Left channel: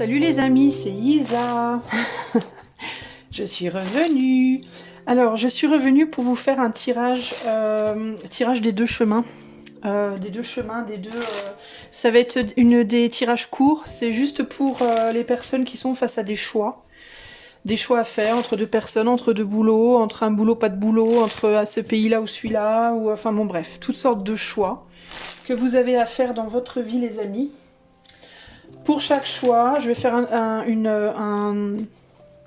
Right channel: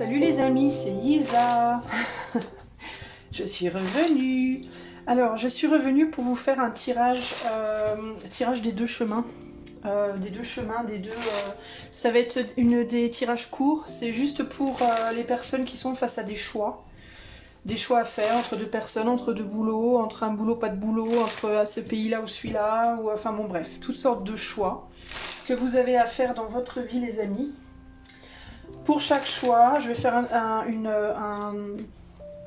Salut les amis, c'est Isa. Je suis revenue. Alors, je suis revenue pour vous faire un tirage des deux chemins. Ça va être des tirages courts. C'est juste pour les personnes qui sont face à des choix. Des choix à faire entre deux personnes, entre deux boulots, entre un boulot, pas de boulot, entre ce pays-là ou celui-là, ou enfin bon bref, toutes sortes de choix que vous avez à faire dans votre vie les amis. Pour chaque choix, je vais faire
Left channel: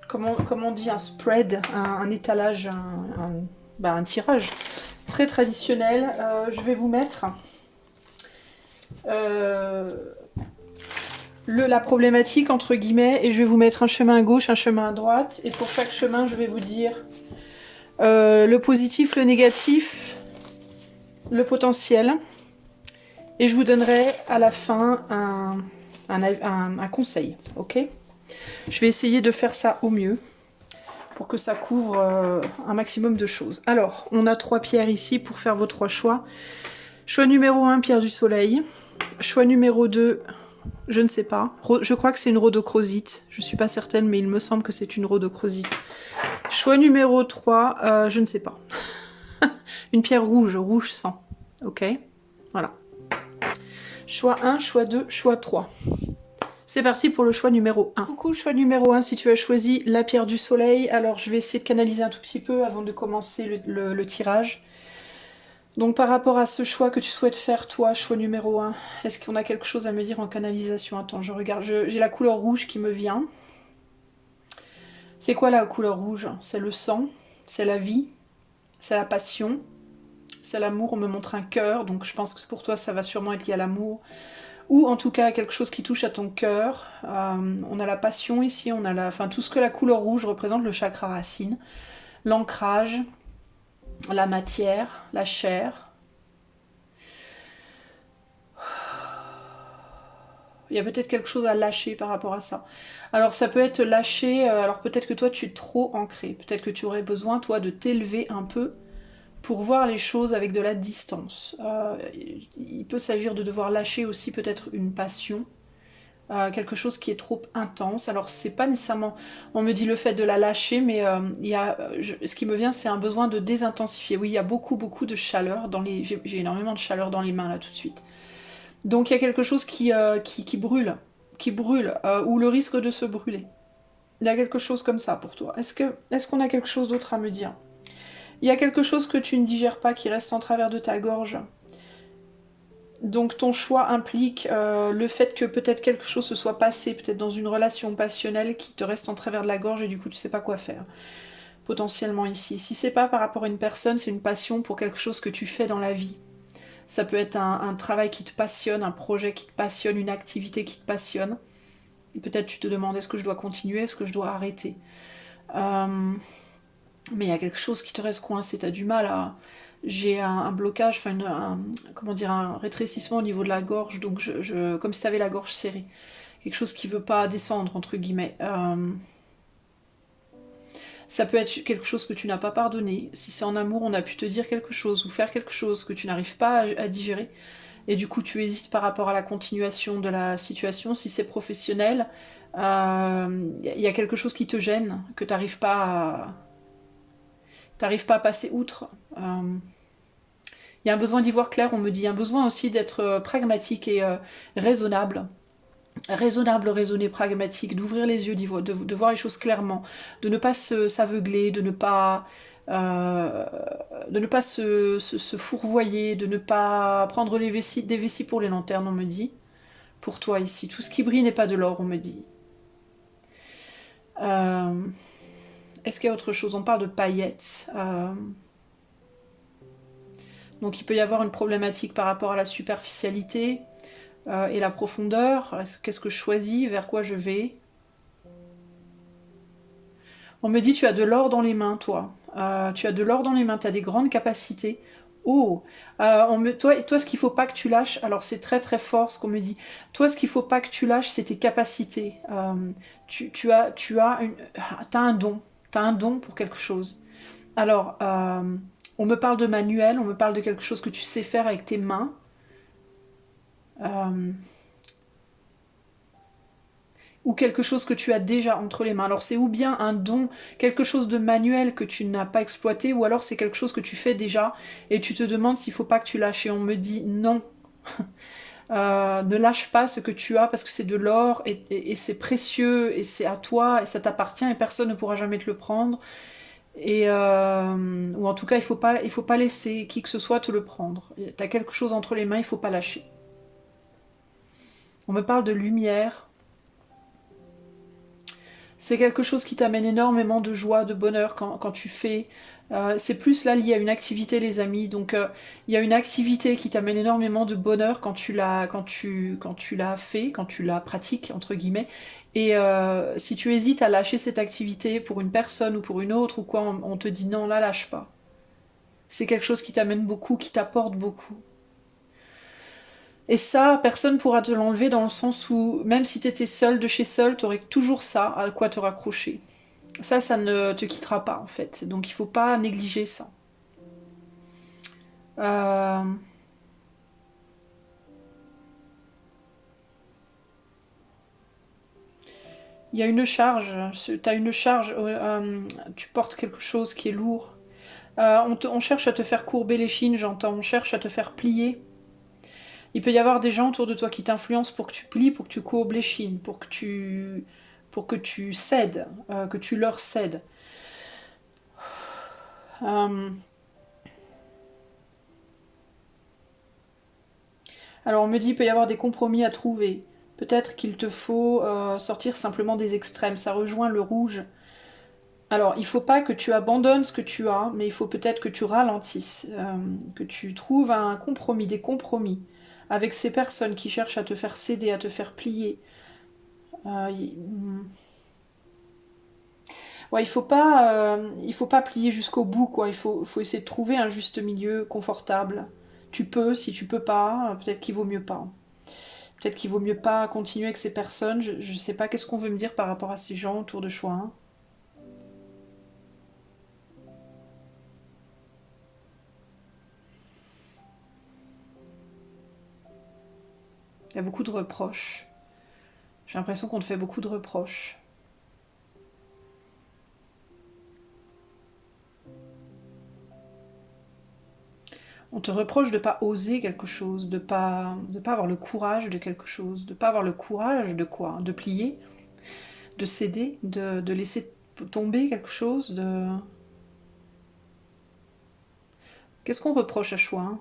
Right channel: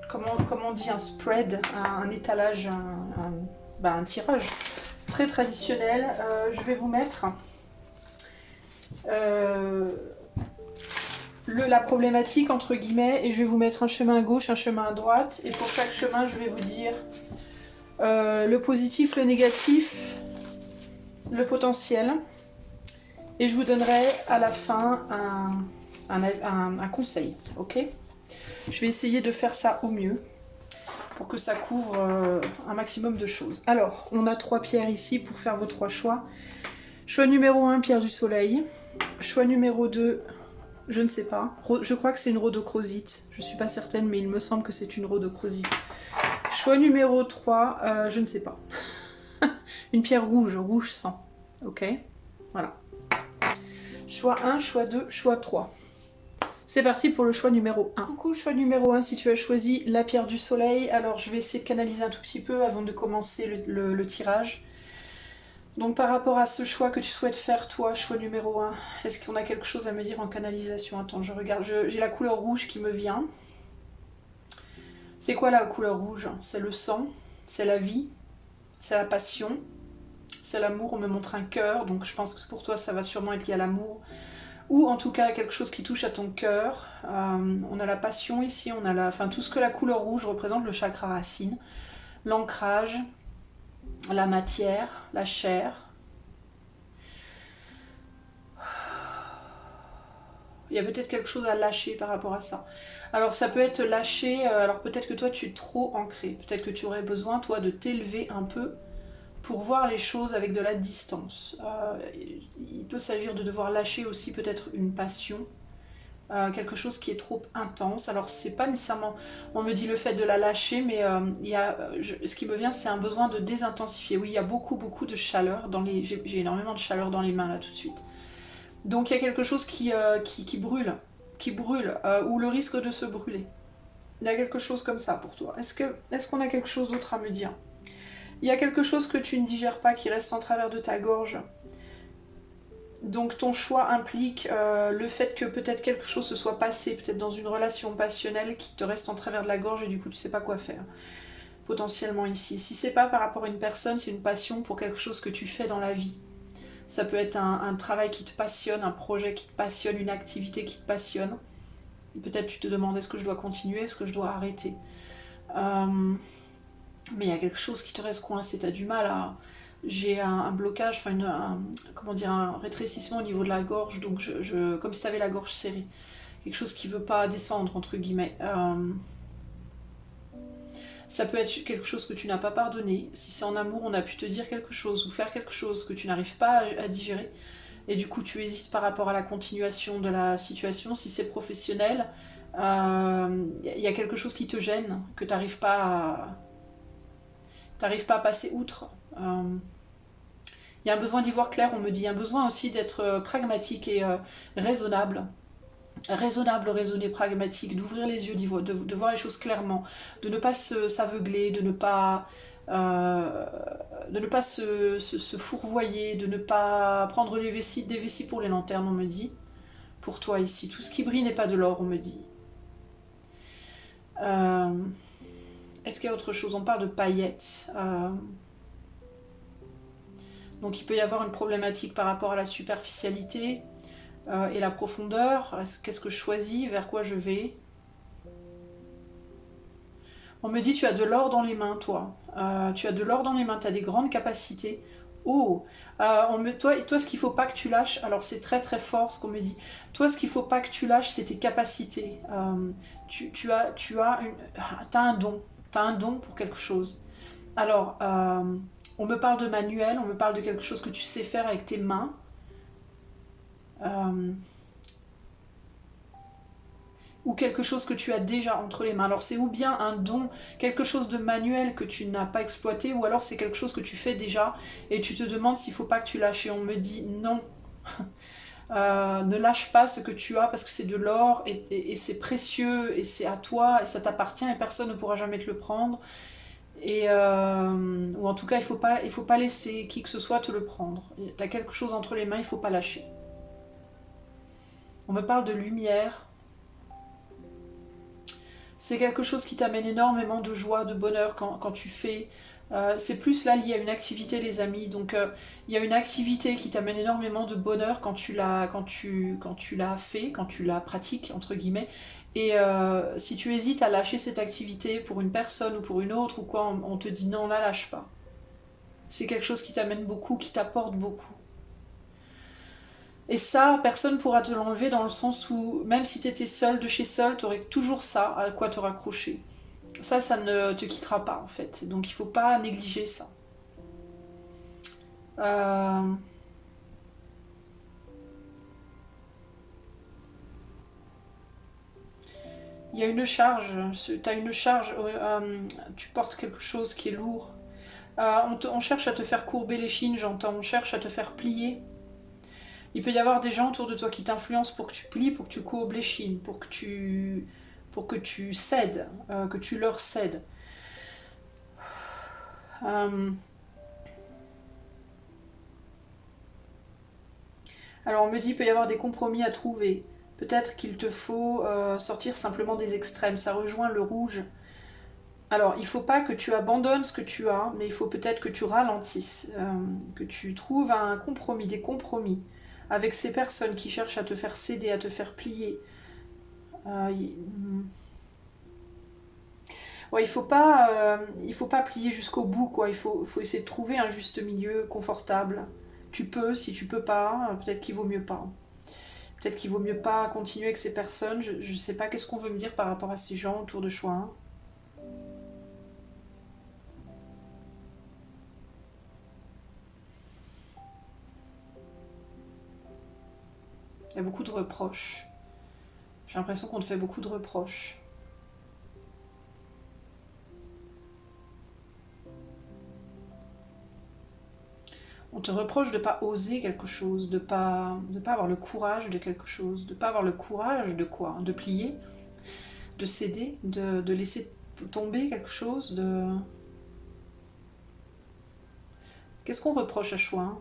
comment on dit, un spread, un étalage, un tirage très traditionnel. Je vais vous mettre euh, la problématique entre guillemets et je vais vous mettre un chemin à gauche, un chemin à droite. Et pour chaque chemin, je vais vous dire le positif, le négatif, le potentiel. Et je vous donnerai à la fin un conseil, ok? Je vais essayer de faire ça au mieux pour que ça couvre un maximum de choses. Alors, on a 3 pierres ici pour faire vos 3 choix. Choix numéro 1, pierre du soleil. Choix numéro 2, je ne sais pas. Je crois que c'est une rhodochrosite. Je ne suis pas certaine, mais il me semble que c'est une rhodochrosite. Choix numéro 3, je ne sais pas. Une pierre rouge, rouge sang. Ok? Voilà. Choix 1, choix 2, choix 3. C'est parti pour le choix numéro 1. Coucou, choix numéro 1, si tu as choisi la pierre du soleil, alors je vais essayer de canaliser un tout petit peu avant de commencer le tirage. Donc par rapport à ce choix que tu souhaites faire, toi, choix numéro 1, est-ce qu'on a quelque chose à me dire en canalisation? Attends, je regarde, j'ai la couleur rouge qui me vient. C'est quoi la couleur rouge? C'est le sang, c'est la vie, c'est la passion, c'est l'amour. On me montre un cœur, donc je pense que pour toi ça va sûrement être lié à l'amour. Ou en tout cas quelque chose qui touche à ton cœur. On a la passion ici, on a tout ce que la couleur rouge représente, le chakra racine, l'ancrage, la matière, la chair. Il y a peut-être quelque chose à lâcher par rapport à ça. Alors ça peut être lâcher, alors peut-être que toi tu es trop ancré, peut-être que tu aurais besoin toi de t'élever un peu pour voir les choses avec de la distance. Il peut s'agir de devoir lâcher aussi peut-être une passion, quelque chose qui est trop intense. Alors c'est pas nécessairement, on me dit le fait de la lâcher, mais ce qui me vient c'est un besoin de désintensifier. Oui, il y a beaucoup de chaleur dans les, j'ai énormément de chaleur dans les mains là tout de suite. Donc il y a quelque chose qui brûle, ou le risque de se brûler. Il y a quelque chose comme ça pour toi. Est-ce qu'on a quelque chose d'autre à me dire? Il y a quelque chose que tu ne digères pas qui reste en travers de ta gorge. Donc ton choix implique le fait que peut-être quelque chose se soit passé, peut-être dans une relation passionnelle qui te reste en travers de la gorge et du coup tu sais pas quoi faire. Potentiellement ici. Si c'est pas par rapport à une personne, c'est une passion pour quelque chose que tu fais dans la vie. Ça peut être un travail qui te passionne, un projet qui te passionne, une activité qui te passionne. Peut-être tu te demandes est-ce que je dois continuer, est-ce que je dois arrêter. Mais il y a quelque chose qui te reste coincé, tu as du mal à... J'ai un blocage, enfin comment dire, un rétrécissement au niveau de la gorge, donc comme si tu avais la gorge serrée. Quelque chose qui ne veut pas descendre, entre guillemets. Ça peut être quelque chose que tu n'as pas pardonné. Si c'est en amour, on a pu te dire quelque chose ou faire quelque chose que tu n'arrives pas à digérer. Et du coup, tu hésites par rapport à la continuation de la situation. Si c'est professionnel, y a quelque chose qui te gêne, que tu n'arrives pas à passer outre. Il y a un besoin d'y voir clair, on me dit. Un besoin aussi d'être pragmatique et raisonnable. Raisonnable, raisonné, pragmatique, d'ouvrir les yeux, de voir les choses clairement, de ne pas s'aveugler, de ne pas se fourvoyer, de ne pas prendre des vessies pour les lanternes, on me dit. Pour toi ici, tout ce qui brille n'est pas de l'or, on me dit. Est-ce qu'il y a autre chose? On parle de paillettes. Donc il peut y avoir une problématique par rapport à la superficialité et la profondeur. Qu'est-ce que je choisis? Vers quoi je vais? On me dit tu as de l'or dans les mains, toi. Tu as de l'or dans les mains, tu as des grandes capacités. Oh, toi, ce qu'il faut pas que tu lâches, alors c'est très très fort ce qu'on me dit. Toi, ce qu'il faut pas que tu lâches, c'est tes capacités. T'as un don, t'as un don pour quelque chose. Alors, on me parle de manuel, on me parle de quelque chose que tu sais faire avec tes mains. ou quelque chose que tu as déjà entre les mains. Alors c'est ou bien un don, quelque chose de manuel que tu n'as pas exploité, ou alors c'est quelque chose que tu fais déjà et tu te demandes s'il ne faut pas que tu lâches. Et on me dit non, ne lâche pas ce que tu as parce que c'est de l'or et c'est précieux et c'est à toi et ça t'appartient et personne ne pourra jamais te le prendre. Et ou en tout cas, il faut pas laisser qui que ce soit te le prendre. Tu as quelque chose entre les mains, il ne faut pas lâcher. On me parle de lumière. C'est quelque chose qui t'amène énormément de joie, de bonheur quand tu fais. C'est plus là lié à une activité, les amis. Donc, il y a une activité qui t'amène énormément de bonheur quand tu l'as fait, quand tu la pratiques, entre guillemets. Et si tu hésites à lâcher cette activité pour une personne ou pour une autre ou quoi, on te dit non, la lâche pas. C'est quelque chose qui t'amène beaucoup, qui t'apporte beaucoup. Et ça, personne ne pourra te l'enlever dans le sens où, même si tu étais seul de chez seul, tu aurais toujours ça à quoi te raccrocher. Ça ne te quittera pas en fait. Donc il ne faut pas négliger ça. Euh... Il y a une charge, tu as une charge, tu portes quelque chose qui est lourd. On cherche à te faire courber les chines, j'entends, on cherche à te faire plier. Il peut y avoir des gens autour de toi qui t'influencent pour que tu plies, pour que tu courbes les chines, pour que tu cèdes, que tu leur cèdes. Alors on me dit qu'il peut y avoir des compromis à trouver. Peut-être qu'il te faut sortir simplement des extrêmes. Ça rejoint le rouge. Alors il ne faut pas que tu abandonnes ce que tu as, mais il faut peut-être que tu ralentisses, que tu trouves un compromis, des compromis avec ces personnes qui cherchent à te faire céder, à te faire plier. Ouais, il faut pas plier jusqu'au bout, quoi. Il faut essayer de trouver un juste milieu confortable. Tu peux, si tu peux pas, peut-être qu'il vaut mieux pas. Peut-être qu'il vaut mieux pas continuer avec ces personnes. Je ne sais pas qu'est-ce qu'on veut me dire par rapport à ces gens autour de choix 1. Il y a beaucoup de reproches. J'ai l'impression qu'on te fait beaucoup de reproches. On te reproche de ne pas oser quelque chose, de pas avoir le courage de quelque chose, de ne pas avoir le courage de quoi? De plier, de céder, de laisser tomber quelque chose, de... Qu'est-ce qu'on reproche à choix 1?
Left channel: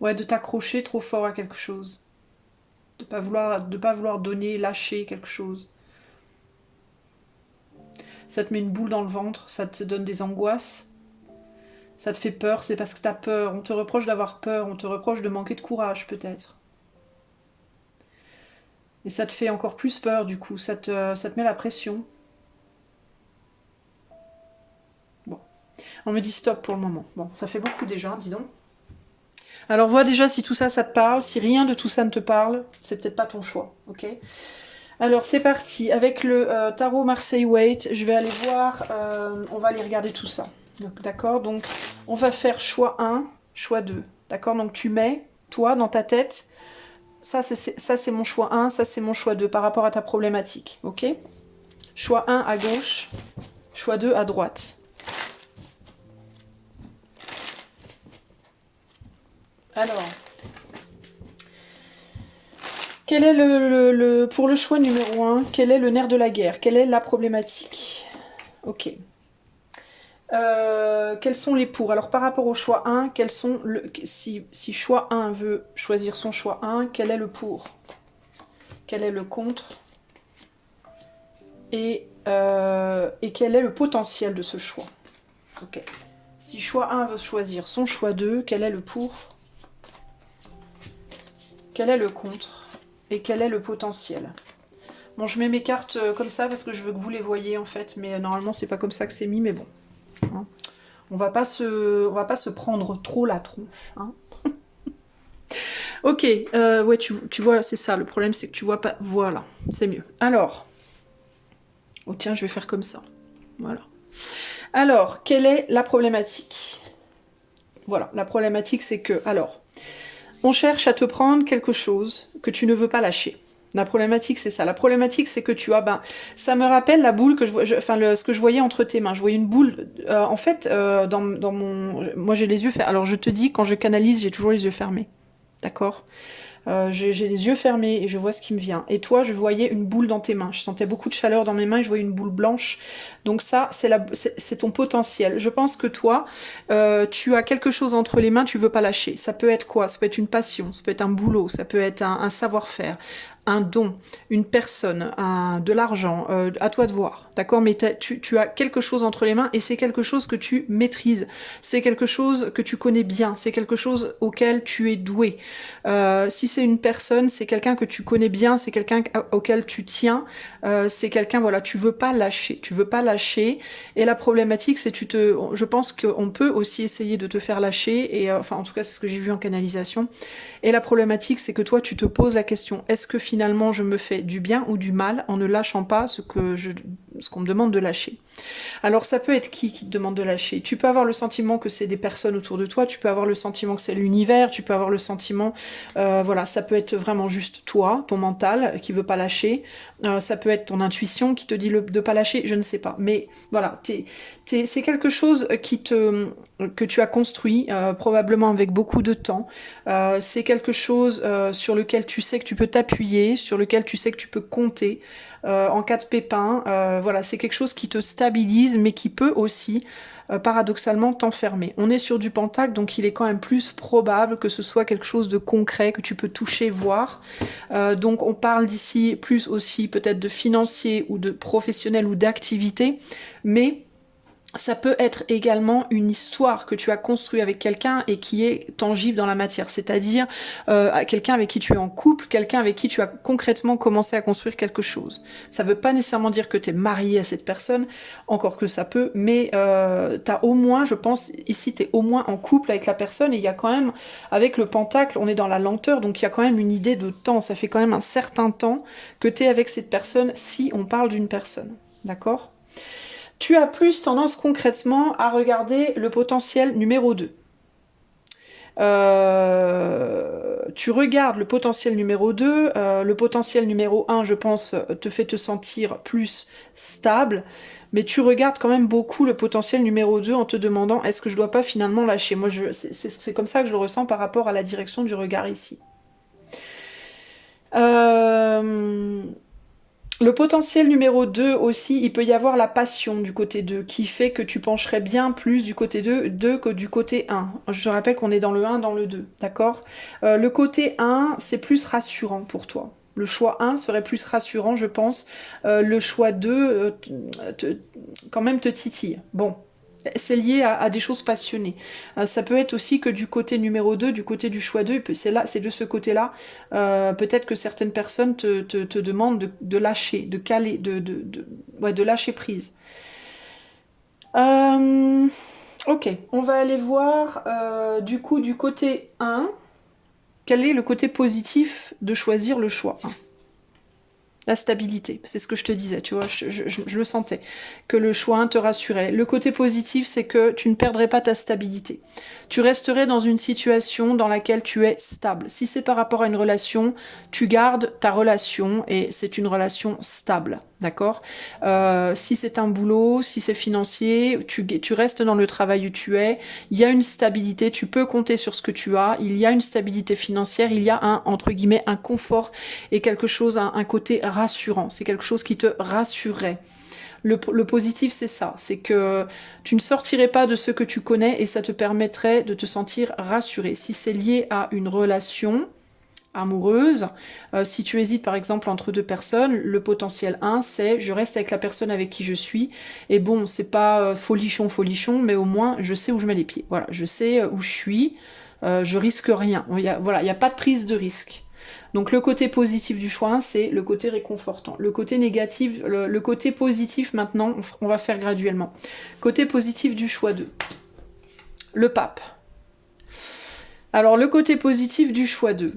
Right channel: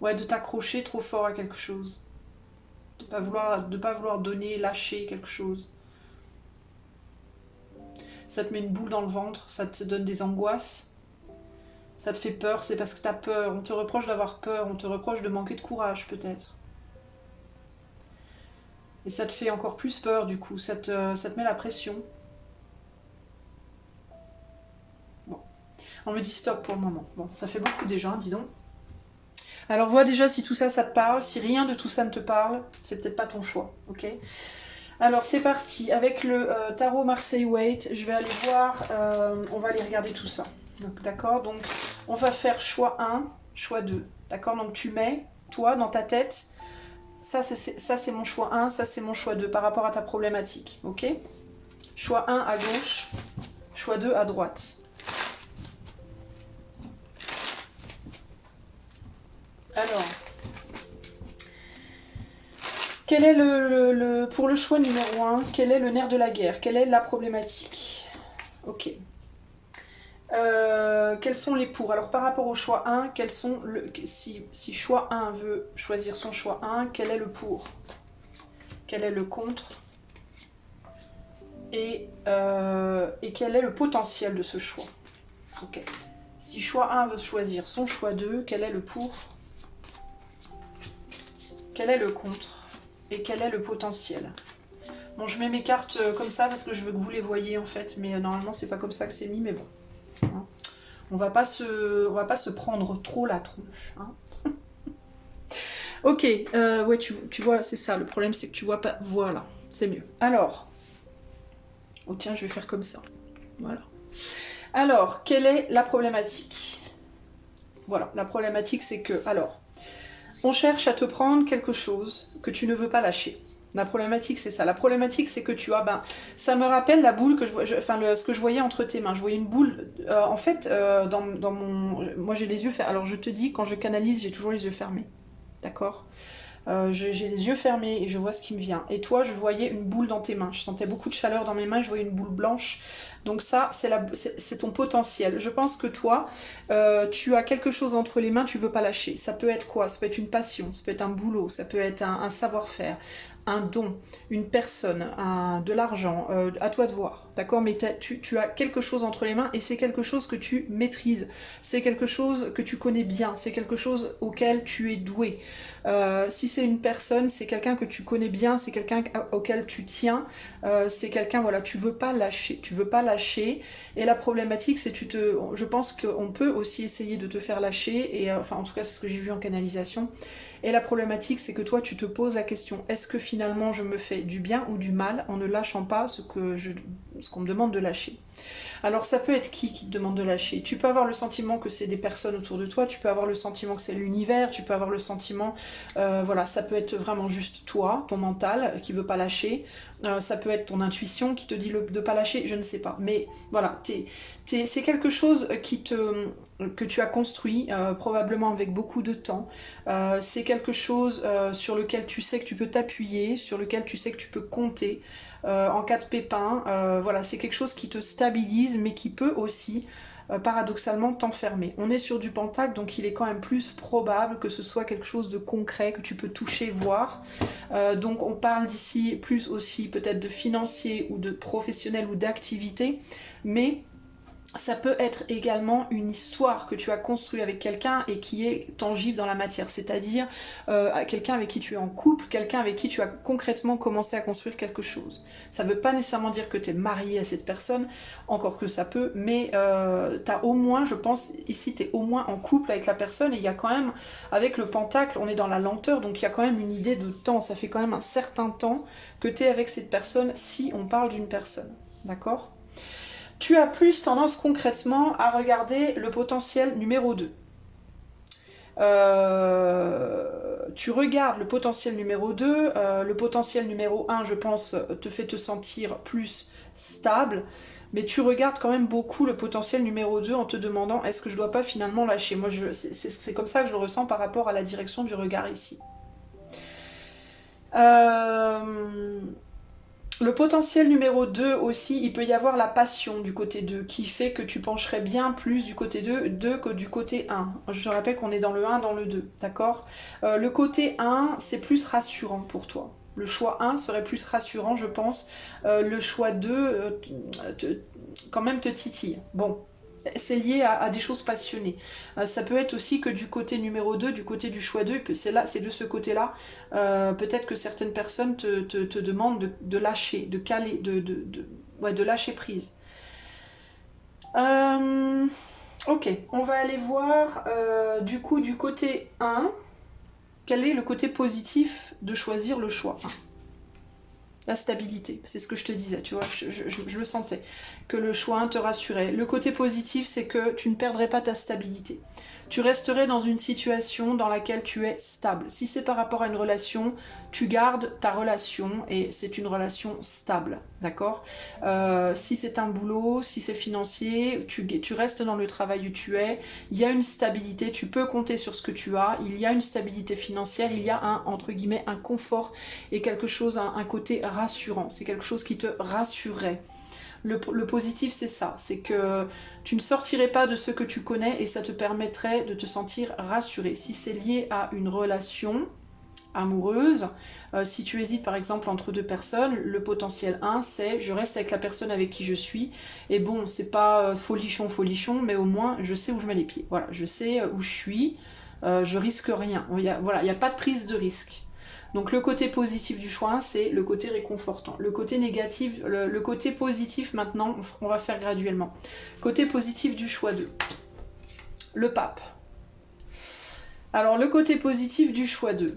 Ouais, de t'accrocher trop fort à quelque chose. De pas vouloir donner, lâcher quelque chose. Ça te met une boule dans le ventre, ça te donne des angoisses, ça te fait peur, c'est parce que tu as peur. On te reproche d'avoir peur, on te reproche de manquer de courage peut-être. Et ça te fait encore plus peur du coup, ça te met la pression. Bon, on me dit stop pour le moment. Bon, ça fait beaucoup déjà, dis donc. Alors vois déjà si tout ça, ça te parle. Si rien de tout ça ne te parle, c'est peut-être pas ton choix, ok? Alors c'est parti, avec le tarot Marseille Waite, je vais aller voir, on va aller regarder tout ça. D'accord, donc on va faire choix 1, choix 2. D'accord, donc tu mets, toi, dans ta tête, ça c'est mon choix 1, ça c'est mon choix 2 par rapport à ta problématique. Ok? Choix 1 à gauche, choix 2 à droite. Alors, quel est pour le choix numéro 1, quel est le nerf de la guerre? Quelle est la problématique? Ok. Quels sont les pour? Alors par rapport au choix 1, si choix 1 veut choisir son choix 1, quel est le pour? Quel est le contre? Et quel est le potentiel de ce choix? Ok. Si choix 1 veut choisir son choix 2, quel est le pour? Quel est le contre? Et quel est le potentiel? Bon, je mets mes cartes comme ça parce que je veux que vous les voyez en fait, mais normalement c'est pas comme ça que c'est mis, mais bon. Hein. On va pas se prendre trop la tronche. Hein. Ok, ouais, tu vois, c'est ça. Le problème, c'est que tu vois pas. Voilà, c'est mieux. Alors, oh tiens, je vais faire comme ça. Voilà. Alors, quelle est la problématique? Voilà, la problématique, c'est que, alors, On cherche à te prendre quelque chose que tu ne veux pas lâcher. La problématique, c'est ça. La problématique, c'est que tu as... Ben, ça me rappelle la boule que ce que je voyais entre tes mains. Je voyais une boule... en fait, dans mon... Moi, j'ai les yeux fermés. Alors, je te dis, quand je canalise, j'ai toujours les yeux fermés. D'accord? J'ai les yeux fermés et je vois ce qui me vient. Et toi, je voyais une boule dans tes mains. Je sentais beaucoup de chaleur dans mes mains et je voyais une boule blanche. Donc ça, c'est ton potentiel. Je pense que toi, tu as quelque chose entre les mains, tu veux pas lâcher. Ça peut être quoi? Ça peut être une passion, ça peut être un boulot, ça peut être un savoir-faire, un don, une personne, de l'argent, à toi de voir, d'accord? Mais tu as quelque chose entre les mains et c'est quelque chose que tu maîtrises, c'est quelque chose que tu connais bien, c'est quelque chose auquel tu es doué. Si c'est une personne, c'est quelqu'un que tu connais bien, c'est quelqu'un auquel tu tiens, c'est quelqu'un, voilà, tu veux pas lâcher, tu veux pas lâcher. Et la problématique, c'est je pense qu'on peut aussi essayer de te faire lâcher, et enfin en tout cas c'est ce que j'ai vu en canalisation. Et la problématique, c'est que toi, tu te poses la question, est-ce que finalement je me fais du bien ou du mal en ne lâchant pas ce qu'on me demande de lâcher? Alors ça peut être qui te demande de lâcher? Tu peux avoir le sentiment que c'est des personnes autour de toi, tu peux avoir le sentiment que c'est l'univers, tu peux avoir le sentiment, voilà, ça peut être vraiment juste toi, ton mental qui veut pas lâcher, ça peut être ton intuition qui te dit de pas lâcher, je ne sais pas. Mais voilà, c'est quelque chose que tu as construit, probablement avec beaucoup de temps. C'est quelque chose sur lequel tu sais que tu peux t'appuyer, sur lequel tu sais que tu peux compter en cas de pépin. Voilà, c'est quelque chose qui te stabilise, mais qui peut aussi, paradoxalement, t'enfermer. On est sur du pentacle, donc il est quand même plus probable que ce soit quelque chose de concret, que tu peux toucher, voir. Donc on parle d'ici plus aussi peut-être de financier ou de professionnel ou d'activité, mais ça peut être également une histoire que tu as construite avec quelqu'un et qui est tangible dans la matière, c'est-à-dire quelqu'un avec qui tu es en couple, quelqu'un avec qui tu as concrètement commencé à construire quelque chose. Ça ne veut pas nécessairement dire que tu es marié à cette personne, encore que ça peut, mais tu as au moins, je pense, ici tu es au moins en couple avec la personne, et il y a quand même, avec le pentacle, on est dans la lenteur, donc il y a quand même une idée de temps, ça fait quand même un certain temps que tu es avec cette personne si on parle d'une personne, d'accord ? Tu as plus tendance concrètement à regarder le potentiel numéro 2. Tu regardes le potentiel numéro 2, le potentiel numéro 1, je pense, te fait te sentir plus stable, mais tu regardes quand même beaucoup le potentiel numéro 2 en te demandant est-ce que je dois pas finalement lâcher. Moi, c'est comme ça que je le ressens par rapport à la direction du regard ici. Le potentiel numéro 2 aussi, il peut y avoir la passion du côté 2 qui fait que tu pencherais bien plus du côté 2 que du côté 1. Je rappelle qu'on est dans le 1, dans le 2, d'accord? Le côté 1, c'est plus rassurant pour toi. Le choix 1 serait plus rassurant, je pense. Le choix 2, quand même te titille. Bon, c'est lié à des choses passionnées. Ça peut être aussi que du côté numéro 2, du côté du choix 2, c'est de ce côté-là, peut-être que certaines personnes te demandent de lâcher, de caler, de lâcher prise. Ok, on va aller voir du coup du côté 1, quel est le côté positif de choisir le choix 1. La stabilité, c'est ce que je te disais, tu vois, je le sentais, que le choix 1 te rassurait. Le côté positif, c'est que tu ne perdrais pas ta stabilité. Tu resterais dans une situation dans laquelle tu es stable. Si c'est par rapport à une relation, tu gardes ta relation et c'est une relation stable, d'accord? Si c'est un boulot, si c'est financier, tu restes dans le travail où tu es, il y a une stabilité, tu peux compter sur ce que tu as, il y a une stabilité financière, il y a entre guillemets, un confort et quelque chose, un côté rassurant. C'est quelque chose qui te rassurerait. Le positif, c'est ça, c'est que tu ne sortirais pas de ce que tu connais et ça te permettrait de te sentir rassuré. Si c'est lié à une relation amoureuse, si tu hésites par exemple entre deux personnes, le potentiel 1, c'est je reste avec la personne avec qui je suis, et bon, c'est pas folichon, mais au moins je sais où je mets les pieds. Voilà, je sais où je suis, je risque rien. Voilà, il n'y a pas de prise de risque. Donc le côté positif du choix 1, c'est le côté réconfortant. Le côté négatif, le côté positif maintenant, on va faire graduellement. Côté positif du choix 2. Le pape. Alors le côté positif du choix 2,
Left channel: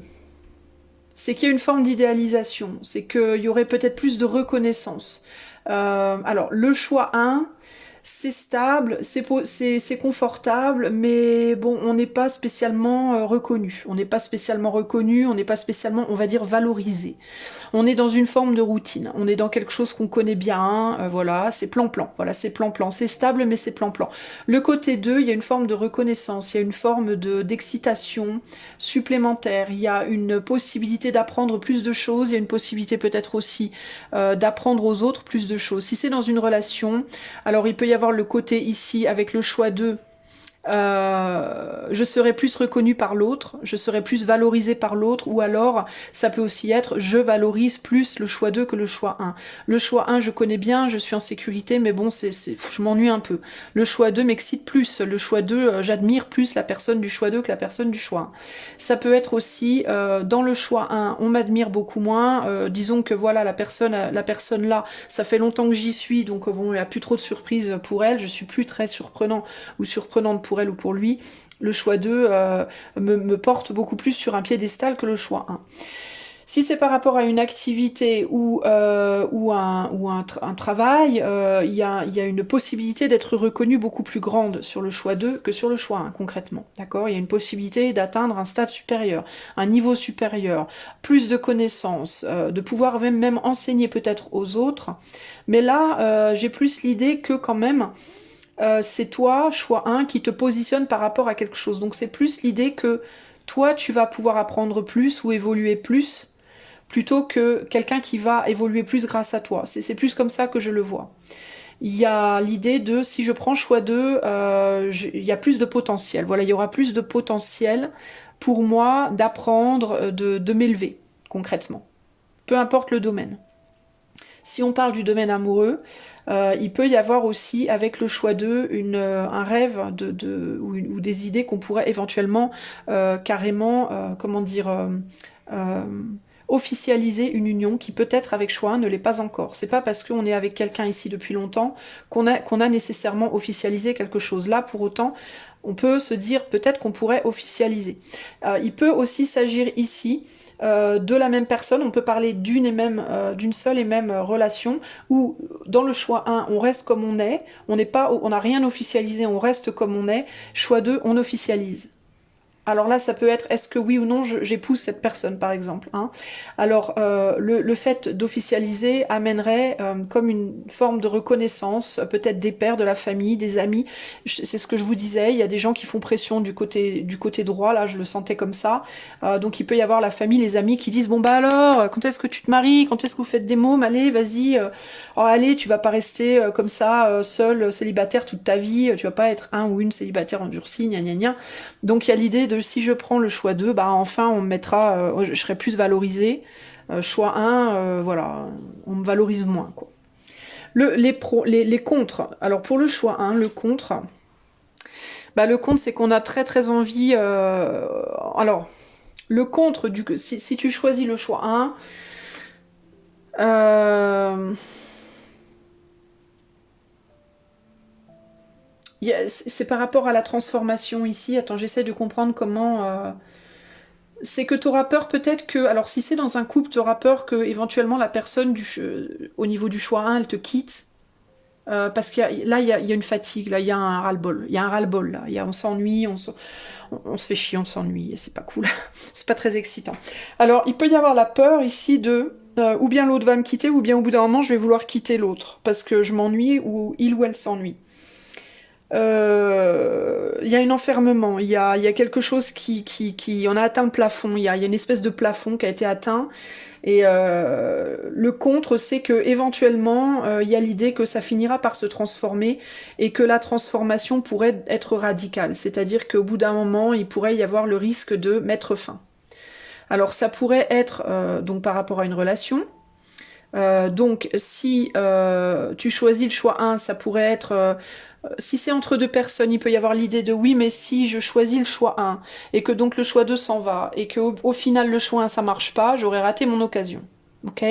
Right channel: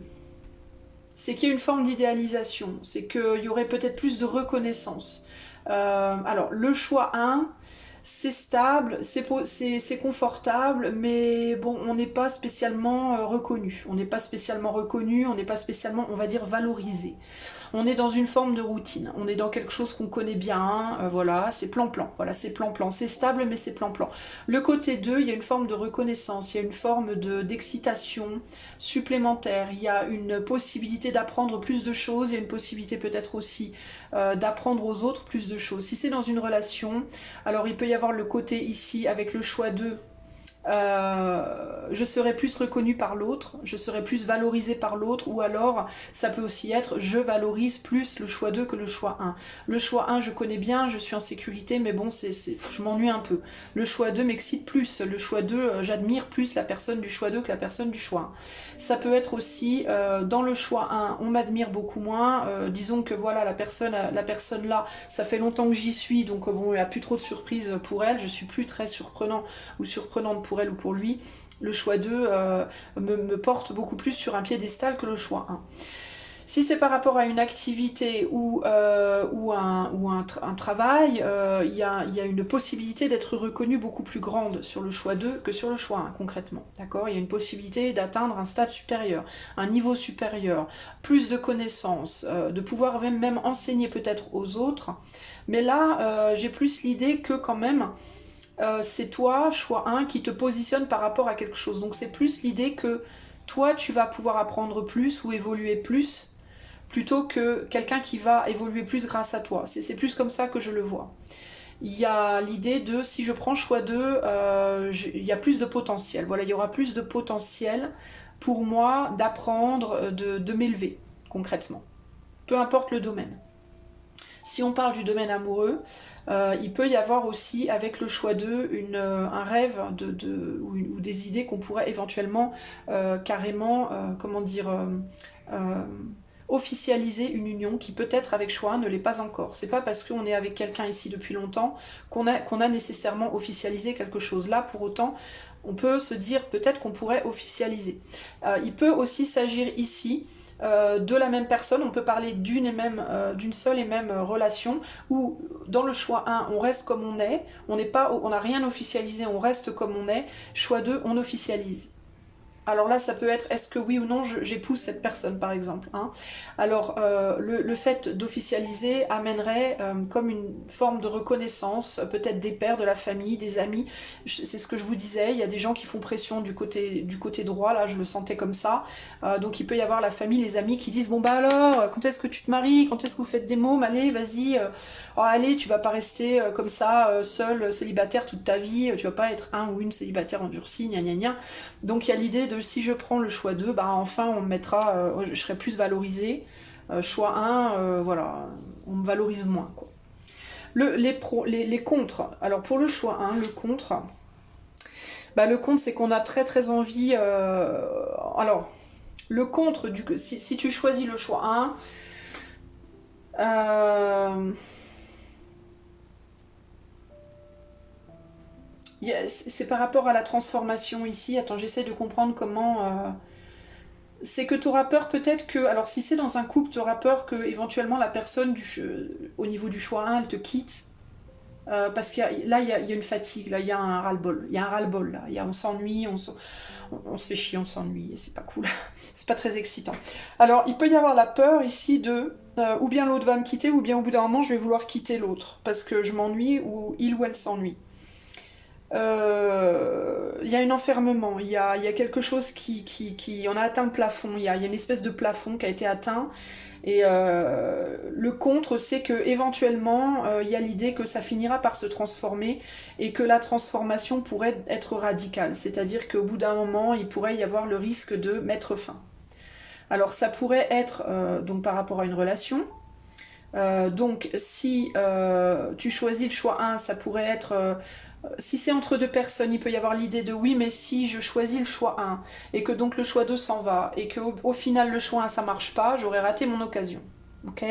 c'est qu'il y a une forme d'idéalisation, c'est qu'il y aurait peut-être plus de reconnaissance. Alors le choix 1, c'est stable, c'est confortable, mais bon, on n'est pas spécialement reconnu. On n'est pas spécialement reconnu, on n'est pas spécialement, on va dire, valorisé. On est dans une forme de routine, on est dans quelque chose qu'on connaît bien, voilà, c'est plan-plan, voilà, c'est plan-plan, c'est stable, mais c'est plan-plan. Le côté 2, il y a une forme de reconnaissance, il y a une forme d'excitation supplémentaire, il y a une possibilité d'apprendre plus de choses, il y a une possibilité peut-être aussi d'apprendre aux autres plus de choses. Si c'est dans une relation, alors il peut y avoir le côté ici avec le choix 2, je serai plus reconnue par l'autre, je serai plus valorisée par l'autre, ou alors ça peut aussi être je valorise plus le choix 2 que le choix 1. Le choix 1 je connais bien, je suis en sécurité, mais bon je m'ennuie un peu. Le choix 2 m'excite plus, le choix 2 j'admire plus la personne du choix 2 que la personne du choix 1. Ça peut être aussi dans le choix 1 on m'admire beaucoup moins, disons que voilà la personne là, ça fait longtemps que j'y suis, donc bon il n'y a plus trop de surprises pour elle, je suis plus très surprenant ou surprenante pour elle ou pour lui, le choix 2 me porte beaucoup plus sur un piédestal que le choix 1. Si c'est par rapport à une activité ou un travail, il y a une possibilité d'être reconnu beaucoup plus grande sur le choix 2 que sur le choix 1, concrètement. D'accord ? Il y a une possibilité d'atteindre un stade supérieur, un niveau supérieur, plus de connaissances, de pouvoir même enseigner peut-être aux autres. Mais là, j'ai plus l'idée que quand même, c'est toi, choix 1, qui te positionne par rapport à quelque chose. Donc c'est plus l'idée que toi, tu vas pouvoir apprendre plus ou évoluer plus, plutôt que quelqu'un qui va évoluer plus grâce à toi. C'est plus comme ça que je le vois. Il y a l'idée de, si je prends choix 2, il y a plus de potentiel. Voilà, il y aura plus de potentiel pour moi d'apprendre, de m'élever, concrètement. Peu importe le domaine. Si on parle du domaine amoureux, il peut y avoir aussi avec le choix 2 un rêve ou des idées qu'on pourrait éventuellement carrément, comment dire, euh, officialiser une union qui peut-être avec choix 1 ne l'est pas encore. C'est pas parce qu'on est avec quelqu'un ici depuis longtemps qu'on a nécessairement officialisé quelque chose. Là, pour autant, on peut se dire peut-être qu'on pourrait officialiser. Il peut aussi s'agir ici de la même personne, on peut parler d'une seule et même relation où dans le choix 1 on reste comme on n'a rien officialisé, on reste comme on est, choix 2 on officialise. Alors là, ça peut être, est-ce que oui ou non, j'épouse cette personne, par exemple. Hein. Alors, le fait d'officialiser amènerait comme une forme de reconnaissance, peut-être des pères, de la famille, des amis. C'est ce que je vous disais, il y a des gens qui font pression du côté droit, là, je le sentais comme ça. Donc, il peut y avoir la famille, les amis qui disent, bon bah alors, quand est-ce que tu te maries? Quand est-ce que vous faites des mômes? Allez, vas-y. Oh, allez, tu vas pas rester comme ça, seul, célibataire toute ta vie. Tu vas pas être un ou une célibataire endurcie, gna gna gna. Donc il y a l'idée de si je prends le choix 2, bah enfin on me mettra, je serai plus valorisée. Choix 1, voilà, on me valorise moins. Quoi. Les contres. Alors pour le choix 1, le contre, bah, le contre c'est qu'on a très très envie. Alors, le contre, si tu choisis le choix 1, c'est par rapport à la transformation ici. Attends, j'essaie de comprendre comment. C'est que tu auras peur peut-être que. Alors, si c'est dans un couple, tu auras peur que éventuellement la personne au niveau du choix 1, elle te quitte. Parce qu'il là, il y a une fatigue, là, il y a un ras-le-bol. Il y a un ras-le-bol, là. On s'ennuie, on se fait chier, on s'ennuie. Et c'est pas cool. C'est pas très excitant. Alors, il peut y avoir la peur ici de. Ou bien l'autre va me quitter, ou bien au bout d'un moment, je vais vouloir quitter l'autre. Parce que je m'ennuie, ou il ou elle s'ennuie. Il y a un enfermement, il y a quelque chose qui on a atteint le plafond, il y a une espèce de plafond qui a été atteint. Et le contre, c'est que éventuellement, il y a l'idée que ça finira par se transformer et que la transformation pourrait être radicale. C'est-à-dire qu'au bout d'un moment, il pourrait y avoir le risque de mettre fin. Alors ça pourrait être donc par rapport à une relation. Donc si tu choisis le choix 1, ça pourrait être si c'est entre deux personnes, il peut y avoir l'idée de oui, mais si je choisis le choix 1 et que donc le choix 2 s'en va et que au final le choix 1 ça marche pas, j'aurais raté mon occasion. Ok.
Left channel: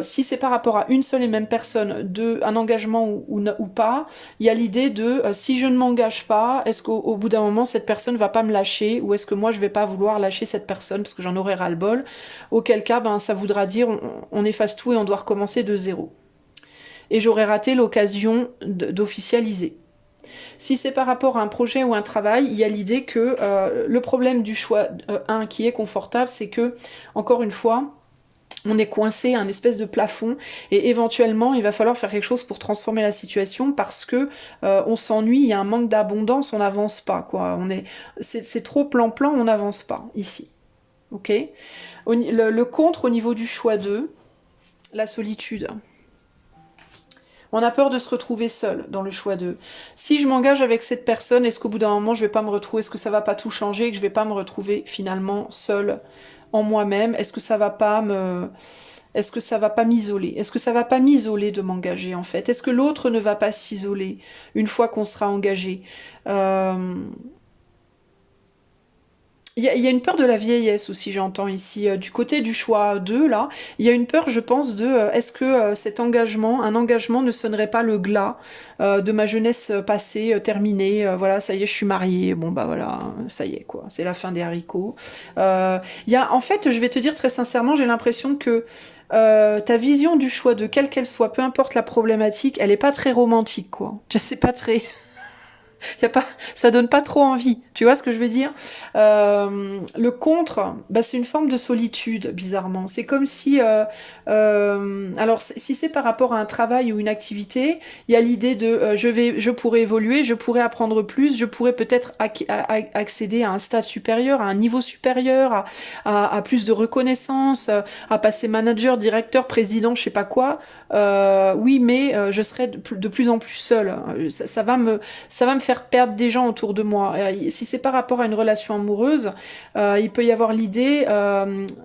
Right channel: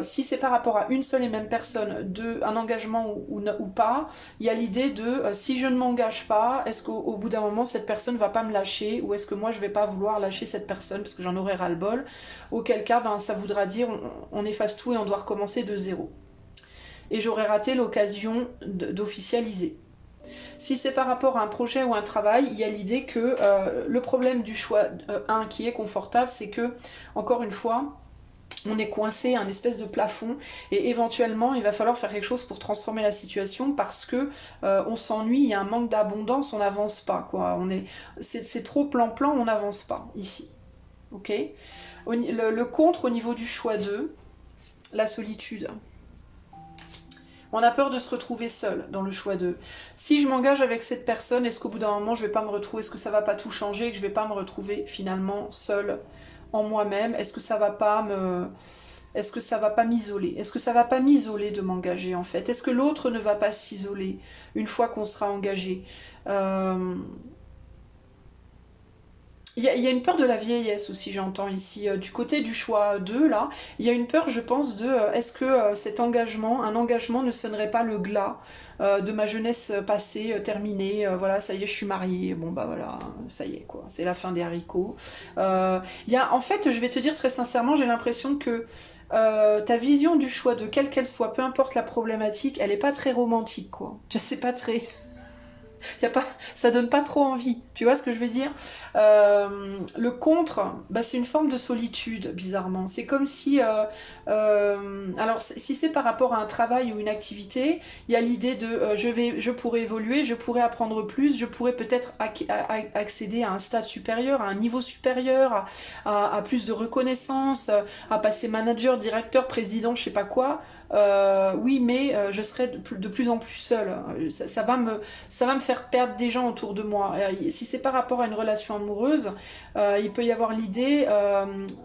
Si c'est par rapport à une seule et même personne, un engagement ou pas, il y a l'idée de si je ne m'engage pas, est-ce qu'au bout d'un moment cette personne va pas me lâcher ou est-ce que moi je vais pas vouloir lâcher cette personne parce que j'en aurai ras-le-bol. Auquel cas, ben, ça voudra dire on efface tout et on doit recommencer de zéro. et j'aurais raté l'occasion d'officialiser. Si c'est par rapport à un projet ou un travail, il y a l'idée que le problème du choix 1 qui est confortable, c'est que, encore une fois, on est coincé à un espèce de plafond et éventuellement il va falloir faire quelque chose pour transformer la situation parce que on s'ennuie, il y a un manque d'abondance, on n'avance pas quoi. C'est trop plan-plan, on n'avance pas ici. Ok. Le contre au niveau du choix 2, la solitude. On a peur de se retrouver seul dans le choix 2. Si je m'engage avec cette personne, est-ce qu'au bout d'un moment je vais pas me retrouver, est-ce que ça va pas tout changer et que je vais pas me retrouver finalement seule en moi-même? Est-ce que ça va pas me... Est-ce que ça va pas m'isoler? Est-ce que ça va pas m'isoler de m'engager en fait? Est-ce que l'autre ne va pas s'isoler une fois qu'on sera engagé? Il y a une peur de la vieillesse aussi, j'entends ici. Du côté du choix 2, là, il y a une peur, je pense, de est-ce que cet engagement, un engagement ne sonnerait pas le glas de ma jeunesse passée, terminée, voilà, ça y est, je suis mariée, bon bah voilà, ça y est, quoi, c'est la fin des haricots. En fait, je vais te dire très sincèrement, j'ai l'impression que ta vision du choix de quelle qu'elle soit, peu importe la problématique, elle est pas très romantique, quoi. Je sais pas très... Y a pas, ça donne pas trop envie, tu vois ce que je veux dire? Le contre, bah, c'est une forme de solitude, bizarrement. C'est comme si, alors si c'est par rapport à un travail ou une activité, il y a l'idée de je pourrais évoluer, je pourrais apprendre plus, je pourrais peut-être accéder à un stade supérieur, à un niveau supérieur, à plus de reconnaissance, à passer manager, directeur, président, je sais pas quoi. Oui, mais je serai de plus en plus seule. Ça va me faire perdre des gens autour de moi. Si c'est par rapport à une relation amoureuse, il peut y avoir l'idée,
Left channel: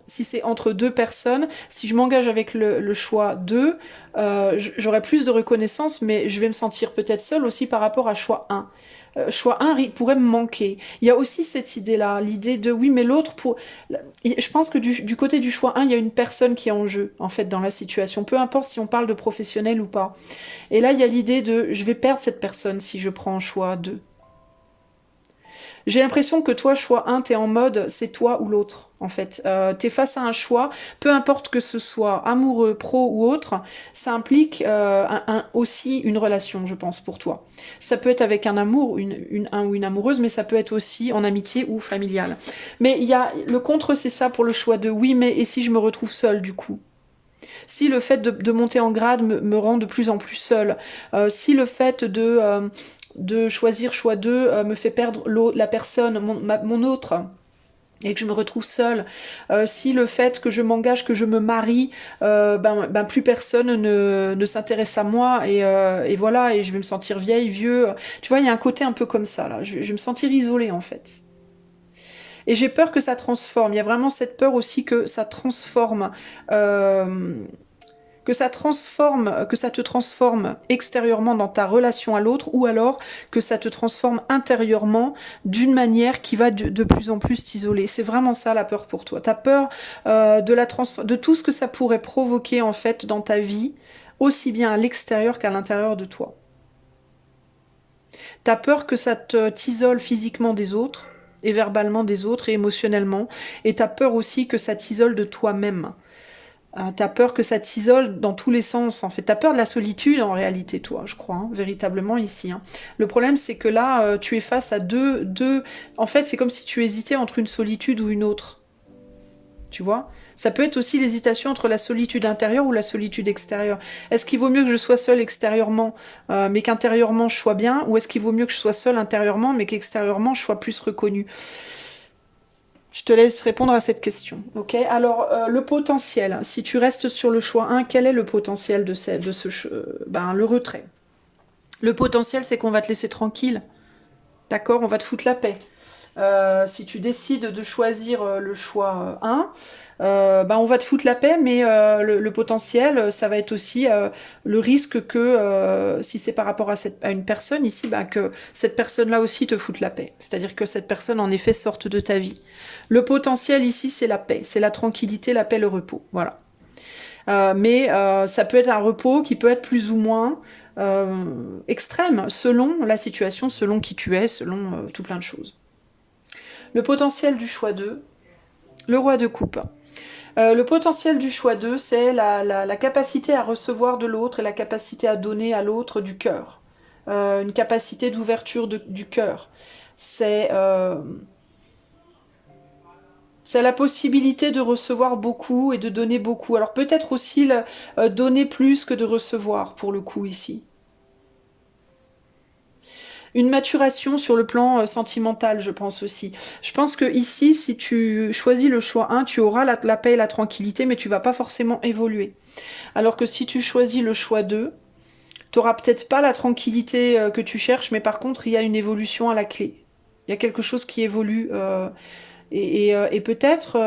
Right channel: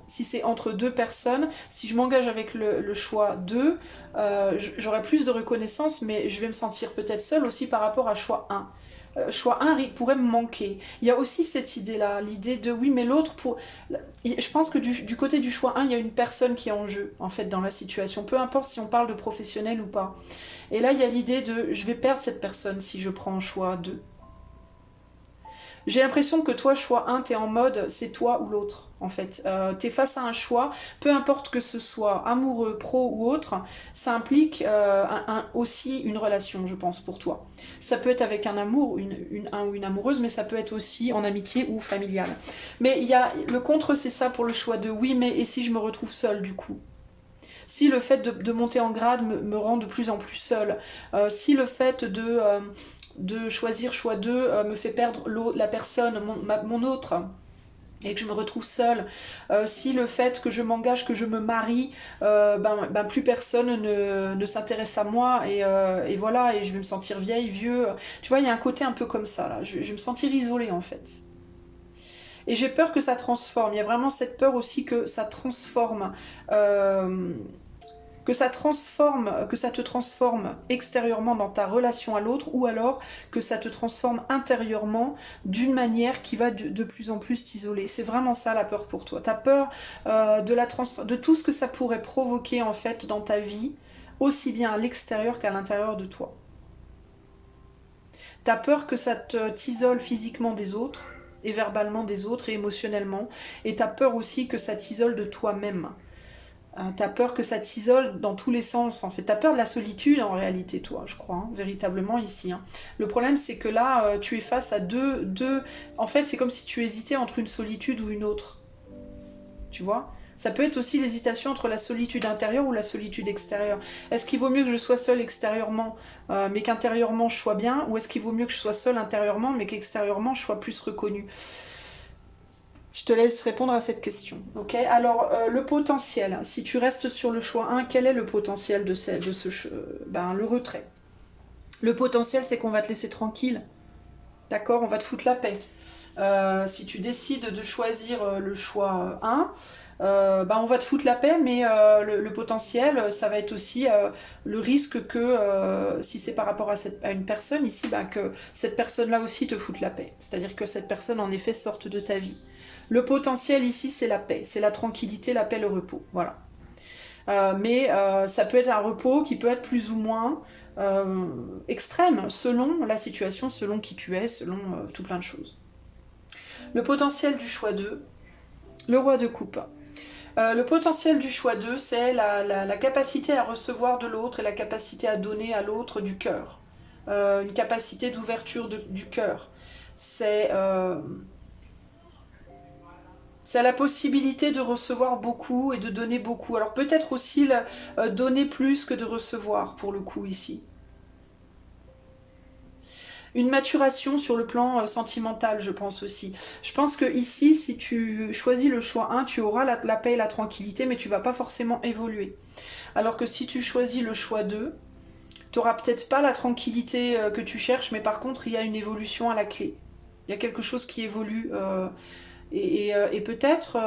si c'est entre deux personnes, si je m'engage avec le choix 2, j'aurai plus de reconnaissance, mais je vais me sentir peut-être seule aussi par rapport à choix 1. Choix 1 pourrait me manquer. Il y a aussi cette idée-là, l'idée de oui, mais l'autre pour. Je pense que du côté du choix 1, il y a une personne qui est en jeu, en fait, dans la situation. Peu importe si on parle de professionnel ou pas. Et là, il y a l'idée de je vais perdre cette personne si je prends un choix 2. J'ai l'impression que toi, choix 1, t'es en mode c'est toi ou l'autre, en fait. T'es face à un choix, peu importe que ce soit amoureux, pro ou autre, ça implique aussi une relation, je pense, pour toi. Ça peut être avec un amour, un ou une amoureuse, mais ça peut être aussi en amitié ou familial. Mais il y a le contre, c'est ça pour le choix de oui, mais et si je me retrouve seule du coup? Si le fait de monter en grade me rend de plus en plus seule, si le fait de choisir choix 2 me fait perdre la personne, mon autre, et que je me retrouve seule, si le fait que je m'engage, que je me marie, plus personne ne s'intéresse à moi, et voilà, et je vais me sentir vieille, vieux. Tu vois, il y a un côté un peu comme ça, là. Je vais me sentir isolée, en fait. Et j'ai peur que ça transforme. Il y a vraiment cette peur aussi que ça transforme. Euh, que ça transforme, que ça te transforme extérieurement dans ta relation à l'autre, ou alors que ça te transforme intérieurement d'une manière qui va de plus en plus t'isoler. C'est vraiment ça la peur pour toi. Tu as peur de tout ce que ça pourrait provoquer en fait dans ta vie, aussi bien à l'extérieur qu'à l'intérieur de toi. Tu as peur que ça t'isole physiquement des autres, et verbalement des autres, et émotionnellement, et tu as peur aussi que ça t'isole de toi-même. T'as peur que ça t'isole dans tous les sens, en fait. T'as peur de la solitude, en réalité, toi, je crois, hein, véritablement, ici. Hein. Le problème, c'est que là, tu es face à deux... En fait, c'est comme si tu hésitais entre une solitude ou une autre. Tu vois? Ça peut être aussi l'hésitation entre la solitude intérieure ou la solitude extérieure. Est-ce qu'il vaut mieux que je sois seule extérieurement, mais qu'intérieurement, je sois bien? Ou est-ce qu'il vaut mieux que je sois seule intérieurement, mais qu'extérieurement, je sois plus reconnue? Je te laisse répondre à cette question. Ok. Alors, le potentiel, si tu restes sur le choix 1, quel est le potentiel de le retrait. Le potentiel, c'est qu'on va te laisser tranquille. D'accord? On va te foutre la paix. Si tu décides de choisir le choix 1, on va te foutre la paix, mais le potentiel, ça va être aussi le risque que, si c'est par rapport à une personne ici, que cette personne-là aussi te foute la paix. C'est-à-dire que cette personne, en effet, sorte de ta vie. Le potentiel ici, c'est la paix, c'est la tranquillité, la paix, le repos. Voilà. Mais ça peut être un repos qui peut être plus ou moins extrême, selon la situation, selon qui tu es, selon tout plein de choses. Le potentiel du choix 2, le roi de coupe. Le potentiel du choix 2, c'est la capacité à recevoir de l'autre et la capacité à donner à l'autre du cœur. Une capacité d'ouverture du cœur. C'est la possibilité de recevoir beaucoup et de donner beaucoup. Alors peut-être aussi donner plus que de recevoir pour le coup ici. Une maturation sur le plan sentimental, je pense aussi. Je pense que ici, si tu choisis le choix 1, tu auras la paix et la tranquillité, mais tu vas pas forcément évoluer. Alors que si tu choisis le choix 2, tu n'auras peut-être pas la tranquillité que tu cherches, mais par contre, il y a une évolution à la clé. Il y a quelque chose qui évolue. Et peut-être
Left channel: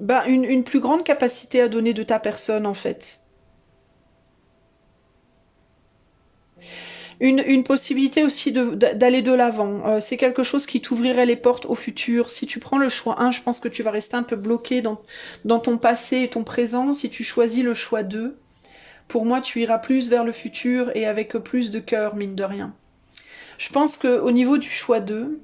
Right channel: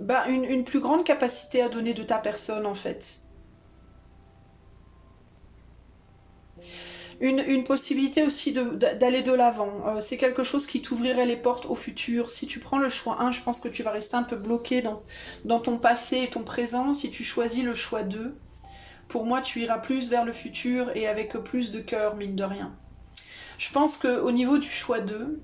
bah, une plus grande capacité à donner de ta personne, en fait. Une possibilité aussi d'aller de l'avant. C'est quelque chose qui t'ouvrirait les portes au futur. Si tu prends le choix 1, je pense que tu vas rester un peu bloqué dans ton passé et ton présent. Si tu choisis le choix 2, pour moi, tu iras plus vers le futur et avec plus de cœur, mine de rien. Je pense qu'au niveau du choix 2,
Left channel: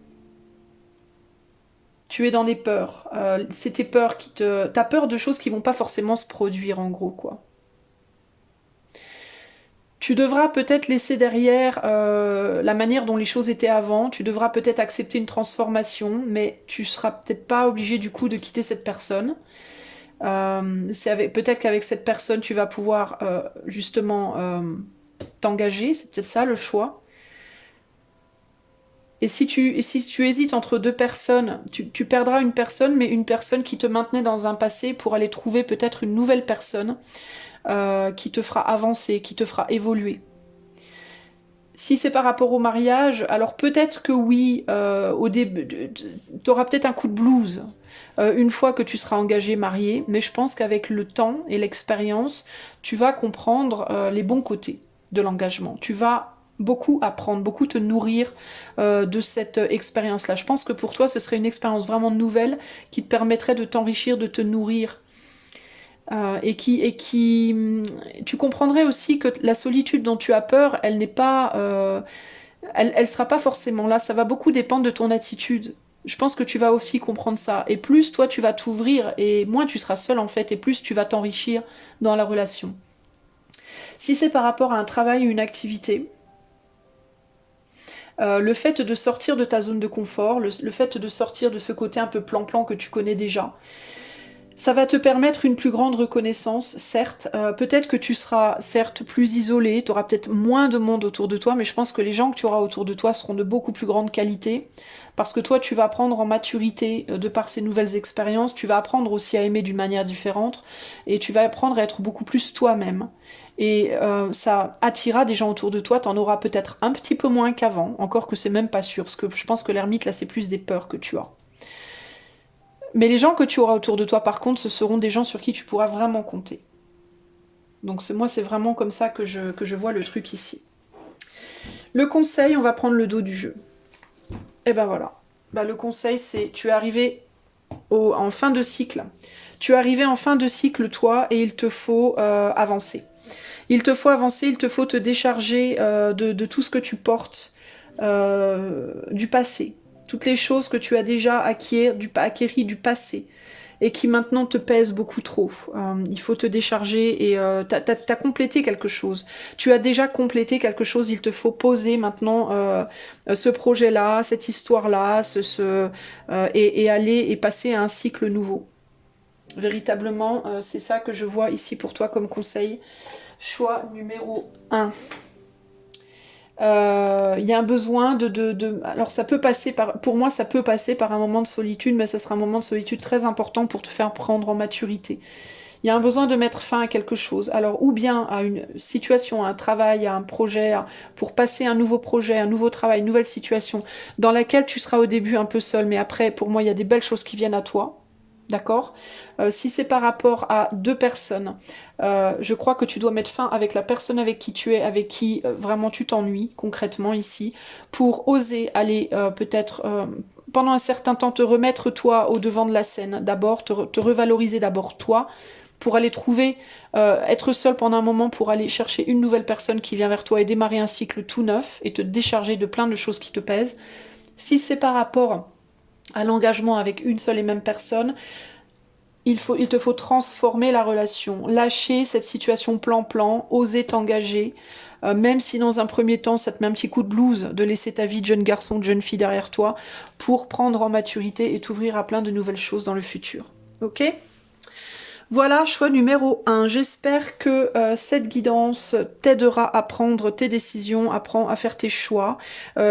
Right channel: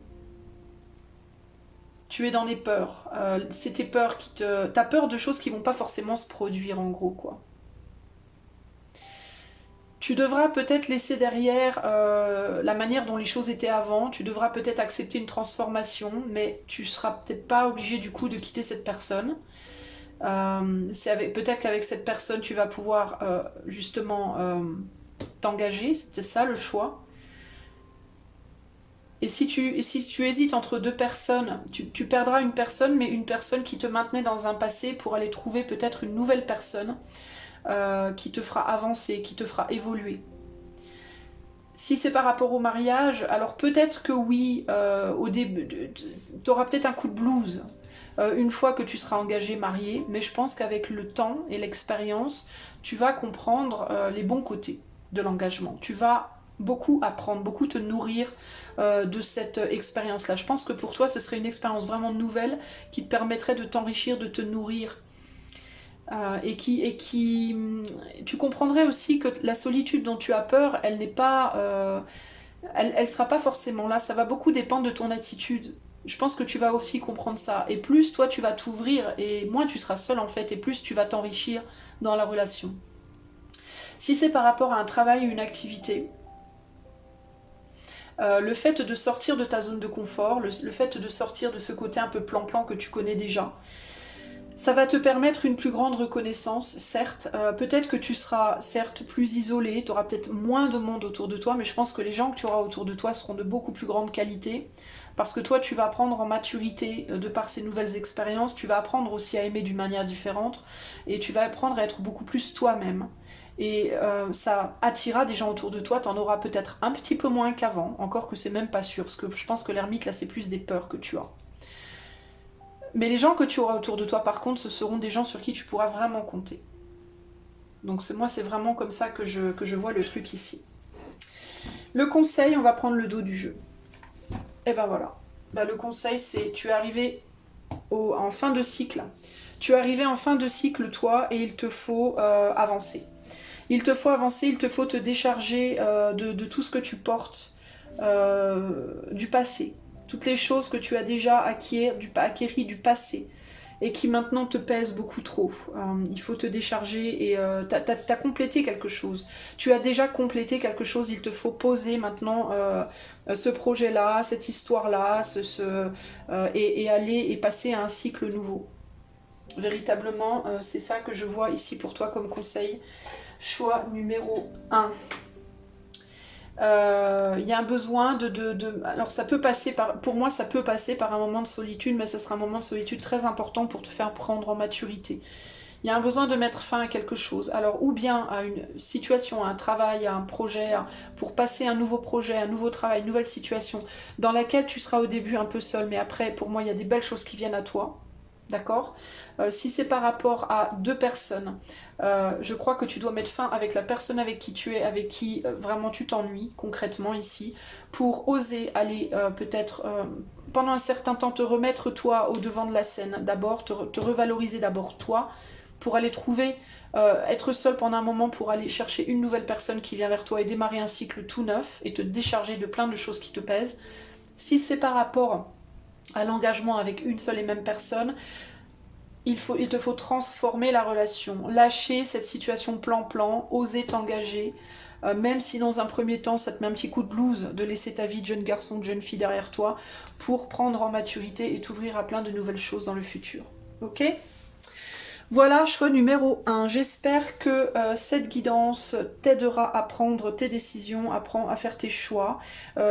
tu es dans des peurs. C'est tes peurs qui te... T'as peur de choses qui vont pas forcément se produire, en gros, quoi. Tu devras peut-être laisser derrière la manière dont les choses étaient avant. Tu devras peut-être accepter une transformation, mais tu seras peut-être pas obligé du coup de quitter cette personne. Peut-être qu'avec cette personne, tu vas pouvoir justement t'engager. C'est peut-être ça le choix. Et si tu hésites entre deux personnes, tu perdras une personne, mais une personne qui te maintenait dans un passé pour aller trouver peut-être une nouvelle personne qui te fera avancer, qui te fera évoluer. Si c'est par rapport au mariage, alors peut-être que oui, au début, tu auras peut-être un coup de blues une fois que tu seras engagé, marié, mais je pense qu'avec le temps et l'expérience, tu vas comprendre les bons côtés de l'engagement. Tu vas beaucoup apprendre, beaucoup te nourrir de cette expérience-là. Je pense que pour toi, ce serait une expérience vraiment nouvelle qui te permettrait de t'enrichir, de te nourrir tu comprendrais aussi que la solitude dont tu as peur, elle n'est pas, elle sera pas forcément là. Ça va beaucoup dépendre de ton attitude. Je pense que tu vas aussi comprendre ça. Et plus toi tu vas t'ouvrir, et moins tu seras seul en fait, et plus tu vas t'enrichir dans la relation. Si c'est par rapport à un travail ou une activité, le fait de sortir de ta zone de confort, le fait de sortir de ce côté un peu plan-plan que tu connais déjà, ça va te permettre une plus grande reconnaissance, certes. Peut-être que tu seras, certes, plus isolé, tu auras peut-être moins de monde autour de toi, mais je pense que les gens que tu auras autour de toi seront de beaucoup plus grande qualité, parce que toi, tu vas apprendre en maturité de par ces nouvelles expériences, tu vas apprendre aussi à aimer d'une manière différente, et tu vas apprendre à être beaucoup plus toi-même. Et ça attirera des gens autour de toi, t'en auras peut-être un petit peu moins qu'avant, encore que c'est même pas sûr, parce que je pense que l'ermite, là, c'est plus des peurs que tu as. Mais les gens que tu auras autour de toi, par contre, ce seront des gens sur qui tu pourras vraiment compter. Donc moi, c'est vraiment comme ça que je vois le truc ici. Le conseil, on va prendre le dos du jeu. Et ben voilà. Bah, le conseil, c'est tu es arrivé en fin de cycle. Tu es arrivé en fin de cycle, toi, et il te faut avancer. Il te faut avancer, il te faut te décharger de tout ce que tu portes du passé. Toutes les choses que tu as déjà acquéries du passé et qui maintenant te pèsent beaucoup trop. Il faut te décharger et tu as complété quelque chose. Tu as déjà complété quelque chose, il te faut poser maintenant ce projet-là, cette histoire-là, et aller et passer à un cycle nouveau. Véritablement, c'est ça que je vois ici pour toi comme conseil. Choix numéro 1. Il y a un besoin Alors ça peut passer par... Pour moi, ça peut passer par un moment de solitude, mais ce sera un moment de solitude très important pour te faire prendre en maturité. Il y a un besoin de mettre fin à quelque chose. Alors, ou bien à une situation, à un travail, à un projet, pour passer un nouveau projet, un nouveau travail, une nouvelle situation, dans laquelle tu seras au début un peu seul, mais après, pour moi, il y a des belles choses qui viennent à toi. D'accord. Si c'est par rapport à deux personnes, je crois que tu dois mettre fin avec la personne avec qui tu es, avec qui vraiment tu t'ennuies concrètement ici, pour oser aller peut-être pendant un certain temps te remettre toi au devant de la scène, d'abord te revaloriser d'abord toi, pour aller trouver, être seul pendant un moment pour aller chercher une nouvelle personne qui vient vers toi et démarrer un cycle tout neuf et te décharger de plein de choses qui te pèsent. Si c'est par rapport à l'engagement avec une seule et même personne, il te faut transformer la relation, lâcher cette situation plan-plan, oser t'engager, même si dans un premier temps ça te met un petit coup de blues de laisser ta vie de jeune garçon, de jeune fille derrière toi, pour prendre en maturité et t'ouvrir à plein de nouvelles choses dans le futur. Ok ? Voilà, choix numéro 1. J'espère que cette guidance t'aidera à prendre tes décisions, à faire tes choix.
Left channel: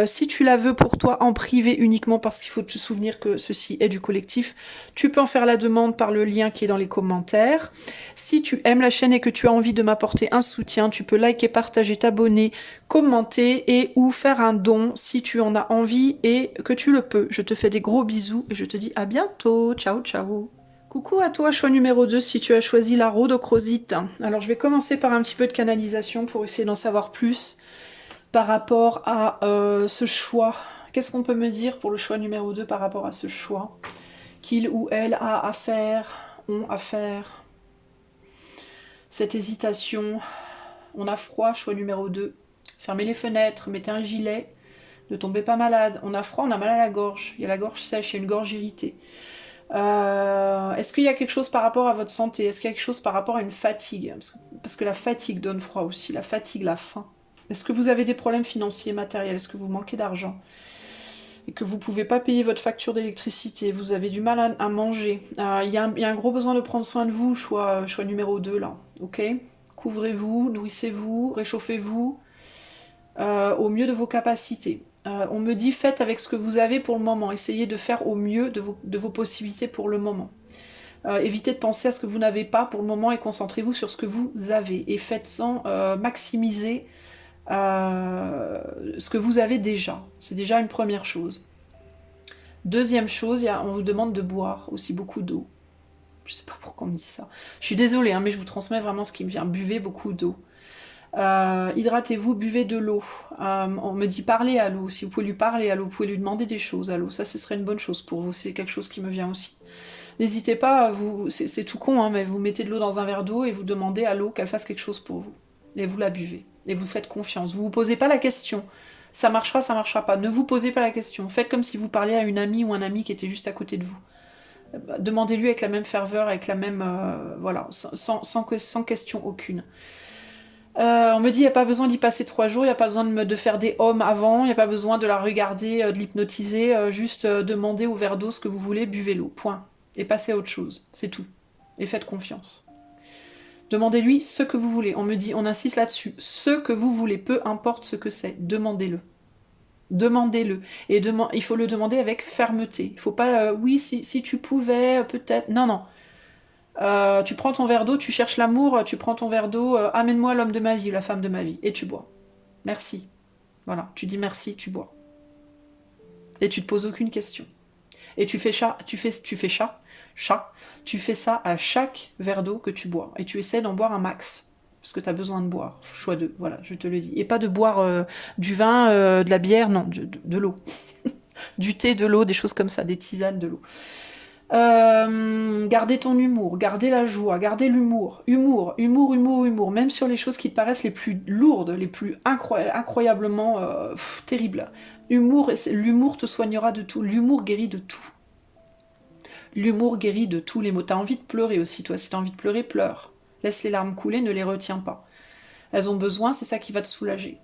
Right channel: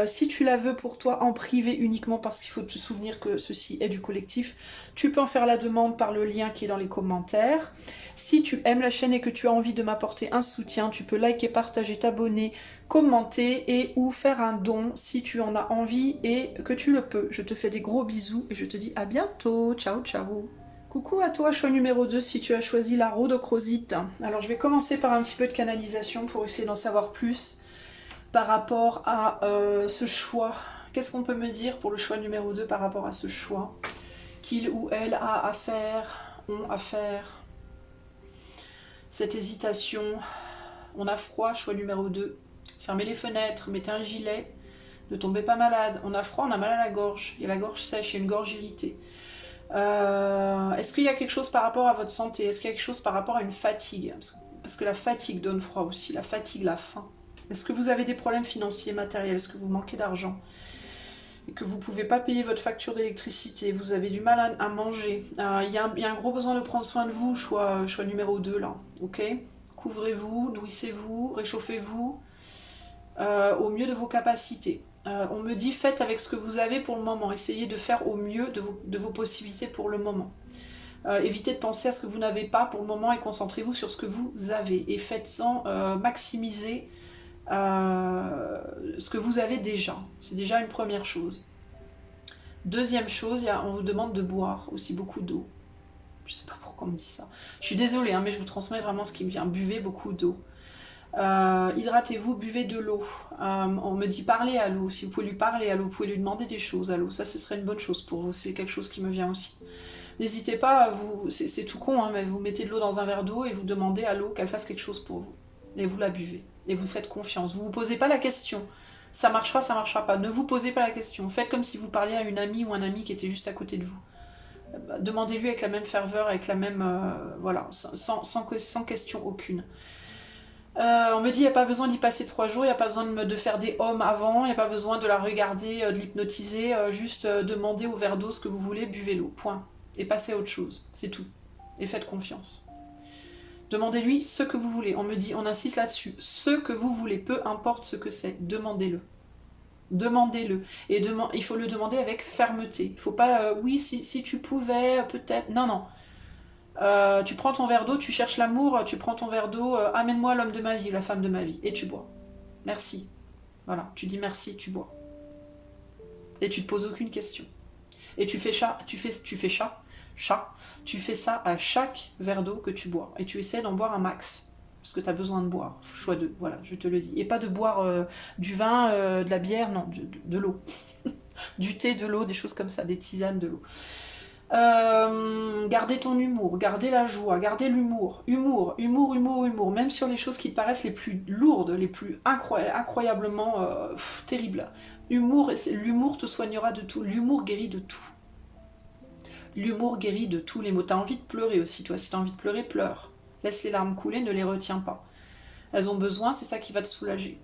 Si tu la veux pour toi en privé uniquement, parce qu'il faut te souvenir que ceci est du collectif, tu peux en faire la demande par le lien qui est dans les commentaires. Si tu aimes la chaîne et que tu as envie de m'apporter un soutien, tu peux liker, partager, t'abonner, commenter et ou faire un don si tu en as envie et que tu le peux. Je te fais des gros bisous et je te dis à bientôt. Ciao, ciao. Coucou à toi, choix numéro 2, si tu as choisi la rhodochrosite. Alors je vais commencer par un petit peu de canalisation pour essayer d'en savoir plus par rapport à ce choix. Qu'est-ce qu'on peut me dire pour le choix numéro 2 par rapport à ce choix qu'il ou elle a à faire, ont à faire. Cette hésitation, on a froid, choix numéro 2. Fermez les fenêtres, mettez un gilet, ne tombez pas malade. On a froid, on a mal à la gorge, il y a la gorge sèche, il y a une gorge irritée. Est-ce qu'il y a quelque chose par rapport à votre santé? Est-ce qu'il y a quelque chose par rapport à une fatigue? Parce que la fatigue donne froid aussi, la fatigue, la faim. Est-ce que vous avez des problèmes financiers, matériels? Est-ce que vous manquez d'argent? Et que vous ne pouvez pas payer votre facture d'électricité? Vous avez du mal à manger? Il y a un gros besoin de prendre soin de vous, choix numéro 2 là. Ok? Couvrez-vous, nourrissez-vous, réchauffez-vous au mieux de vos capacités. On me dit faites avec ce que vous avez pour le moment. Essayez de faire au mieux de vos possibilités pour le moment. Évitez de penser à ce que vous n'avez pas pour le moment et concentrez-vous sur ce que vous avez. Et faites-en maximiser ce que vous avez déjà. C'est déjà une première chose. Deuxième chose, on vous demande de boire aussi beaucoup d'eau. Je sais pas pourquoi on me dit ça. Je suis désolée, hein, mais je vous transmets vraiment ce qui me vient. Buvez beaucoup d'eau. Hydratez-vous, buvez de l'eau. On me dit parlez à l'eau. Si vous pouvez lui parler à l'eau, vous pouvez lui demander des choses à l'eau. Ça, ce serait une bonne chose pour vous. C'est quelque chose qui me vient aussi. N'hésitez pas, c'est tout con, hein, mais vous mettez de l'eau dans un verre d'eau et vous demandez à l'eau qu'elle fasse quelque chose pour vous. Et vous la buvez. Et vous faites confiance. Vous ne vous posez pas la question. Ça marchera pas. Ne vous posez pas la question. Faites comme si vous parliez à une amie ou un ami qui était juste à côté de vous. Demandez-lui avec la même ferveur, avec la même... voilà, sans question aucune. On me dit il n'y a pas besoin d'y passer 3 jours, il n'y a pas besoin de faire des hommes avant, il n'y a pas besoin de la regarder, de l'hypnotiser, juste demandez au verre d'eau ce que vous voulez, buvez l'eau, point. Et passez à autre chose, c'est tout. Et faites confiance. Demandez-lui ce que vous voulez. On me dit, on insiste là-dessus, ce que vous voulez, peu importe ce que c'est, demandez-le. Demandez-le. Et il faut le demander avec fermeté. Il ne faut pas, oui, si tu pouvais, peut-être. Non, non. Tu prends ton verre d'eau, tu cherches l'amour, tu prends ton verre d'eau, amène-moi l'homme de ma vie, la femme de ma vie, et tu bois. Merci. Voilà, tu dis merci, tu bois. Et tu te poses aucune question. Et tu fais chat, tu fais ça à chaque verre d'eau que tu bois. Et tu essaies d'en boire un max. Parce que tu as besoin de boire. Choix de, voilà, je te le dis. Et pas de boire du vin, de la bière, non, de l'eau. Du thé, de l'eau, des choses comme ça, des tisanes, de l'eau. Gardez ton humour, gardez la joie, gardez l'humour. Humour. Même sur les choses qui te paraissent les plus lourdes, les plus incroyablement terribles. L'humour te soignera de tout. L'humour guérit de tout. L'humour guérit de tous les maux. T'as envie de pleurer aussi, toi. Si t'as envie de pleurer, pleure. Laisse les larmes couler, ne les retiens pas. Elles ont besoin, c'est ça qui va te soulager.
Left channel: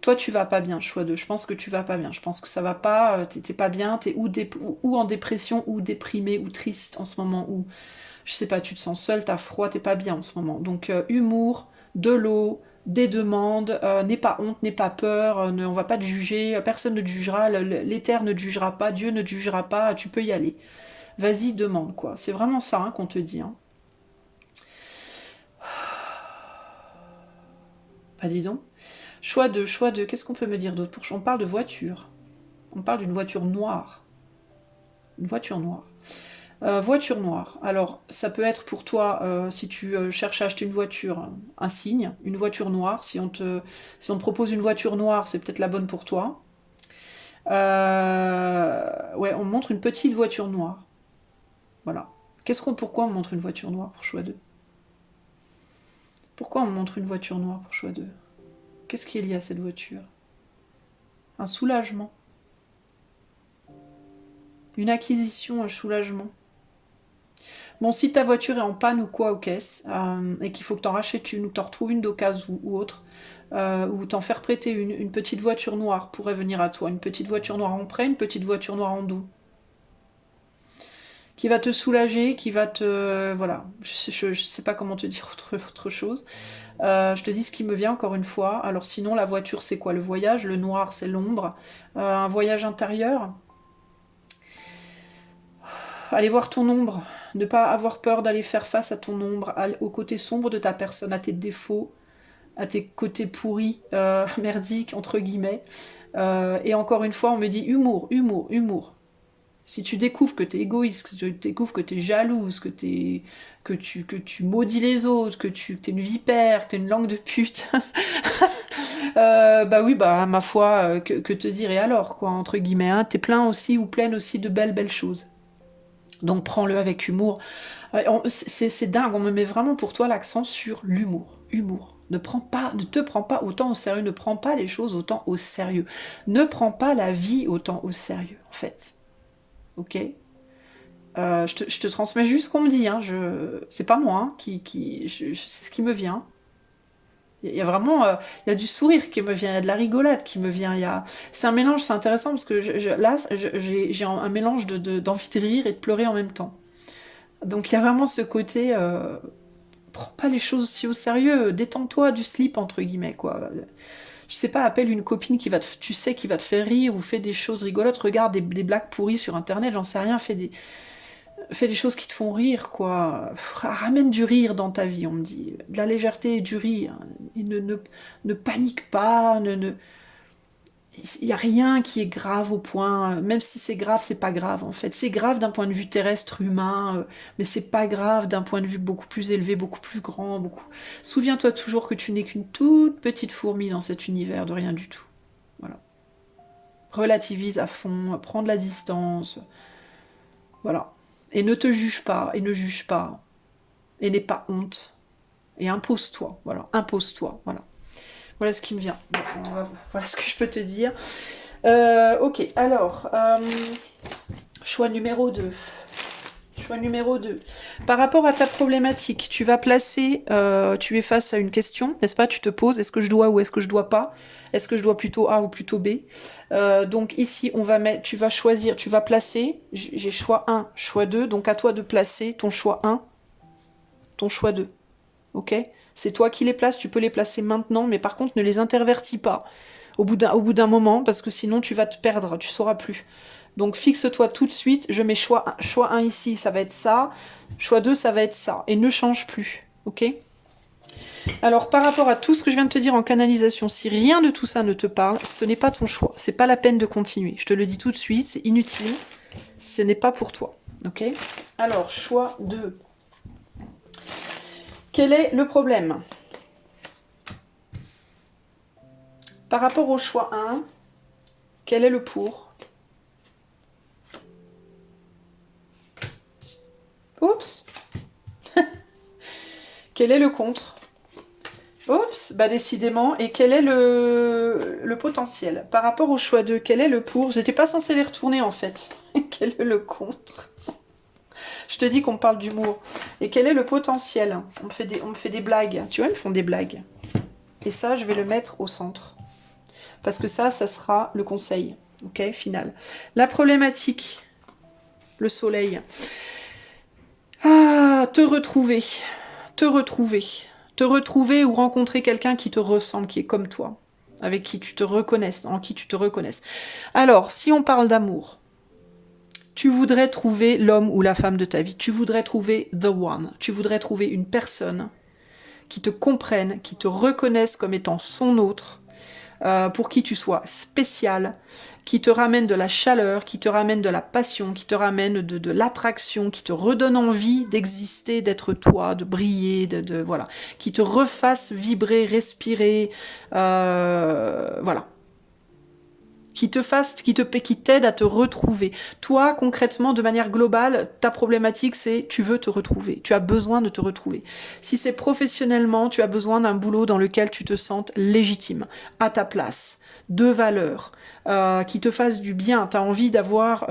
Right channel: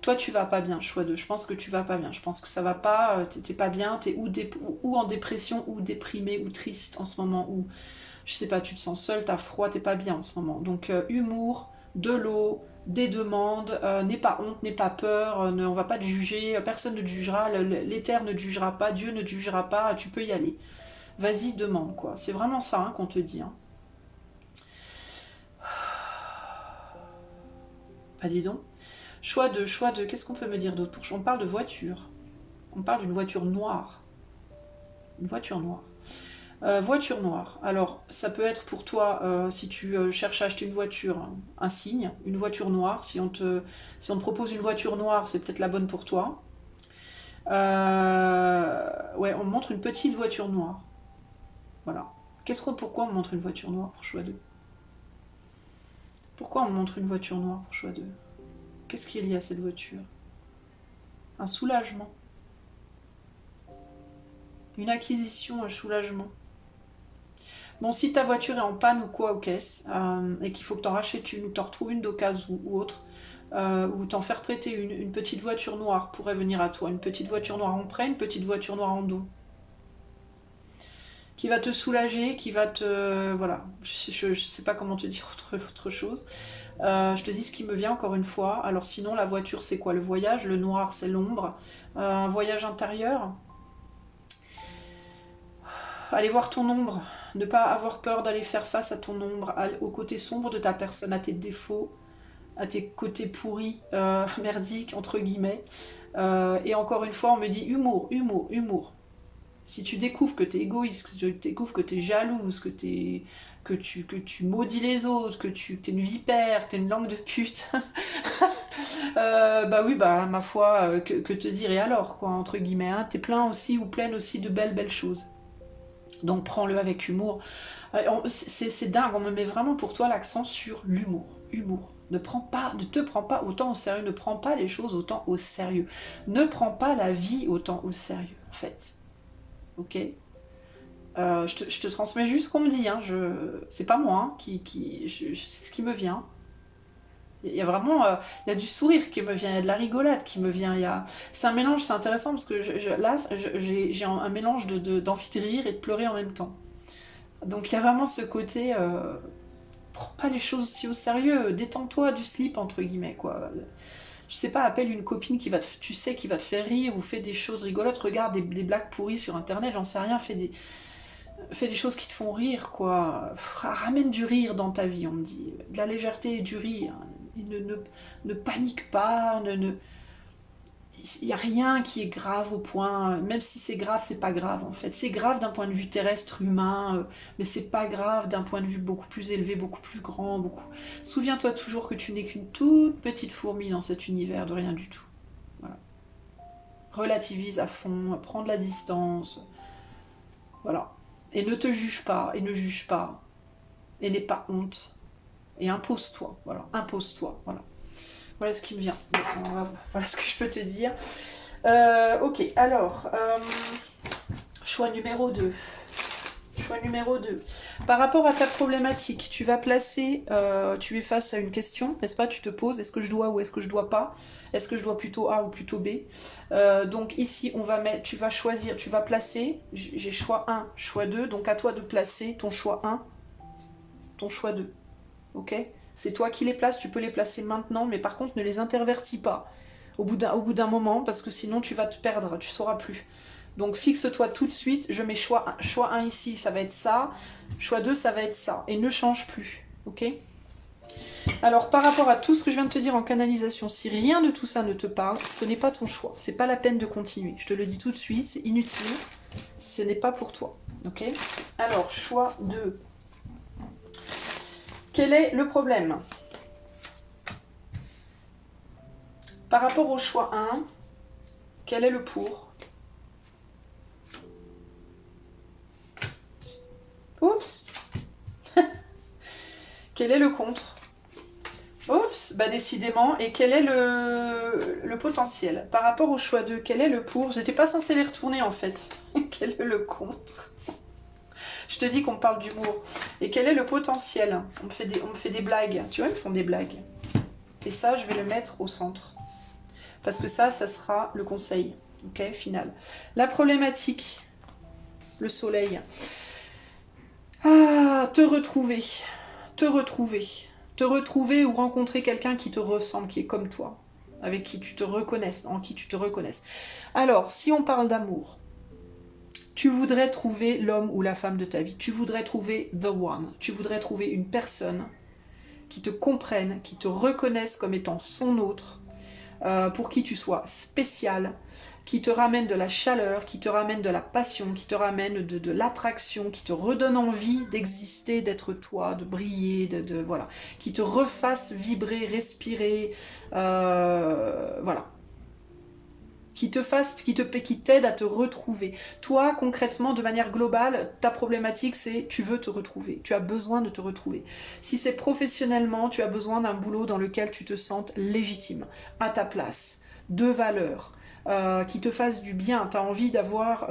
Toi, tu vas pas bien, choix 2. Je pense que tu vas pas bien. Je pense que ça va pas, t'es pas bien, t'es ou en dépression, ou déprimé, ou triste en ce moment, ou je sais pas, tu te sens seul, t'as froid, t'es pas bien en ce moment. Donc, humour, de l'eau, des demandes, n'aie pas honte, n'aie pas peur, on va pas te juger, personne ne te jugera, l'éther ne te jugera pas, Dieu ne te jugera pas, tu peux y aller. Vas-y, demande quoi. C'est vraiment ça hein, qu'on te dit. Hein. Bah dis donc. Choix de. Qu'est-ce qu'on peut me dire d'autre? On parle de voiture. On parle d'une voiture noire. Une voiture noire. Voiture noire. Alors, ça peut être pour toi, si tu cherches à acheter une voiture, un signe, une voiture noire. Si on te propose une voiture noire, c'est peut-être la bonne pour toi. Ouais, on me montre une petite voiture noire. Voilà. Pourquoi on me montre une voiture noire pour choix 2? Pourquoi on me montre une voiture noire pour choix 2? Qu'est-ce qui est lié à cette voiture? Un soulagement. Une acquisition, un soulagement. Bon, si ta voiture est en panne ou quoi aux caisses, et qu'il faut que tu en rachètes une, ou que tu en retrouves une d'occasion ou autre, ou t'en faire prêter une petite voiture noire pourrait venir à toi. Une petite voiture noire en prêt, une petite voiture noire en don. Qui va te soulager, qui va te... voilà, je sais pas comment te dire autre chose. Je te dis ce qui me vient encore une fois. Alors sinon, la voiture, c'est quoi? Le voyage, le noir, c'est l'ombre. Un voyage intérieur. Aller voir ton ombre. Ne pas avoir peur d'aller faire face à ton ombre, au côté sombre de ta personne, à tes défauts, à tes côtés pourris, merdiques, entre guillemets. Et encore une fois, on me dit humour, humour, humour. Si tu découvres que tu es égoïste, que tu découvres que tu es jalouse, que tu maudis les autres, que tu es une vipère, que tu es une langue de pute, bah oui, bah ma foi, que te dire et alors, quoi, entre guillemets, hein, t'es plein aussi ou pleine aussi de belles choses. Donc prends-le avec humour. C'est dingue, on me met vraiment pour toi l'accent sur l'humour. Humour. Ne te prends pas autant au sérieux, ne prends pas les choses autant au sérieux. Ne prends pas la vie autant au sérieux, en fait. Ok. Je te transmets juste ce qu'on me dit. Hein. C'est pas moi hein, c'est ce qui me vient. Il y a vraiment, il y a du sourire qui me vient, il y a de la rigolade qui me vient. C'est un mélange, c'est intéressant parce que là, j'ai un mélange d'envie de rire et de pleurer en même temps. Donc il y a vraiment ce côté, prends pas les choses si au sérieux, détends-toi du slip entre guillemets quoi. Je sais pas, appelle une copine tu sais, qui va te faire rire ou fait des choses rigolotes, regarde des blagues pourries sur internet, j'en sais rien, fais des choses qui te font rire, quoi. Ramène du rire dans ta vie, on me dit. De la légèreté et du rire. Et ne panique pas, il n'y a rien qui est grave au point, même si c'est grave, c'est pas grave en fait. C'est grave d'un point de vue terrestre, humain, mais c'est pas grave d'un point de vue beaucoup plus élevé, beaucoup plus grand, beaucoup. Souviens-toi toujours que tu n'es qu'une toute petite fourmi dans cet univers de rien du tout. Voilà. Relativise à fond, prends de la distance. Voilà. Et ne te juge pas, et ne juge pas, et n'aie pas honte. Et impose-toi, voilà, impose-toi, voilà. Voilà ce qui me vient. Voilà ce que je peux te dire. Ok, alors, choix numéro 2. Choix numéro 2. Par rapport à ta problématique, tu vas placer, tu es face à une question, n'est-ce pas? Tu te poses, est-ce que je dois ou est-ce que je dois pas? Est-ce que je dois plutôt A ou plutôt B? Donc ici, tu vas choisir, tu vas placer, j'ai choix 1, choix 2, donc à toi de placer ton choix 1, ton choix 2. Ok? C'est toi qui les places, tu peux les placer maintenant, mais par contre ne les intervertis pas au bout d'un moment, parce que sinon tu vas te perdre, tu sauras plus. Donc fixe-toi tout de suite, je mets choix 1 ici, ça va être ça, choix 2, ça va être ça, et ne change plus, ok? Alors par rapport à tout ce que je viens de te dire en canalisation, si rien de tout ça ne te parle, ce n'est pas ton choix, c'est pas la peine de continuer. Je te le dis tout de suite, c'est inutile, ce n'est pas pour toi, ok? Alors choix 2. Quel est le problème? Par rapport au choix 1, quel est le pour? Oups. Quel est le contre? Oups, bah décidément. Et quel est le potentiel? Par rapport au choix 2, quel est le pour? J'étais pas censée les retourner en fait. Quel est le contre? Je te dis qu'on parle d'humour. Et quel est le potentiel? On me fait des blagues. Tu vois, ils me font des blagues. Et ça, je vais le mettre au centre. Parce que ça sera le conseil. Ok, final. La problématique, le soleil. Ah, te retrouver. Te retrouver. Te retrouver ou rencontrer quelqu'un qui te ressemble, qui est comme toi. Avec qui tu te reconnaisses, en qui tu te reconnaisses. Alors, si on parle d'amour, tu voudrais trouver l'homme ou la femme de ta vie. Tu voudrais trouver the one. Tu voudrais trouver une personne qui te comprenne, qui te reconnaisse comme étant son autre, pour qui tu sois spécial, qui te ramène de la chaleur, qui te ramène de la passion, qui te ramène de l'attraction, qui te redonne envie d'exister, d'être toi, de briller, voilà, qui te refasse vibrer, respirer, voilà. Qui t'aide à te retrouver. Toi, concrètement, de manière globale, ta problématique, c'est tu veux te retrouver. Tu as besoin de te retrouver. Si c'est professionnellement, tu as besoin d'un boulot dans lequel tu te sentes légitime, à ta place. de valeur, qui te fasse du bien. Tu as envie d'avoir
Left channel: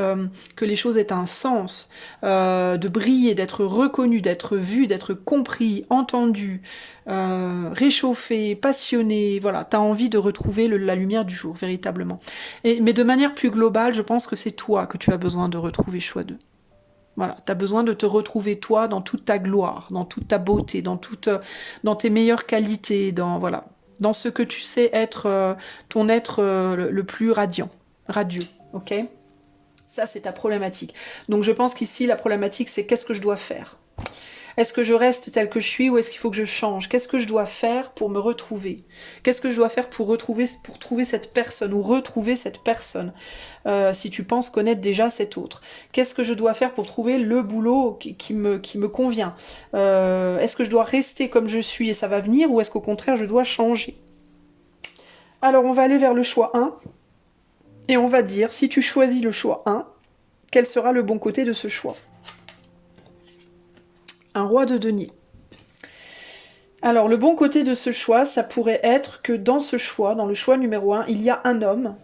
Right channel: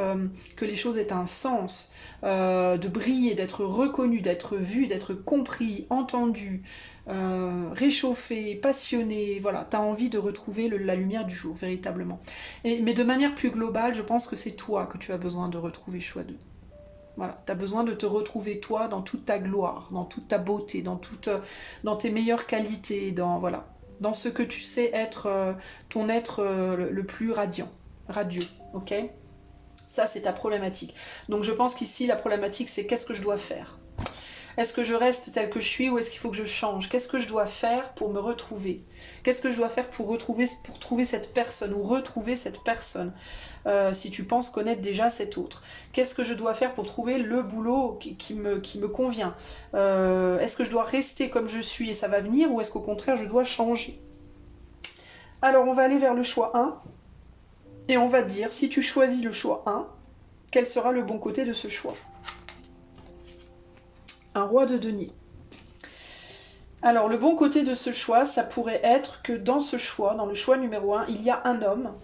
que les choses aient un sens, de briller, d'être reconnu, d'être vu, d'être compris, entendu, réchauffé, passionné. Voilà, tu as envie de retrouver la lumière du jour, véritablement. Mais de manière plus globale, je pense que c'est toi que tu as besoin de retrouver, choix 2. Voilà, tu as besoin de te retrouver toi dans toute ta gloire, dans toute ta beauté, dans tes meilleures qualités, voilà, dans ce que tu sais être, ton être le plus radieux, ok? Ça, c'est ta problématique. Donc je pense qu'ici, la problématique, c'est qu'est-ce que je dois faire? Est-ce que je reste tel que je suis ou est-ce qu'il faut que je change? Qu'est-ce que je dois faire pour me retrouver? Qu'est-ce que je dois faire pour trouver cette personne ou retrouver cette personne? Si tu penses connaître déjà cet autre. Qu'est-ce que je dois faire pour trouver le boulot qui me convient? Est-ce que je dois rester comme je suis et ça va venir ou est-ce qu'au contraire je dois changer? Alors on va aller vers le choix 1 et on va dire si tu choisis le choix 1, quel sera le bon côté de ce choix? Un roi de denier. Alors, le bon côté de ce choix, ça pourrait être que dans ce choix, dans le choix numéro 1, il y a un homme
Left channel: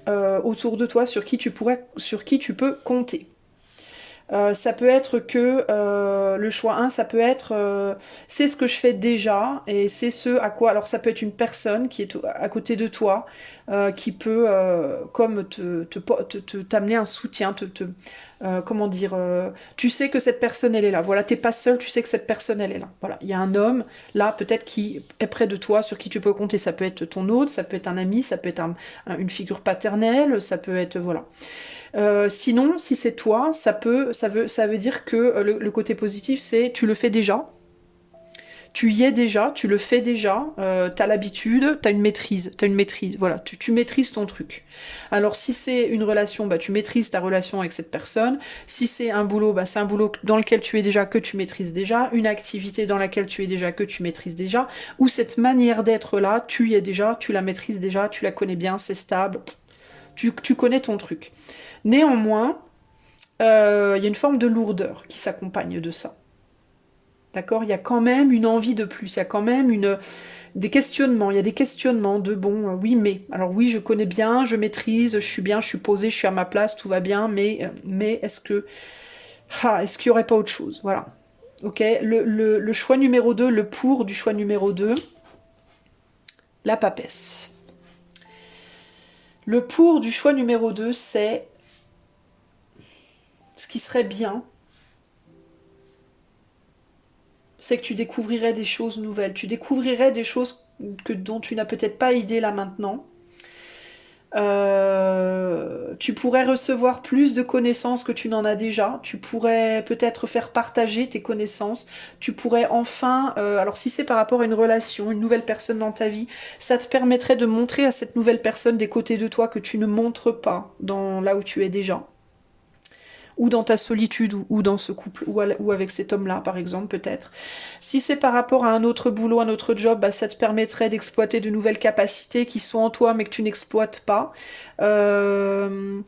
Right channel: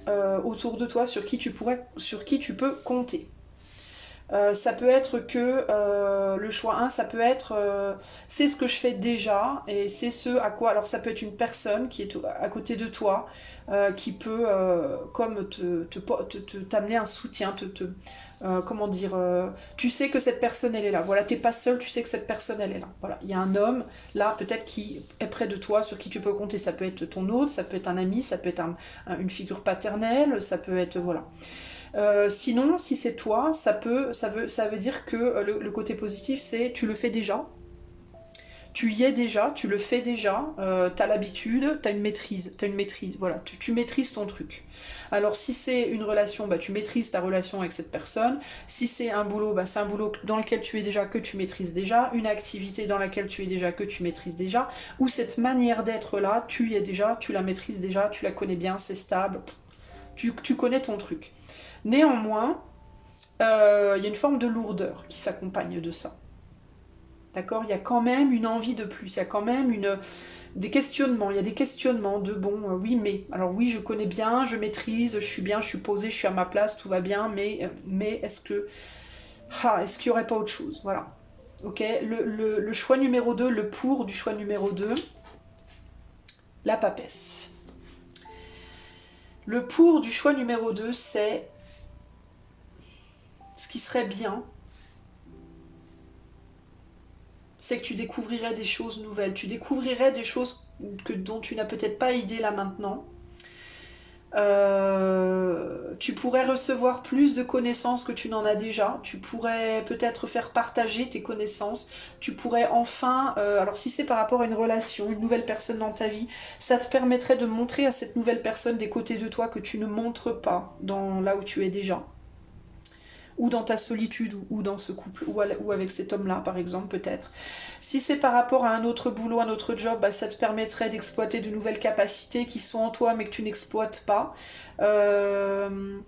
autour de toi sur qui tu peux compter. Ça peut être que le choix 1, ça peut être c'est ce que je fais déjà et c'est ce à quoi. Alors, ça peut être une personne qui est à côté de toi qui peut comme t'amener un soutien, comment dire, tu sais que cette personne elle est là. Voilà, t'es pas seul, tu sais que cette personne elle est là. Voilà, il y a un homme là peut-être qui est près de toi, sur qui tu peux compter. Ça peut être ton hôte, ça peut être un ami, ça peut être une figure paternelle, ça peut être voilà. Sinon, si c'est toi, ça veut dire que le côté positif, c'est tu le fais déjà. Tu y es déjà, tu le fais déjà, tu as l'habitude, tu as une maîtrise, voilà, tu maîtrises ton truc. Alors si c'est une relation, bah, tu maîtrises ta relation avec cette personne. Si c'est un boulot, bah, c'est un boulot dans lequel tu es déjà, que tu maîtrises déjà. Une activité dans laquelle tu es déjà, que tu maîtrises déjà. Ou cette manière d'être là, tu y es déjà, tu la maîtrises déjà, tu la connais bien, c'est stable, tu connais ton truc. Néanmoins, il y a une forme de lourdeur qui s'accompagne de ça. D'accord? Il y a quand même une envie de plus, il y a quand même des questionnements, il y a des questionnements de bon, oui, mais. Alors oui, je connais bien, je maîtrise, je suis bien, je suis posée, je suis à ma place, tout va bien, mais est-ce que. Est-ce qu'il n'y aurait pas autre chose? Voilà. Ok? Le choix numéro 2, le pour du choix numéro 2, la papesse. Le pour du choix numéro 2, c'est ce qui serait bien, c'est que tu découvrirais des choses nouvelles. Tu découvrirais des choses dont tu n'as peut-être pas idée là maintenant. Tu pourrais recevoir plus de connaissances que tu n'en as déjà. Tu pourrais peut-être faire partager tes connaissances. Tu pourrais enfin, alors si c'est par rapport à une relation, une nouvelle personne dans ta vie, ça te permettrait de montrer à cette nouvelle personne des côtés de toi que tu ne montres pas dans là où tu es déjà. Ou dans ta solitude, ou dans ce couple, ou avec cet homme-là, par exemple, peut-être. Si c'est par rapport à un autre boulot, un autre job, bah, ça te permettrait d'exploiter de nouvelles capacités qui sont en toi, mais que tu n'exploites pas. De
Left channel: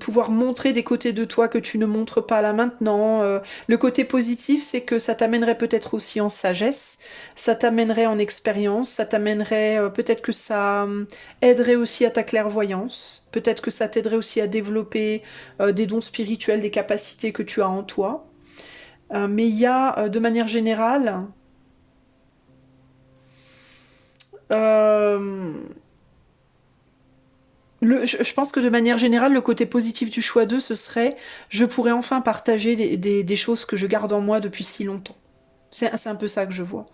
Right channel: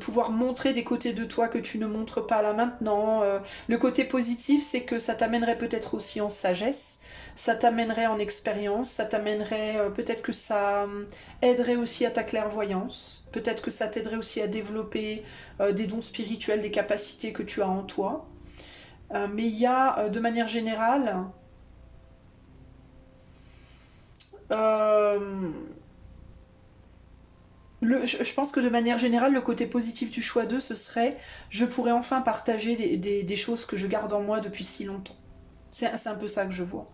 pouvoir montrer des côtés de toi que tu ne montres pas là maintenant. Le côté positif, c'est que ça t'amènerait peut-être aussi en sagesse, ça t'amènerait en expérience, ça t'amènerait, peut-être que ça aiderait aussi à ta clairvoyance, peut-être que ça t'aiderait aussi à développer des dons spirituels, des capacités que tu as en toi. Mais il y a, de manière générale, je pense que de manière générale, le côté positif du choix 2, ce serait je pourrais enfin partager des choses que je garde en moi depuis si longtemps. C'est un peu ça que je vois.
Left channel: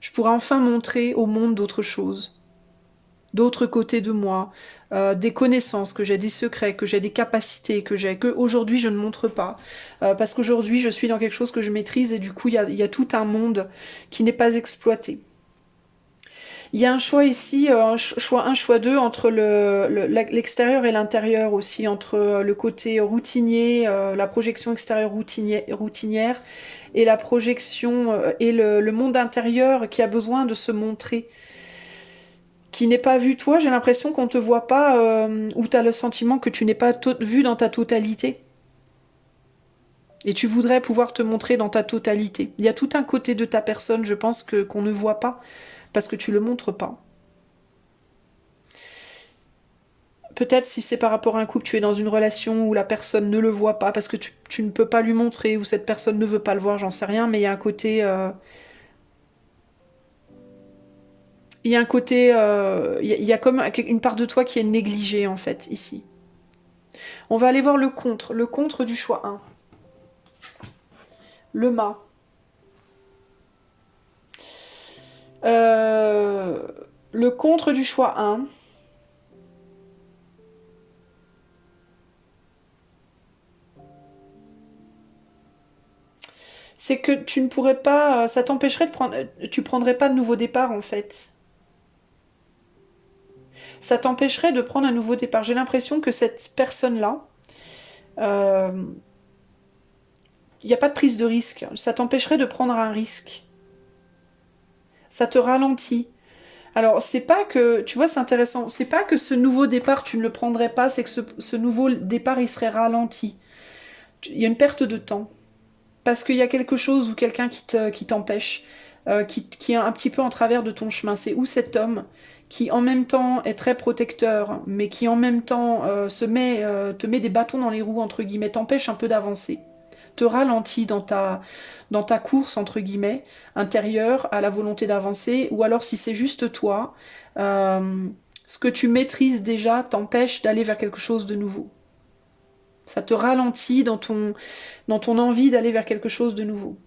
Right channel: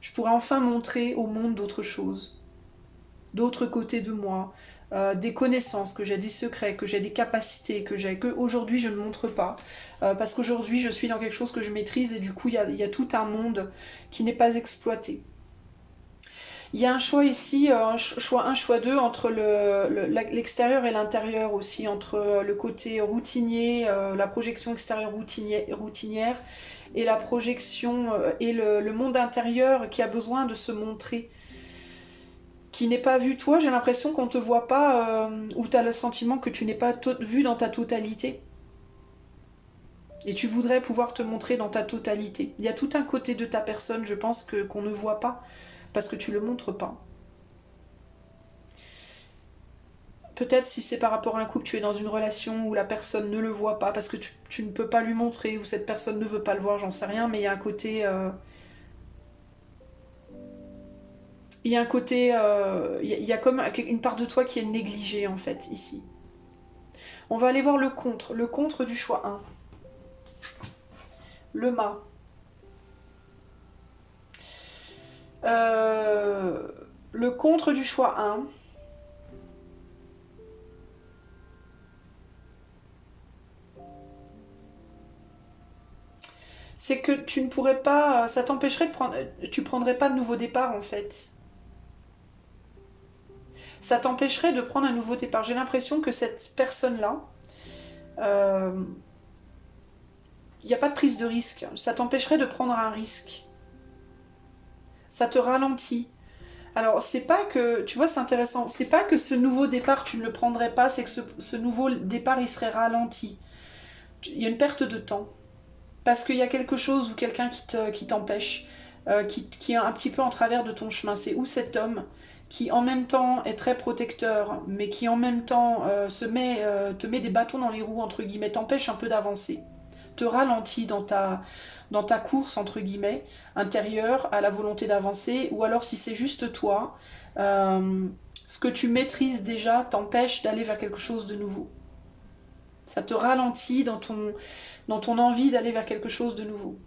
Je pourrais enfin montrer au monde d'autres choses, d'autres côtés de moi, des connaissances, que j'ai des secrets, que j'ai des capacités, que aujourd'hui je ne montre pas. Parce qu'aujourd'hui je suis dans quelque chose que je maîtrise et du coup il y a tout un monde qui n'est pas exploité. Il y a un choix ici, un choix 2 entre l'extérieur et l'intérieur aussi, entre le côté routinier, la projection extérieure routinière et la projection et le monde intérieur qui a besoin de se montrer, qui n'est pas vu. Toi, j'ai l'impression qu'on ne te voit pas, ou tu as le sentiment que tu n'es pas vu dans ta totalité. Et tu voudrais pouvoir te montrer dans ta totalité. Il y a tout un côté de ta personne, je pense, qu'on ne voit pas, parce que tu ne le montres pas. Peut-être si c'est par rapport à un couple, tu es dans une relation où la personne ne le voit pas parce que tu ne peux pas lui montrer ou cette personne ne veut pas le voir, j'en sais rien, mais il y a un côté... il y a un côté... il y a comme une part de toi qui est négligée en fait, ici. On va aller voir le contre du choix 1. Le mât. Le contre du choix 1. C'est que tu ne pourrais pas... Ça t'empêcherait de prendre... Tu prendrais pas de nouveau départ en fait. Ça t'empêcherait de prendre un nouveau départ. J'ai l'impression que cette personne-là... il n'y a pas de prise de risque. Ça t'empêcherait de prendre un risque. Ça te ralentit. Alors, c'est pas que, tu vois, c'est intéressant, c'est pas que ce nouveau départ, tu ne le prendrais pas, c'est que ce nouveau départ, il serait ralenti. Il y a une perte de temps. Parce qu'il y a quelque chose ou quelqu'un qui t'empêche, qui est un petit peu en travers de ton chemin. C'est où cet homme qui en même temps est très protecteur, mais qui en même temps te met des bâtons dans les roues, entre guillemets, t'empêche un peu d'avancer, te ralentit dans ta course, entre guillemets, intérieure à la volonté d'avancer, ou alors si c'est juste toi, ce que tu maîtrises déjà t'empêche d'aller vers quelque chose de nouveau. Ça te ralentit dans ton envie d'aller vers quelque chose de nouveau.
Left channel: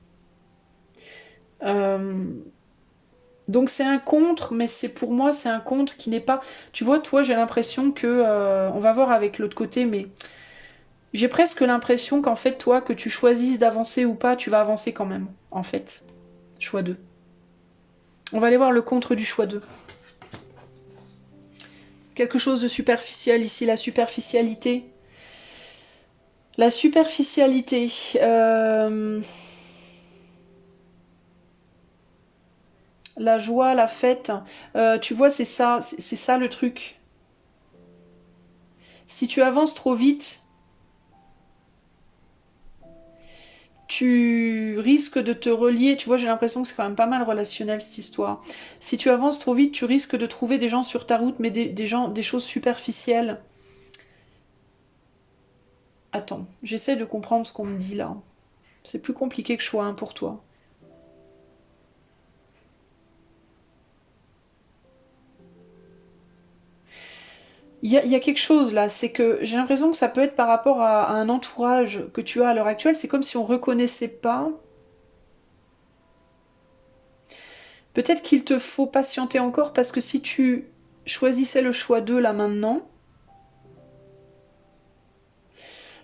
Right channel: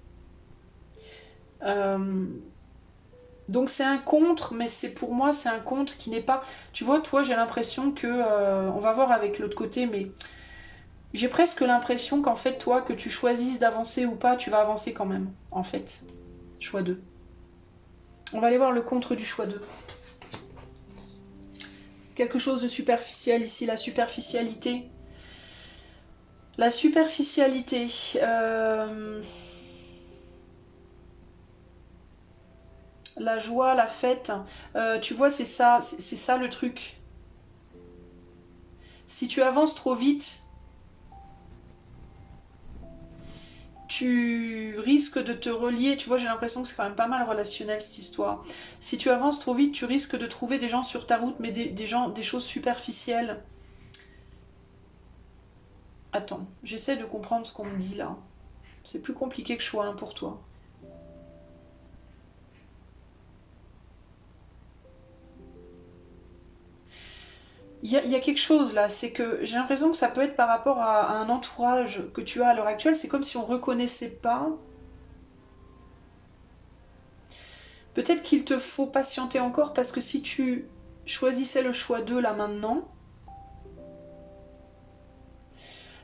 Donc c'est un contre, mais c'est pour moi c'est un contre qui n'est pas... Tu vois, toi j'ai l'impression que... on va voir avec l'autre côté, mais j'ai presque l'impression qu'en fait toi, que tu choisisses d'avancer ou pas, tu vas avancer quand même, en fait. Choix 2. On va aller voir le contre du choix 2. Quelque chose de superficiel ici, la superficialité. La superficialité... La joie, la fête, tu vois, c'est ça le truc. Si tu avances trop vite, tu risques de te relier. Tu vois, j'ai l'impression que c'est quand même pas mal relationnel cette histoire. Si tu avances trop vite, tu risques de trouver des gens sur ta route, mais des gens, des choses superficielles. Attends, j'essaie de comprendre ce qu'on me dit là. C'est plus compliqué que choix 1 pour toi. Il y a quelque chose là, c'est que j'ai l'impression que ça peut être par rapport à un entourage que tu as à l'heure actuelle. C'est comme si on reconnaissait pas. Peut-être qu'il te faut patienter encore parce que si tu choisissais le choix 2 là maintenant,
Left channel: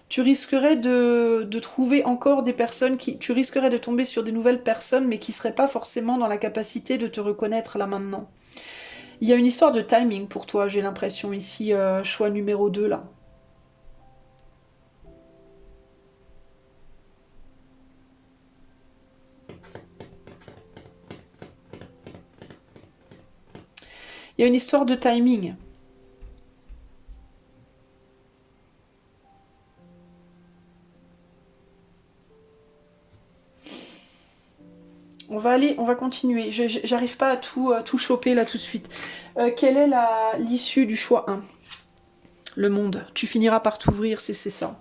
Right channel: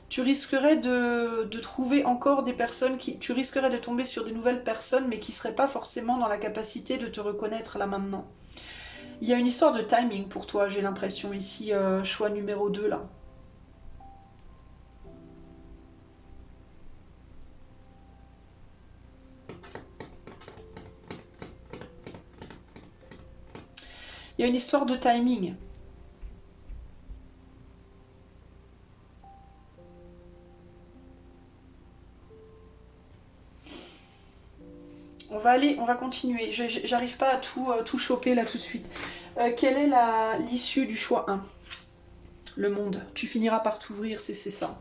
tu risquerais de trouver encore des personnes qui... Tu risquerais de tomber sur des nouvelles personnes mais qui ne seraient pas forcément dans la capacité de te reconnaître là maintenant. Il y a une histoire de timing pour toi, j'ai l'impression ici, choix numéro 2 là. Il y a une histoire de timing. On va continuer. J'arrive pas à tout choper là tout de suite. Quelle est l'issue du choix 1? Le monde. Tu finiras par t'ouvrir, c'est ça.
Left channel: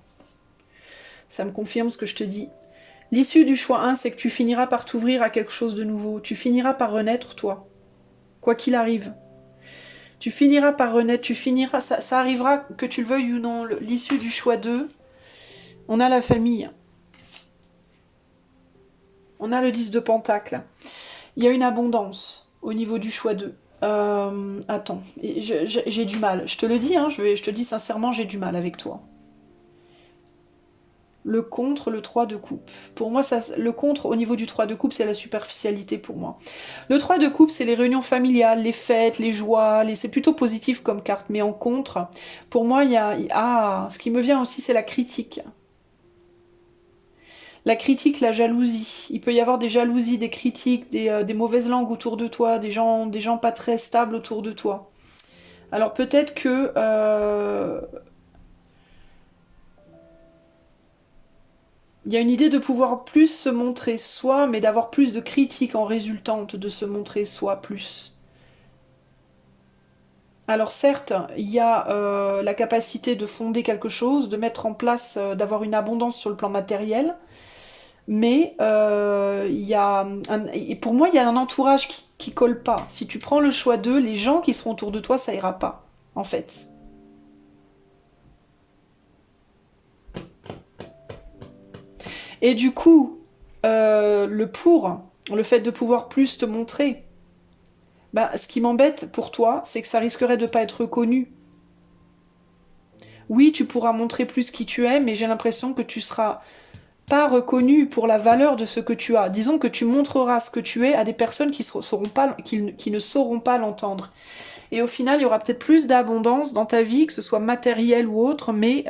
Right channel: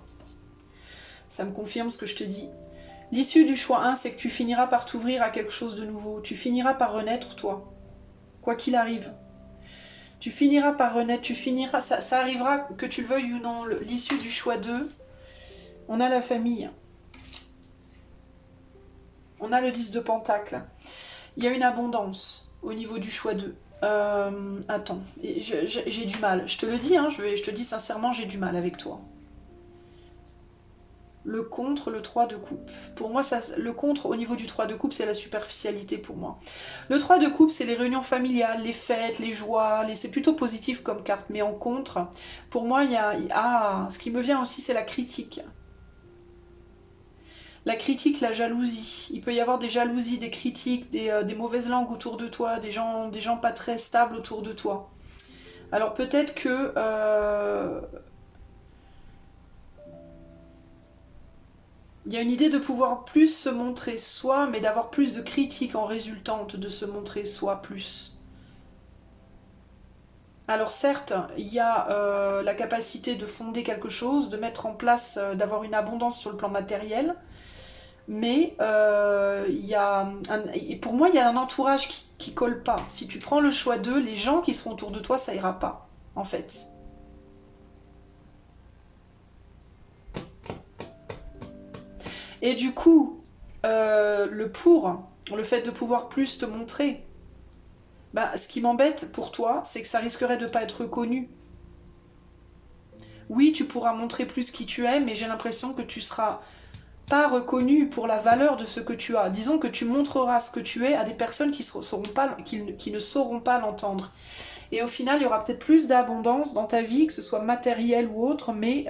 Ça me confirme ce que je te dis. L'issue du choix 1, c'est que tu finiras par t'ouvrir à quelque chose de nouveau. Tu finiras par renaître, toi. Quoi qu'il arrive. Tu finiras par renaître, tu finiras... Ça arrivera, que tu le veuilles ou non. L'issue du choix 2, on a la famille. On a le 10 de Pentacle. Il y a une abondance au niveau du choix 2. Attends, j'ai du mal. Je te le dis, hein, je te dis sincèrement, j'ai du mal avec toi. Le contre, le 3 de coupe. Pour moi, le contre au niveau du 3 de coupe, c'est la superficialité pour moi. Le 3 de coupe, c'est les réunions familiales, les fêtes, les joies, c'est plutôt positif comme carte. Mais en contre, pour moi, ce qui me vient aussi, c'est la critique. La critique, la jalousie. Il peut y avoir des jalousies, des critiques, des mauvaises langues autour de toi, des gens pas très stables autour de toi. Alors peut-être que... il y a une idée de pouvoir plus se montrer soi, mais d'avoir plus de critiques en résultante de se montrer soi plus. Alors certes, il y a la capacité de fonder quelque chose, de mettre en place, d'avoir une abondance sur le plan matériel, mais il y a et pour moi, il y a un entourage qui colle pas. Si tu prends le choix d'eux, les gens qui seront autour de toi, ça ira pas, en fait. Et du coup, le fait de pouvoir plus te montrer, ben, ce qui m'embête pour toi, c'est que ça risquerait de ne pas être reconnu. Oui, tu pourras montrer plus qui tu es, mais j'ai l'impression que tu seras pas reconnu pour la valeur de ce que tu as. Disons que tu montreras ce que tu es à des personnes qui ne sauront pas l'entendre. Et au final, il y aura peut-être plus d'abondance dans ta vie, que ce soit matériel ou autre, mais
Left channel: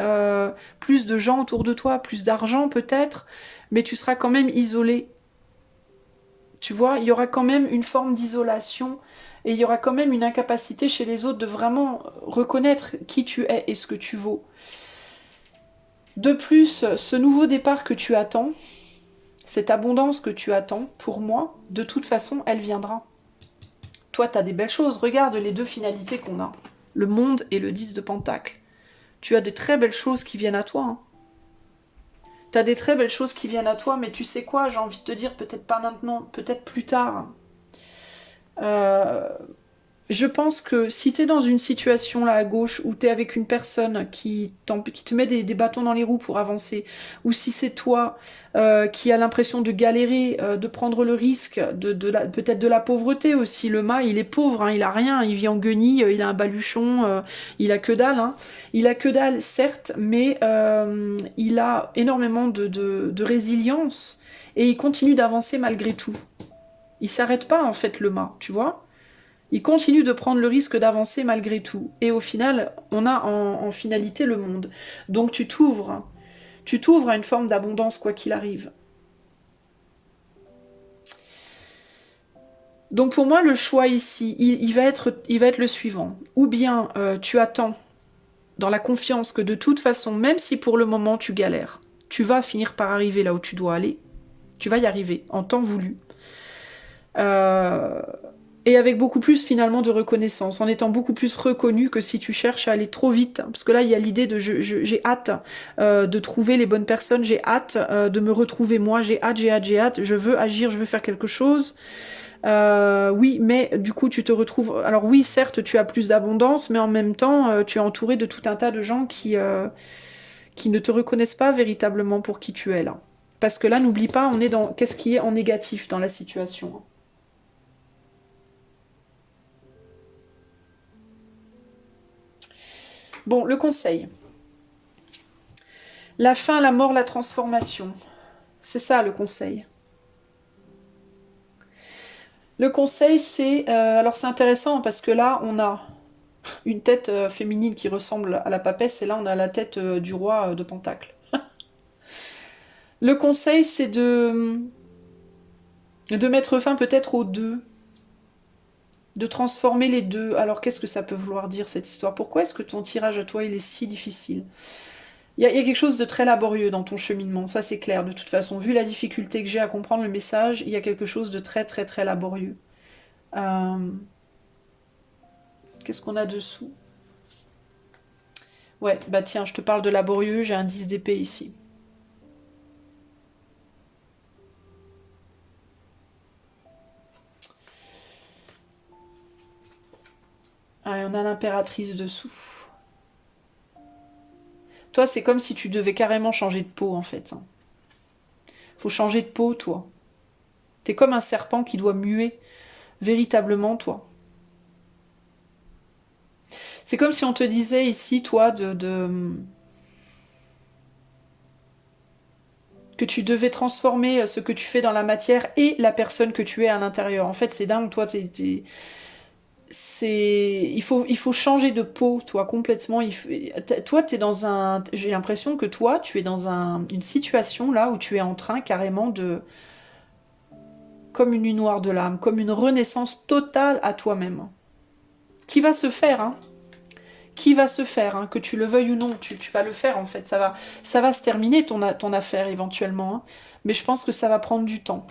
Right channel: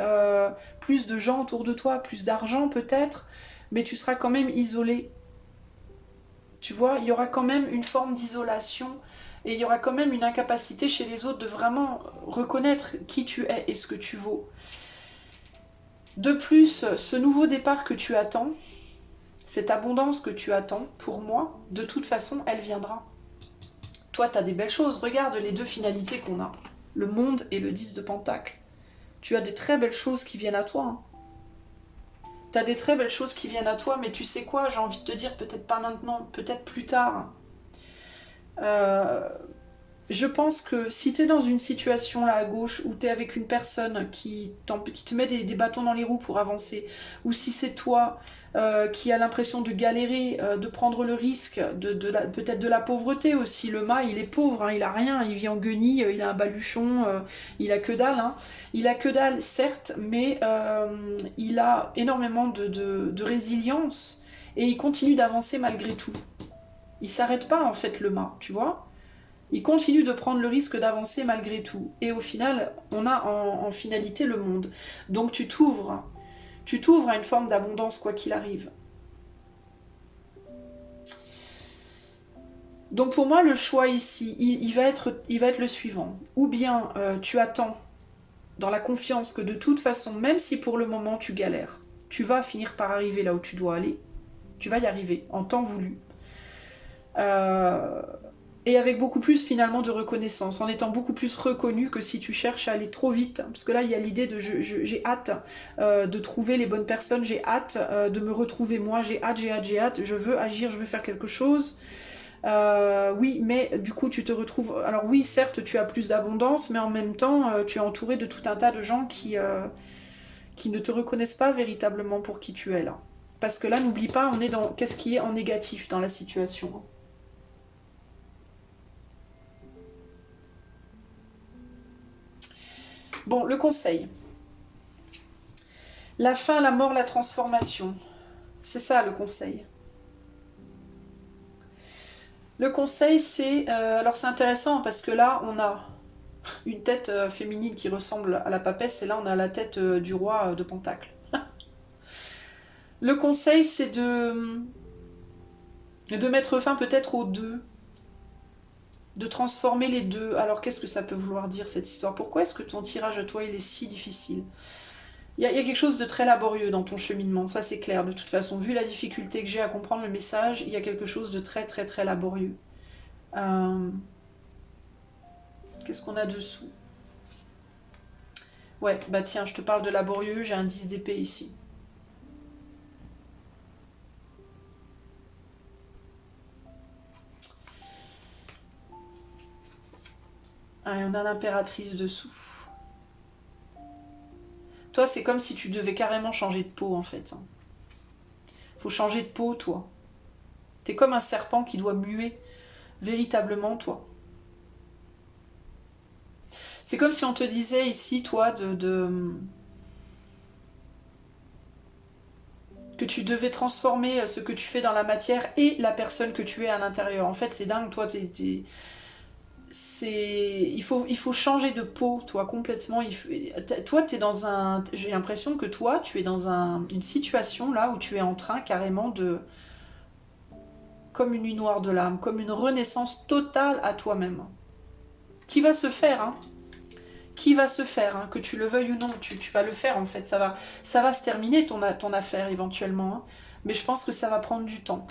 plus de gens autour de toi, plus d'argent peut-être, mais tu seras quand même isolé. Tu vois, il y aura quand même une forme d'isolation et il y aura quand même une incapacité chez les autres de vraiment reconnaître qui tu es et ce que tu vaux. De plus, ce nouveau départ que tu attends, cette abondance que tu attends, pour moi, de toute façon, elle viendra. Toi, tu as des belles choses. Regarde les deux finalités qu'on a. Le monde et le 10 de Pentacle. Tu as des très belles choses qui viennent à toi. Hein. Tu as des très belles choses qui viennent à toi, mais tu sais quoi, j'ai envie de te dire, peut-être pas maintenant, peut-être plus tard. Euh, Je pense que si tu es dans une situation là à gauche où tu es avec une personne qui te met des bâtons dans les roues pour avancer, ou si c'est toi qui as l'impression de galérer, de prendre le risque, peut-être de la pauvreté aussi. Le mât, il est pauvre, hein, il a rien, il vit en guenille, il a un baluchon, il a que dalle. Hein. Il a que dalle, certes, mais il a énormément de résilience et il continue d'avancer malgré tout. Il s'arrête pas en fait le mât, tu vois. Il continue de prendre le risque d'avancer malgré tout. Et au final, on a en finalité le monde. Donc tu t'ouvres. Tu t'ouvres à une forme d'abondance quoi qu'il arrive. Donc pour moi, le choix ici, il va être le suivant. Ou bien tu attends dans la confiance que de toute façon, même si pour le moment tu galères, tu vas finir par arriver là où tu dois aller. Tu vas y arriver en temps voulu. Euh, et avec beaucoup plus finalement de reconnaissance, en étant beaucoup plus reconnu que si tu cherches à aller trop vite. Parce que là, il y a l'idée de j'ai hâte de trouver les bonnes personnes, j'ai hâte de me retrouver moi, j'ai hâte, je veux agir, je veux faire quelque chose. Oui, mais du coup, tu te retrouves... Alors oui, certes, tu as plus d'abondance, mais en même temps, tu es entouré de tout un tas de gens qui ne te reconnaissent pas véritablement pour qui tu es là. Parce que là, n'oublie pas, on est dans... Qu'est-ce qui est en négatif dans la situation? Bon, le conseil. La fin, la mort, la transformation. C'est ça le conseil. Le conseil, c'est... alors c'est intéressant parce que là, on a une tête féminine qui ressemble à la papesse et là, on a la tête du roi de Pentacle. Le conseil, c'est de mettre fin peut-être aux deux, de transformer les deux. Alors qu'est-ce que ça peut vouloir dire cette histoire? Pourquoi est-ce que ton tirage à toi, il est si difficile? Il y a quelque chose de très laborieux dans ton cheminement, ça c'est clair. De toute façon, vu la difficulté que j'ai à comprendre le message, il y a quelque chose de très très très laborieux. Euh, Qu'est-ce qu'on a dessous? Ouais, bah tiens, je te parle de laborieux, j'ai un 10 d'épée ici. Ah, et on a l'impératrice dessous. Toi, c'est comme si tu devais carrément changer de peau en fait. Faut changer de peau, toi. T'es comme un serpent qui doit muer véritablement, toi. C'est comme si on te disait ici, toi, que tu devais transformer ce que tu fais dans la matière et la personne que tu es à l'intérieur. En fait, c'est dingue, toi, il faut changer de peau, toi, complètement. Toi, t'es dans un... J'ai l'impression que toi, tu es dans une situation là où tu es en train carrément de... Comme une nuit noire de l'âme, comme une renaissance totale à toi-même. Qui va se faire, hein? Qui va se faire, hein, que tu le veuilles ou non, tu vas le faire en fait. Ça va se terminer ton affaire éventuellement, hein, mais je pense que ça va prendre du temps.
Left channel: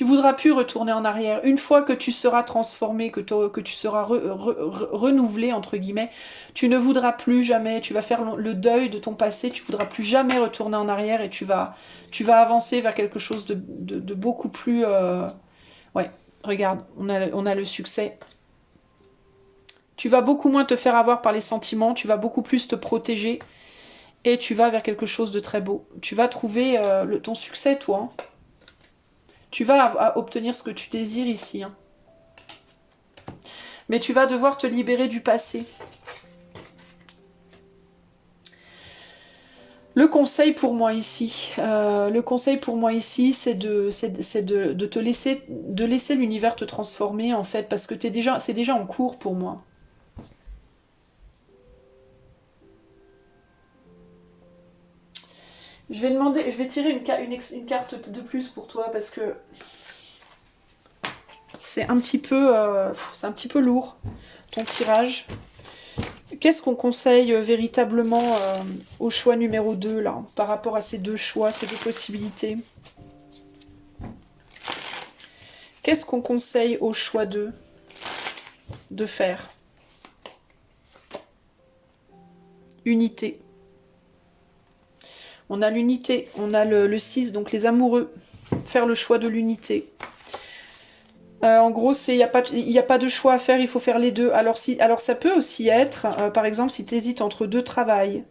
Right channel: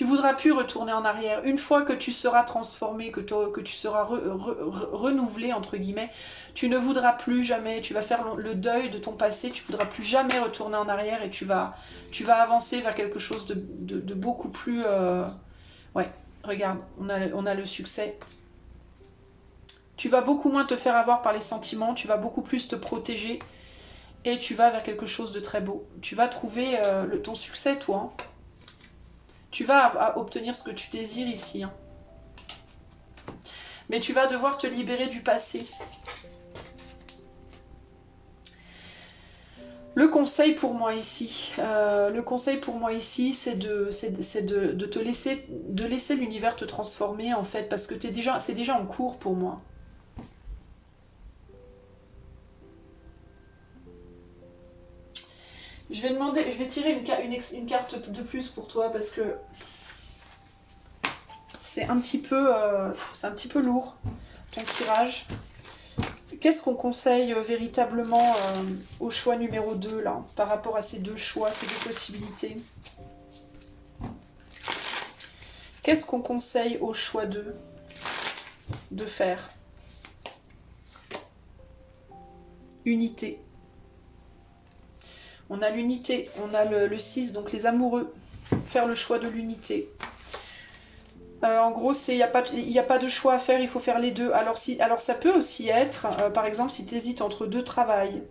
Tu voudras plus retourner en arrière. Une fois que tu seras transformé, que tu seras renouvelé, entre guillemets, tu ne voudras plus jamais, tu vas faire le deuil de ton passé, tu voudras plus jamais retourner en arrière et tu vas avancer vers quelque chose de beaucoup plus... Ouais, regarde, on a le succès. Tu vas beaucoup moins te faire avoir par les sentiments, tu vas beaucoup plus te protéger et tu vas vers quelque chose de très beau. Tu vas trouver ton succès, toi. Hein. Tu vas obtenir ce que tu désires ici. Hein. Mais tu vas devoir te libérer du passé. Le conseil pour moi ici, c'est de te laisser l'univers te transformer en fait, parce que c'est déjà en cours pour moi. Je vais tirer une carte de plus pour toi parce que c'est un petit peu lourd ton tirage. Qu'est-ce qu'on conseille véritablement au choix numéro 2 là, par rapport à ces deux choix, ces deux possibilités? Qu'est-ce qu'on conseille au choix 2 de faire? Unité. On a l'unité, on a le 6, donc les amoureux. Faire le choix de l'unité. En gros, il n'y a pas de choix à faire, il faut faire les deux. Alors ça peut aussi être, par exemple, si tu hésites entre deux travails,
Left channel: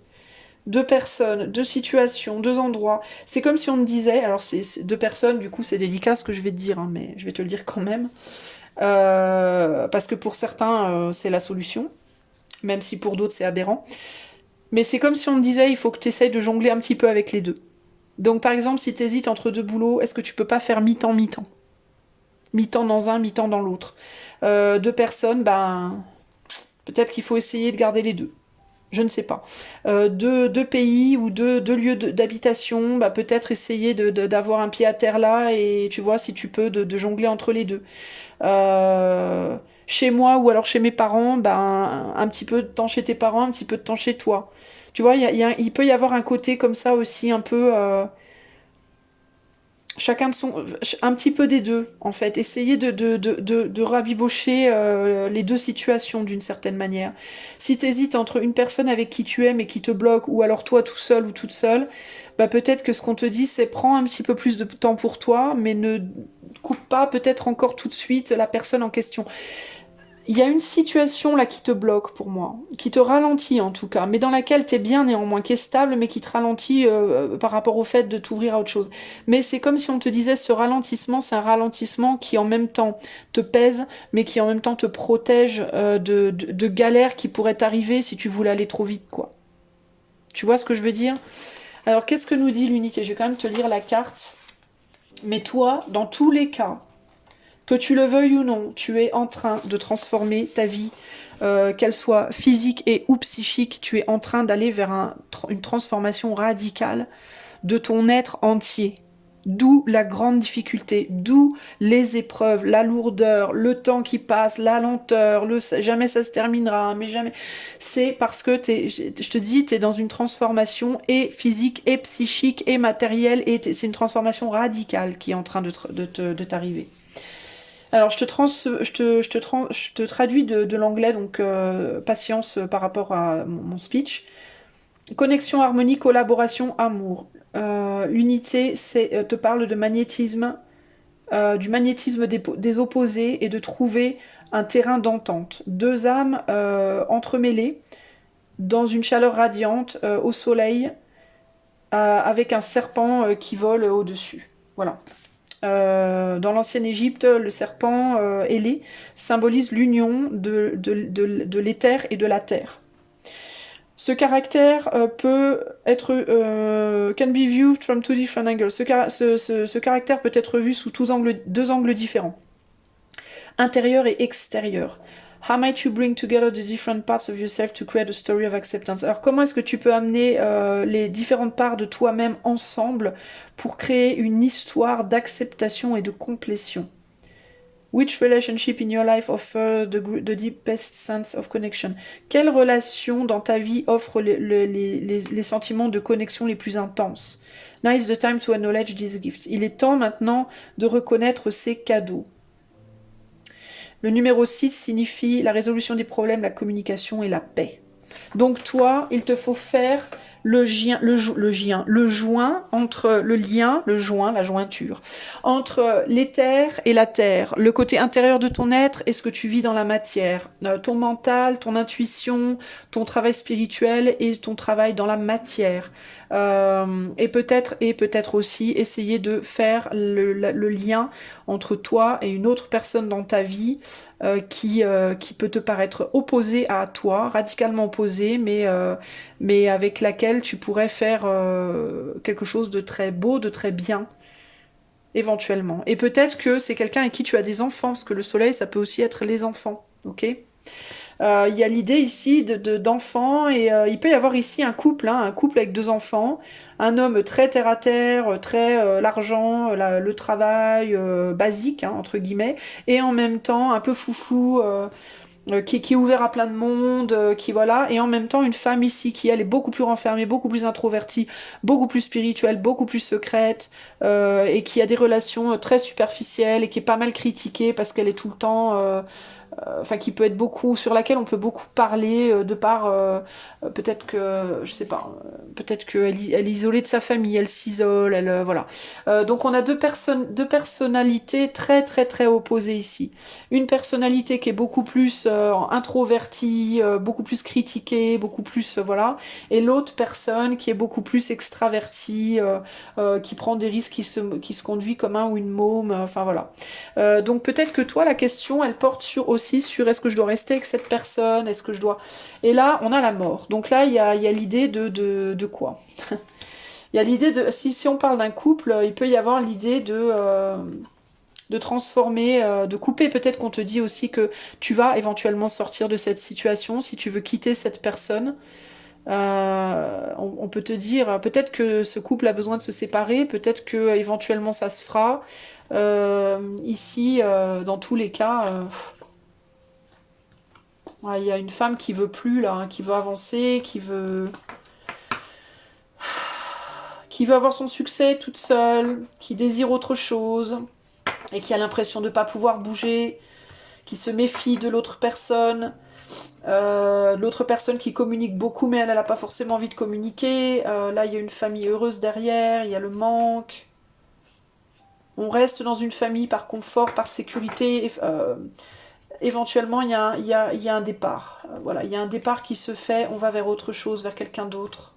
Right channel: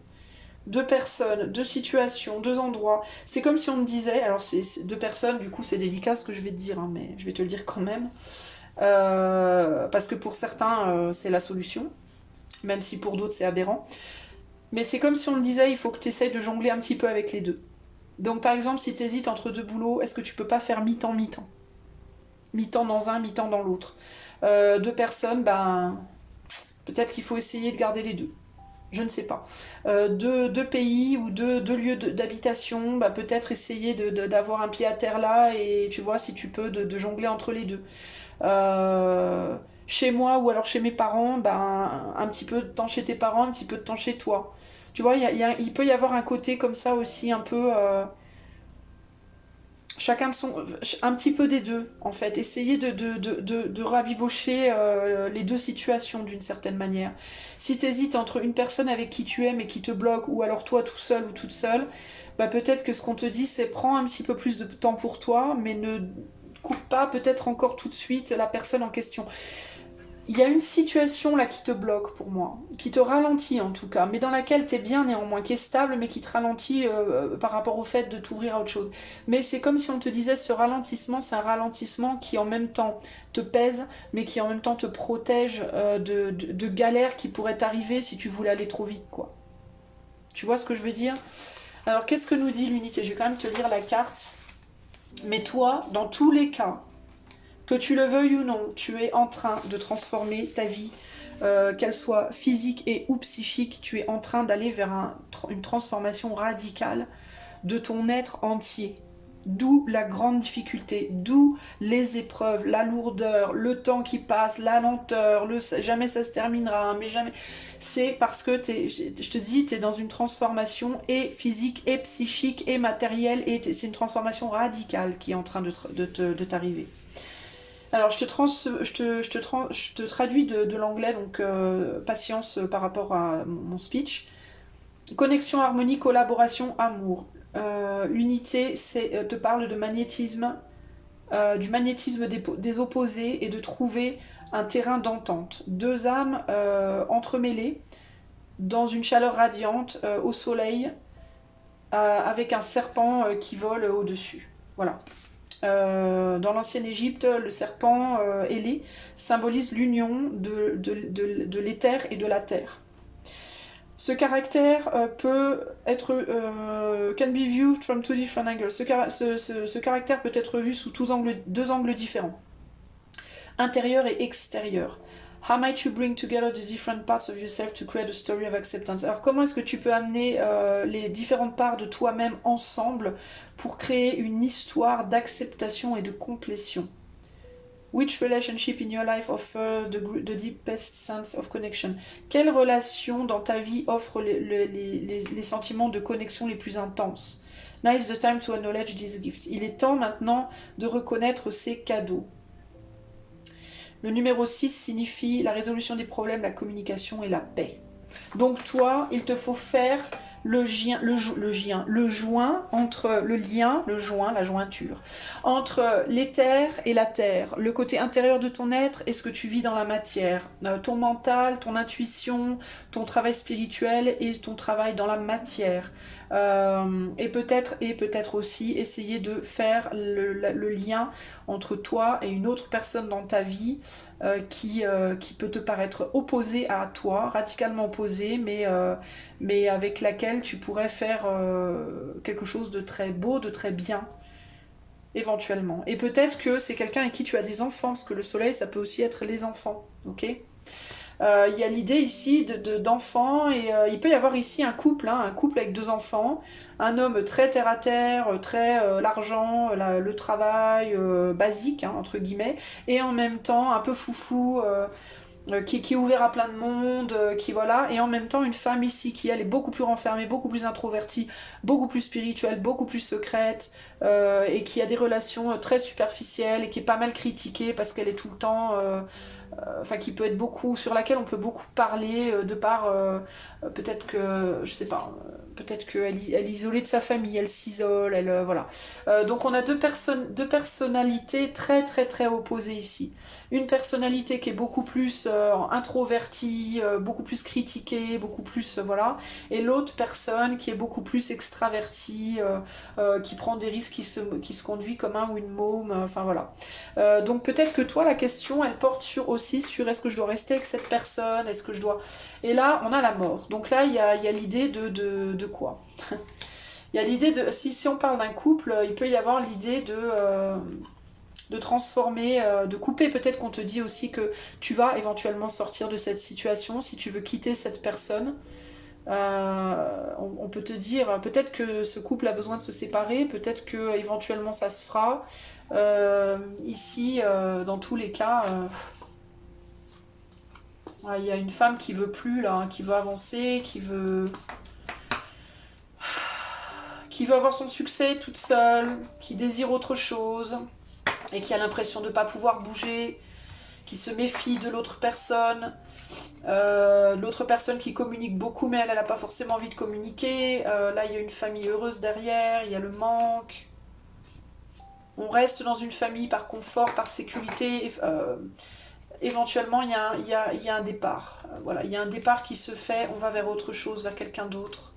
deux personnes, deux situations, deux endroits. C'est comme si on me disait, alors c'est deux personnes, du coup c'est délicat ce que je vais te dire, hein, mais je vais te le dire quand même. Parce que pour certains, c'est la solution, même si pour d'autres c'est aberrant. Mais c'est comme si on me disait, il faut que tu essayes de jongler un petit peu avec les deux. Donc par exemple, si tu hésites entre deux boulots, est-ce que tu peux pas faire mi-temps, mi-temps? Mi-temps dans un, mi-temps dans l'autre. Deux personnes, ben, peut-être qu'il faut essayer de garder les deux. Je ne sais pas. Deux pays ou deux lieux d'habitation, bah, peut-être essayer d'avoir un pied à terre là et tu vois si tu peux de jongler entre les deux. Chez moi ou alors chez mes parents, ben, un petit peu de temps chez tes parents, un petit peu de temps chez toi. Tu vois, il peut y avoir un côté comme ça aussi un peu... chacun de son... Un petit peu des deux, en fait. Essayer de rabibocher les deux situations d'une certaine manière. Si tu hésites entre une personne avec qui tu aimes et qui te bloque, ou alors toi tout seul ou toute seule, bah peut-être que ce qu'on te dit, c'est prends un petit peu plus de temps pour toi, mais ne coupe pas peut-être encore tout de suite la personne en question. Il y a une situation là qui te bloque pour moi, qui te ralentit en tout cas, mais dans laquelle tu es bien néanmoins, qui est stable, mais qui te ralentit par rapport au fait de t'ouvrir à autre chose. Mais c'est comme si on te disait ce ralentissement, c'est un ralentissement qui en même temps te pèse, mais qui en même temps te protège de galères qui pourraient t'arriver si tu voulais aller trop vite, quoi. Tu vois ce que je veux dire? Alors qu'est-ce que nous dit l'unité? Je vais quand même te lire la carte. Mais toi, dans tous les cas, que tu le veuilles ou non, tu es en train de transformer ta vie, qu'elle soit physique et ou psychique, tu es en train d'aller vers une transformation radicale de ton être entier. D'où la grande difficulté, d'où les épreuves, la lourdeur, le temps qui passe, la lenteur, jamais ça se terminera, mais jamais. C'est parce que je te dis, tu es dans une transformation et physique et psychique et matérielle, et c'est une transformation radicale qui est en train de t'arriver. Alors, je te traduis de l'anglais, donc patience par rapport à mon speech. Connexion, harmonie, collaboration, amour. L'unité te parle de magnétisme, du magnétisme des opposés et de trouver un terrain d'entente. Deux âmes entremêlées dans une chaleur radiante au soleil avec un serpent qui vole au-dessus. Voilà. Dans l'ancienne Égypte, le serpent ailé symbolise l'union de l'éther et de la terre. Ce caractère peut être can be viewed from two different angles. Ce caractère peut être vu sous deux angles différents, intérieur et extérieur. How might you bring together the different parts of yourself to create a story of acceptance? Alors comment est-ce que tu peux amener les différentes parts de toi-même ensemble pour créer une histoire d'acceptation et de complétion? Which relationship in your life offers the deepest sense of connection? Quelle relation dans ta vie offre les sentiments de connexion les plus intenses? Now is the time to acknowledge this gift. Il est temps maintenant de reconnaître ces cadeaux. Le numéro 6 signifie la résolution des problèmes, la communication et la paix. Donc toi, il te faut faire le joint entre le lien, le joint, la jointure, entre l'éther et la terre, le côté intérieur de ton être et ce que tu vis dans la matière, ton mental, ton intuition, ton travail spirituel et ton travail dans la matière. Et peut-être aussi essayer de faire le lien entre toi et une autre personne dans ta vie qui peut te paraître opposée à toi, radicalement opposée, mais avec laquelle tu pourrais faire quelque chose de très beau, de très bien, éventuellement. Et peut-être que c'est quelqu'un avec qui tu as des enfants, parce que le soleil, ça peut aussi être les enfants, ok? Il y a l'idée ici d'enfants, et il peut y avoir ici un couple, hein, un couple avec 2 enfants, un homme très terre-à-terre, très l'argent, le travail basique, hein, entre guillemets, et en même temps un peu foufou, qui est ouvert à plein de monde, qui voilà, et en même temps une femme ici qui elle est beaucoup plus renfermée, beaucoup plus introvertie, beaucoup plus spirituelle, beaucoup plus secrète, et qui a des relations très superficielles et qui est pas mal critiquée parce qu'elle est tout le temps enfin qui peut être beaucoup, sur laquelle on peut beaucoup parler de par peut-être que, je sais pas, peut-être qu'elle elle est isolée de sa famille, elle s'isole, elle voilà. Donc on a deux personnalités très très très opposées ici. Une personnalité qui est beaucoup plus introvertie, beaucoup plus critiquée, beaucoup plus voilà, et l'autre personne qui est beaucoup plus extravertie, qui prend des risques, qui se conduit comme un ou une môme, enfin voilà. Donc peut-être que toi, la question, elle porte aussi sur est-ce que je dois rester avec cette personne, est-ce que je dois... Et là, on a la mort. Donc là, il y a l'idée de quoi? Il y a l'idée de... Si on parle d'un couple, il peut y avoir l'idée de transformer, de couper. Peut-être qu'on te dit aussi que tu vas éventuellement sortir de cette situation si tu veux quitter cette personne. On peut te dire, peut-être que ce couple a besoin de se séparer, peut-être que éventuellement ça se fera. Ici, dans tous les cas, ouais, il y a une femme qui veut plus là, hein, qui veut avancer, qui veut avoir son succès toute seule, qui désire autre chose et qui a l'impression de ne pas pouvoir bouger, qui se méfie de l'autre personne. L'autre personne qui communique beaucoup mais elle n'a pas forcément envie de communiquer. Là il y a une famille heureuse derrière, il y a le manque. On reste dans une famille par confort, par sécurité. Éventuellement il y a un départ. Voilà, il y a un départ qui se fait, on va vers autre chose, vers quelqu'un d'autre.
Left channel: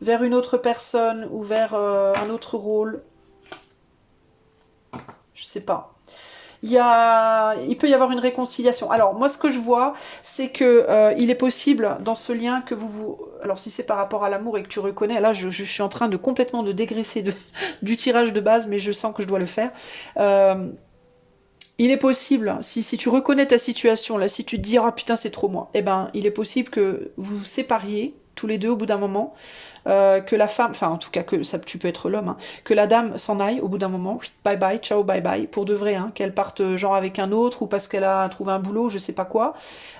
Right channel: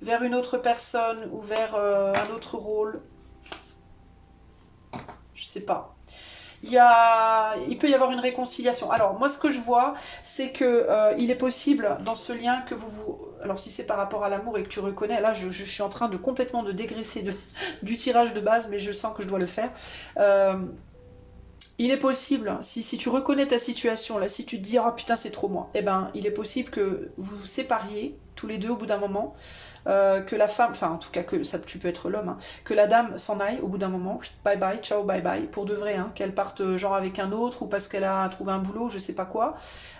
Vers une autre personne ou vers un autre rôle. Je sais pas. Il peut y avoir une réconciliation. Alors moi ce que je vois, c'est que il est possible dans ce lien que alors si c'est par rapport à l'amour et que tu reconnais, là je suis en train de complètement de dégraisser du tirage de base, mais je sens que je dois le faire. Il est possible, si tu reconnais ta situation, là, si tu te dis oh putain c'est trop moi, eh ben il est possible que vous vous sépariez tous les deux au bout d'un moment. Que la femme, enfin en tout cas que ça, tu peux être l'homme, hein, que la dame s'en aille au bout d'un moment, bye bye, ciao, bye bye, pour de vrai, hein, qu'elle parte genre avec un autre ou parce qu'elle a trouvé un boulot, je sais pas quoi.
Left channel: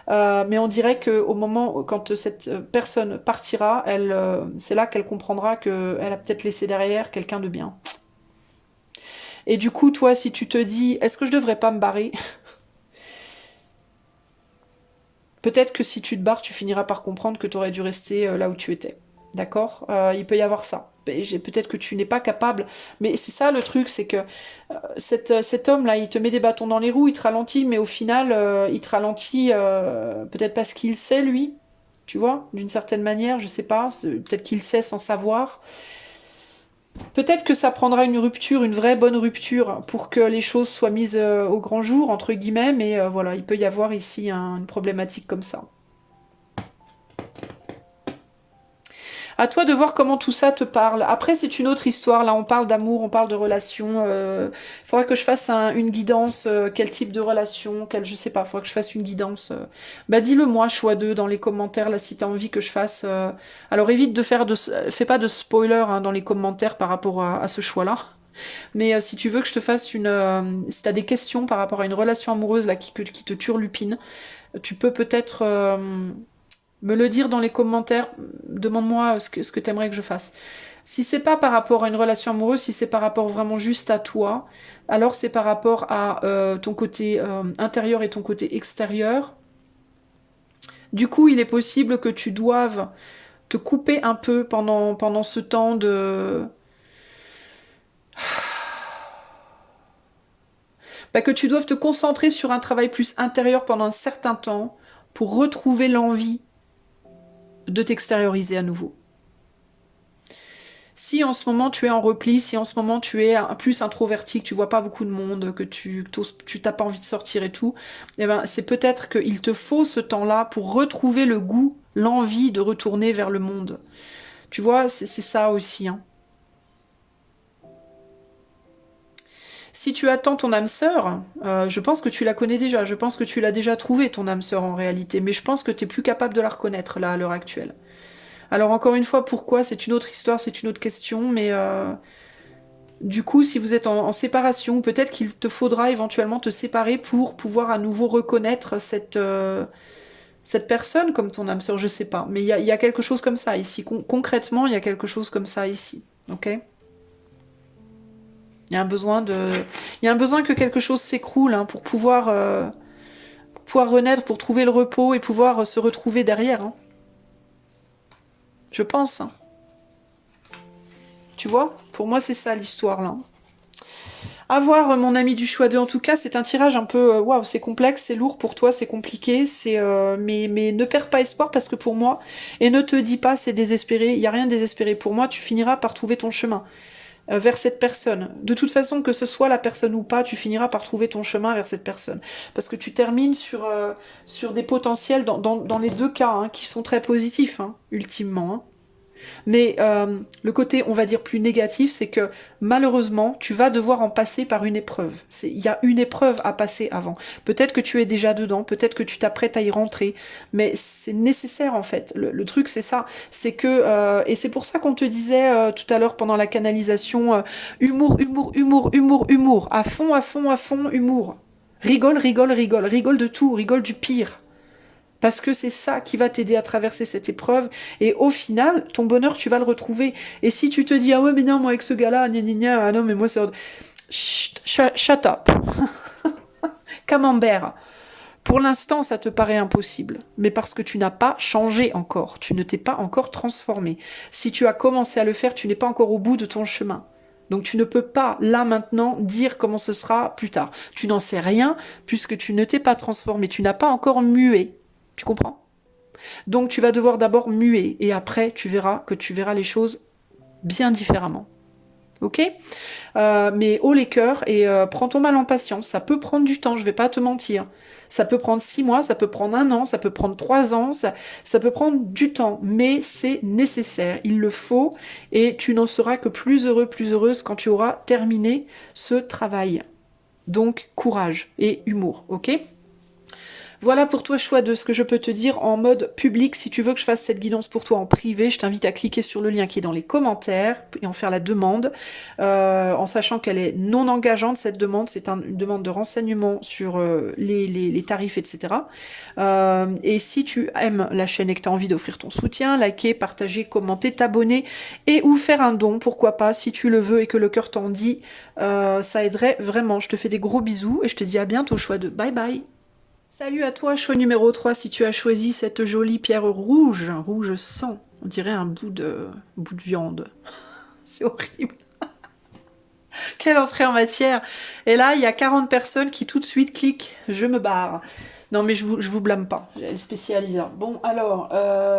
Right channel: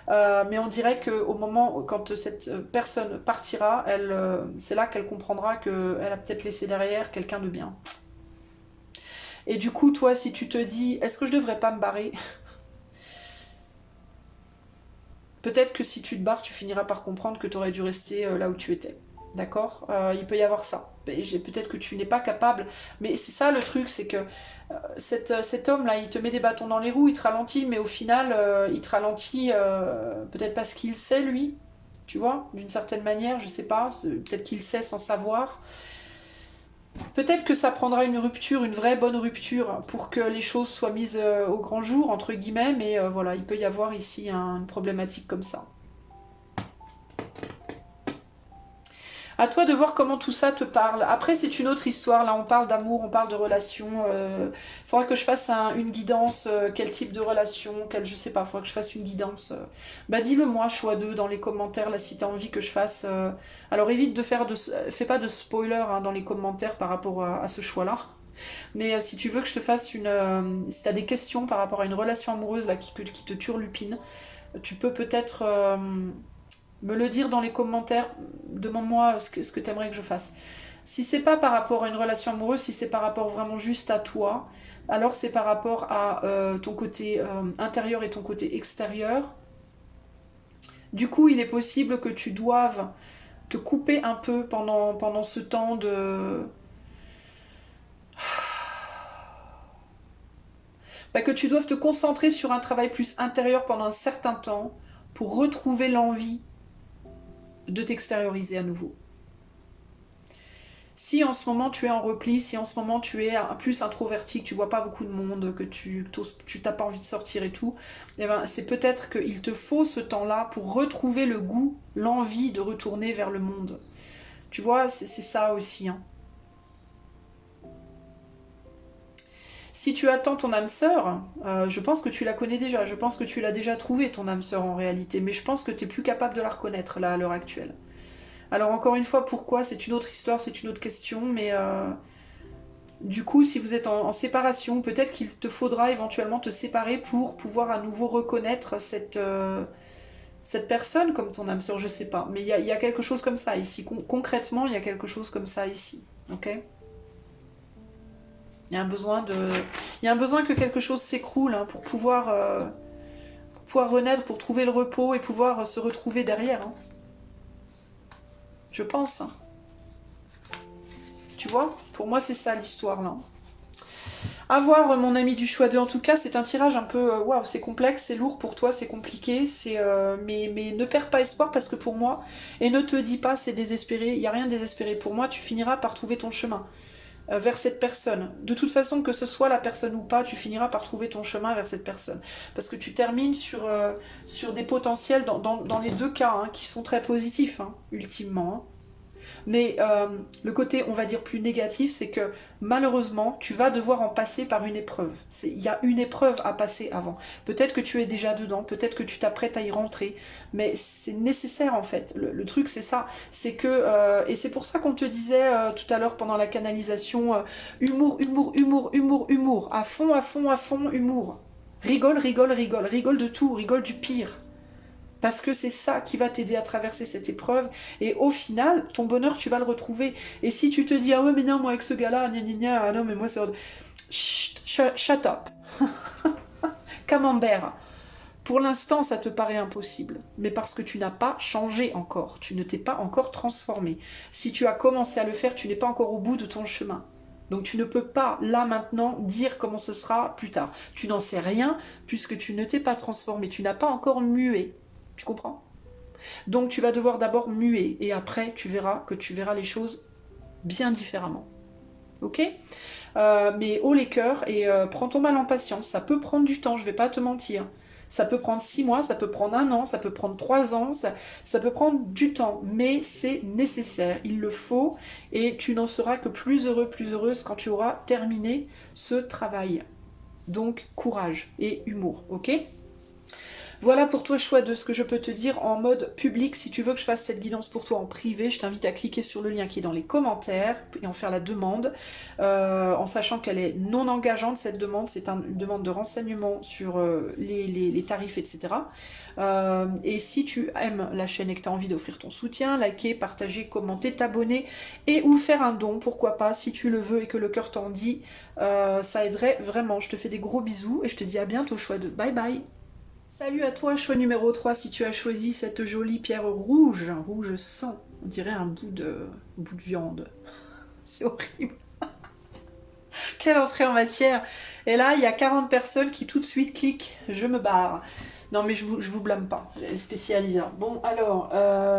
Mais on dirait qu'au moment, quand cette personne partira, c'est là qu'elle comprendra qu'elle a peut-être laissé derrière quelqu'un de bien. Et du coup, toi, si tu te dis, est-ce que je devrais pas me barrer? Peut-être que si tu te barres, tu finiras par comprendre que tu aurais dû rester là où tu étais. D'accord. Il peut y avoir ça. Peut-être que tu n'es pas capable. Mais c'est ça le truc, c'est que cet homme-là, il te met des bâtons dans les roues, il te ralentit, mais au final, il te ralentit peut-être parce qu'il sait, lui. Tu vois, d'une certaine manière, je sais pas. Peut-être qu'il sait sans savoir. Peut-être que ça prendra une rupture, une vraie bonne rupture, pour que les choses soient mises au grand jour, entre guillemets, mais voilà, il peut y avoir ici une problématique comme ça. À toi de voir comment tout ça te parle. Après, c'est une autre histoire. Là, on parle d'amour, on parle de relation. Il faudra que je fasse une guidance. Quel type de relation, je sais pas. Il faudra que je fasse une guidance. Bah, dis-le moi, choix 2 dans les commentaires, là, si tu as envie que je fasse. Alors, évite de faire fais pas de spoiler hein, dans les commentaires par rapport à ce choix-là. Mais si tu veux que je te fasse si tu as des questions par rapport à une relation amoureuse là, qui te turlupine, tu peux peut-être me le dire dans les commentaires. Demande-moi ce que tu aimerais que je fasse. Si c'est pas par rapport à une relation amoureuse, si c'est par rapport vraiment juste à toi, alors c'est par rapport à ton côté intérieur et ton côté extérieur. Du coup, il est possible que tu doives te couper un peu pendant ce temps de... Bah, que tu doives te concentrer sur un travail plus intérieur pendant un certain temps pour retrouver l'envie de t'extérioriser à nouveau. Si en ce moment tu es en repli, si en ce moment tu es plus introverti, que tu vois pas beaucoup de monde, que tu t'as pas envie de sortir et tout, eh ben c'est peut-être qu'il te faut ce temps-là pour retrouver le goût, l'envie de retourner vers le monde. Tu vois, c'est ça aussi. Hein. Si tu attends ton âme sœur, je pense que tu la connais déjà, je pense que tu l'as déjà trouvée ton âme sœur en réalité, mais je pense que tu es plus capable de la reconnaître là à l'heure actuelle. Alors encore une fois, pourquoi? C'est une autre histoire, c'est une autre question, mais du coup, si vous êtes en séparation, peut-être qu'il te faudra éventuellement te séparer pour pouvoir à nouveau reconnaître cette personne comme ton âme sœur, je sais pas. Mais il y a quelque chose comme ça ici. Concrètement, il y a quelque chose comme ça ici. Ok? Il y a un besoin de... Il y a un besoin que quelque chose s'écroule hein, pour pouvoir renaître, pour trouver le repos et pouvoir se retrouver derrière. Hein. Je pense. Hein. Tu vois? Pour moi, c'est ça l'histoire là. À voir, mon ami du choix 2. En tout cas, c'est un tirage un peu... Waouh, c'est complexe, c'est lourd pour toi, c'est compliqué. Mais ne perds pas espoir parce que pour moi, et ne te dis pas c'est désespéré, il n'y a rien de désespéré. Pour moi, tu finiras par trouver ton chemin vers cette personne. De toute façon, que ce soit la personne ou pas, tu finiras par trouver ton chemin vers cette personne. Parce que tu termines sur des potentiels dans les deux cas, hein, qui sont très positifs, hein, ultimement. Hein. Mais le côté, on va dire, plus négatif, c'est que malheureusement, tu vas devoir en passer par une épreuve. Il y a une épreuve à passer avant. Peut-être que tu es déjà dedans, peut-être que tu t'apprêtes à y rentrer, mais c'est nécessaire en fait. Le truc, c'est ça. C'est que, et c'est pour ça qu'on te disait tout à l'heure pendant la canalisation, humour, humour, humour, humour, humour, à fond, à fond, à fond, humour. Rigole, rigole, rigole, rigole de tout, rigole du pire. Parce que c'est ça qui va t'aider à traverser cette épreuve. Et au final, ton bonheur, tu vas le retrouver. Et si tu te dis, ah ouais, mais non, moi avec ce gars-là, gna gna gna, ah non, mais moi c'est... Shut up. Camembert. Pour l'instant, ça te paraît impossible. Mais parce que tu n'as pas changé encore. Tu ne t'es pas encore transformé. Si tu as commencé à le faire, tu n'es pas encore au bout de ton chemin. Donc tu ne peux pas, là maintenant, dire comment ce sera plus tard. Tu n'en sais rien puisque tu ne t'es pas transformé. Tu n'as pas encore mué. Tu comprends? Donc tu vas devoir d'abord muer et après tu verras que tu verras les choses bien différemment. Ok? Mais haut les cœurs et prends ton mal en patience. Ça peut prendre du temps, je vais pas te mentir. Ça peut prendre 6 mois, ça peut prendre 1 an, ça peut prendre 3 ans, ça peut prendre du temps, mais c'est nécessaire, il le faut, et tu n'en seras que plus heureux, plus heureuse quand tu auras terminé ce travail. Donc courage et humour, ok? Voilà pour toi, choix de ce que je peux te dire en mode public. Si tu veux que je fasse cette guidance pour toi en privé, je t'invite à cliquer sur le lien qui est dans les commentaires et en faire la demande, en sachant qu'elle est non engageante, cette demande. C'est une demande de renseignement sur les tarifs, etc. Et si tu aimes la chaîne et que tu as envie d'offrir ton soutien, liker, partager, commenter, t'abonner et ou faire un don, pourquoi pas, si tu le veux et que le cœur t'en dit, ça aiderait vraiment. Je te fais des gros bisous et je te dis à bientôt, choix de bye bye. Salut à toi, choix numéro 3, si tu as choisi cette jolie pierre rouge, rouge sang, on dirait un bout de viande. C'est horrible. Quelle entrée en matière. Et là, il y a 40 personnes qui tout de suite cliquent, je me barre. Non mais je vous blâme pas, elle est spécialisée. Bon alors,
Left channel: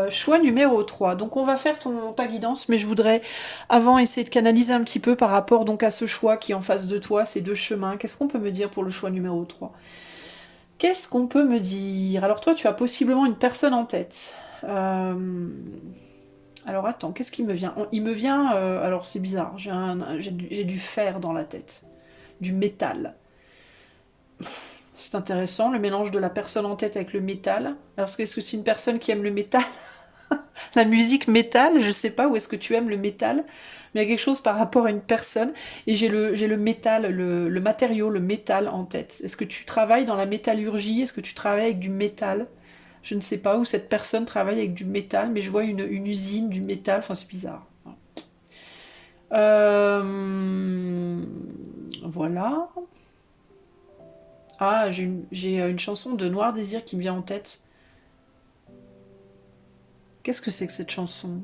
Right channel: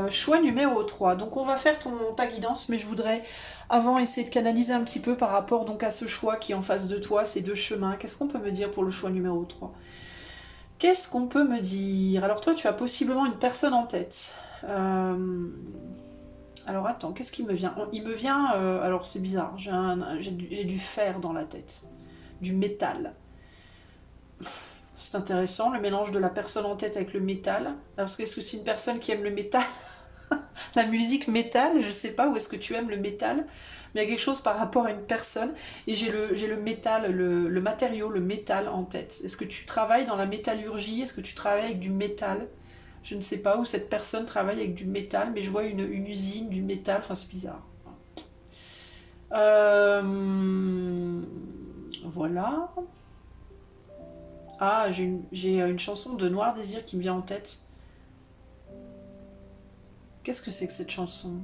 choix numéro 3. Donc on va faire ta guidance, mais je voudrais avant essayer de canaliser un petit peu par rapport donc à ce choix qui est en face de toi, ces deux chemins. Qu'est-ce qu'on peut me dire pour le choix numéro 3? Qu'est-ce qu'on peut me dire? Alors toi, tu as possiblement une personne en tête. Alors attends, qu'est-ce qui me vient? Il me vient... alors c'est bizarre, j'ai du fer dans la tête. Du métal. C'est intéressant, le mélange de la personne en tête avec le métal. Alors est-ce que c'est une personne qui aime le métal? La musique métal, je sais pas, où est-ce que tu aimes le métal? Mais il y a quelque chose par rapport à une personne. Et j'ai le métal, le matériau, le métal en tête. Est-ce que tu travailles dans la métallurgie? Est-ce que tu travailles avec du métal? Je ne sais pas où cette personne travaille avec du métal, mais je vois une usine, du métal. Enfin, c'est bizarre. Voilà. Ah, j'ai une chanson de Noir Désir qui me vient en tête. Qu'est-ce que c'est que cette chanson?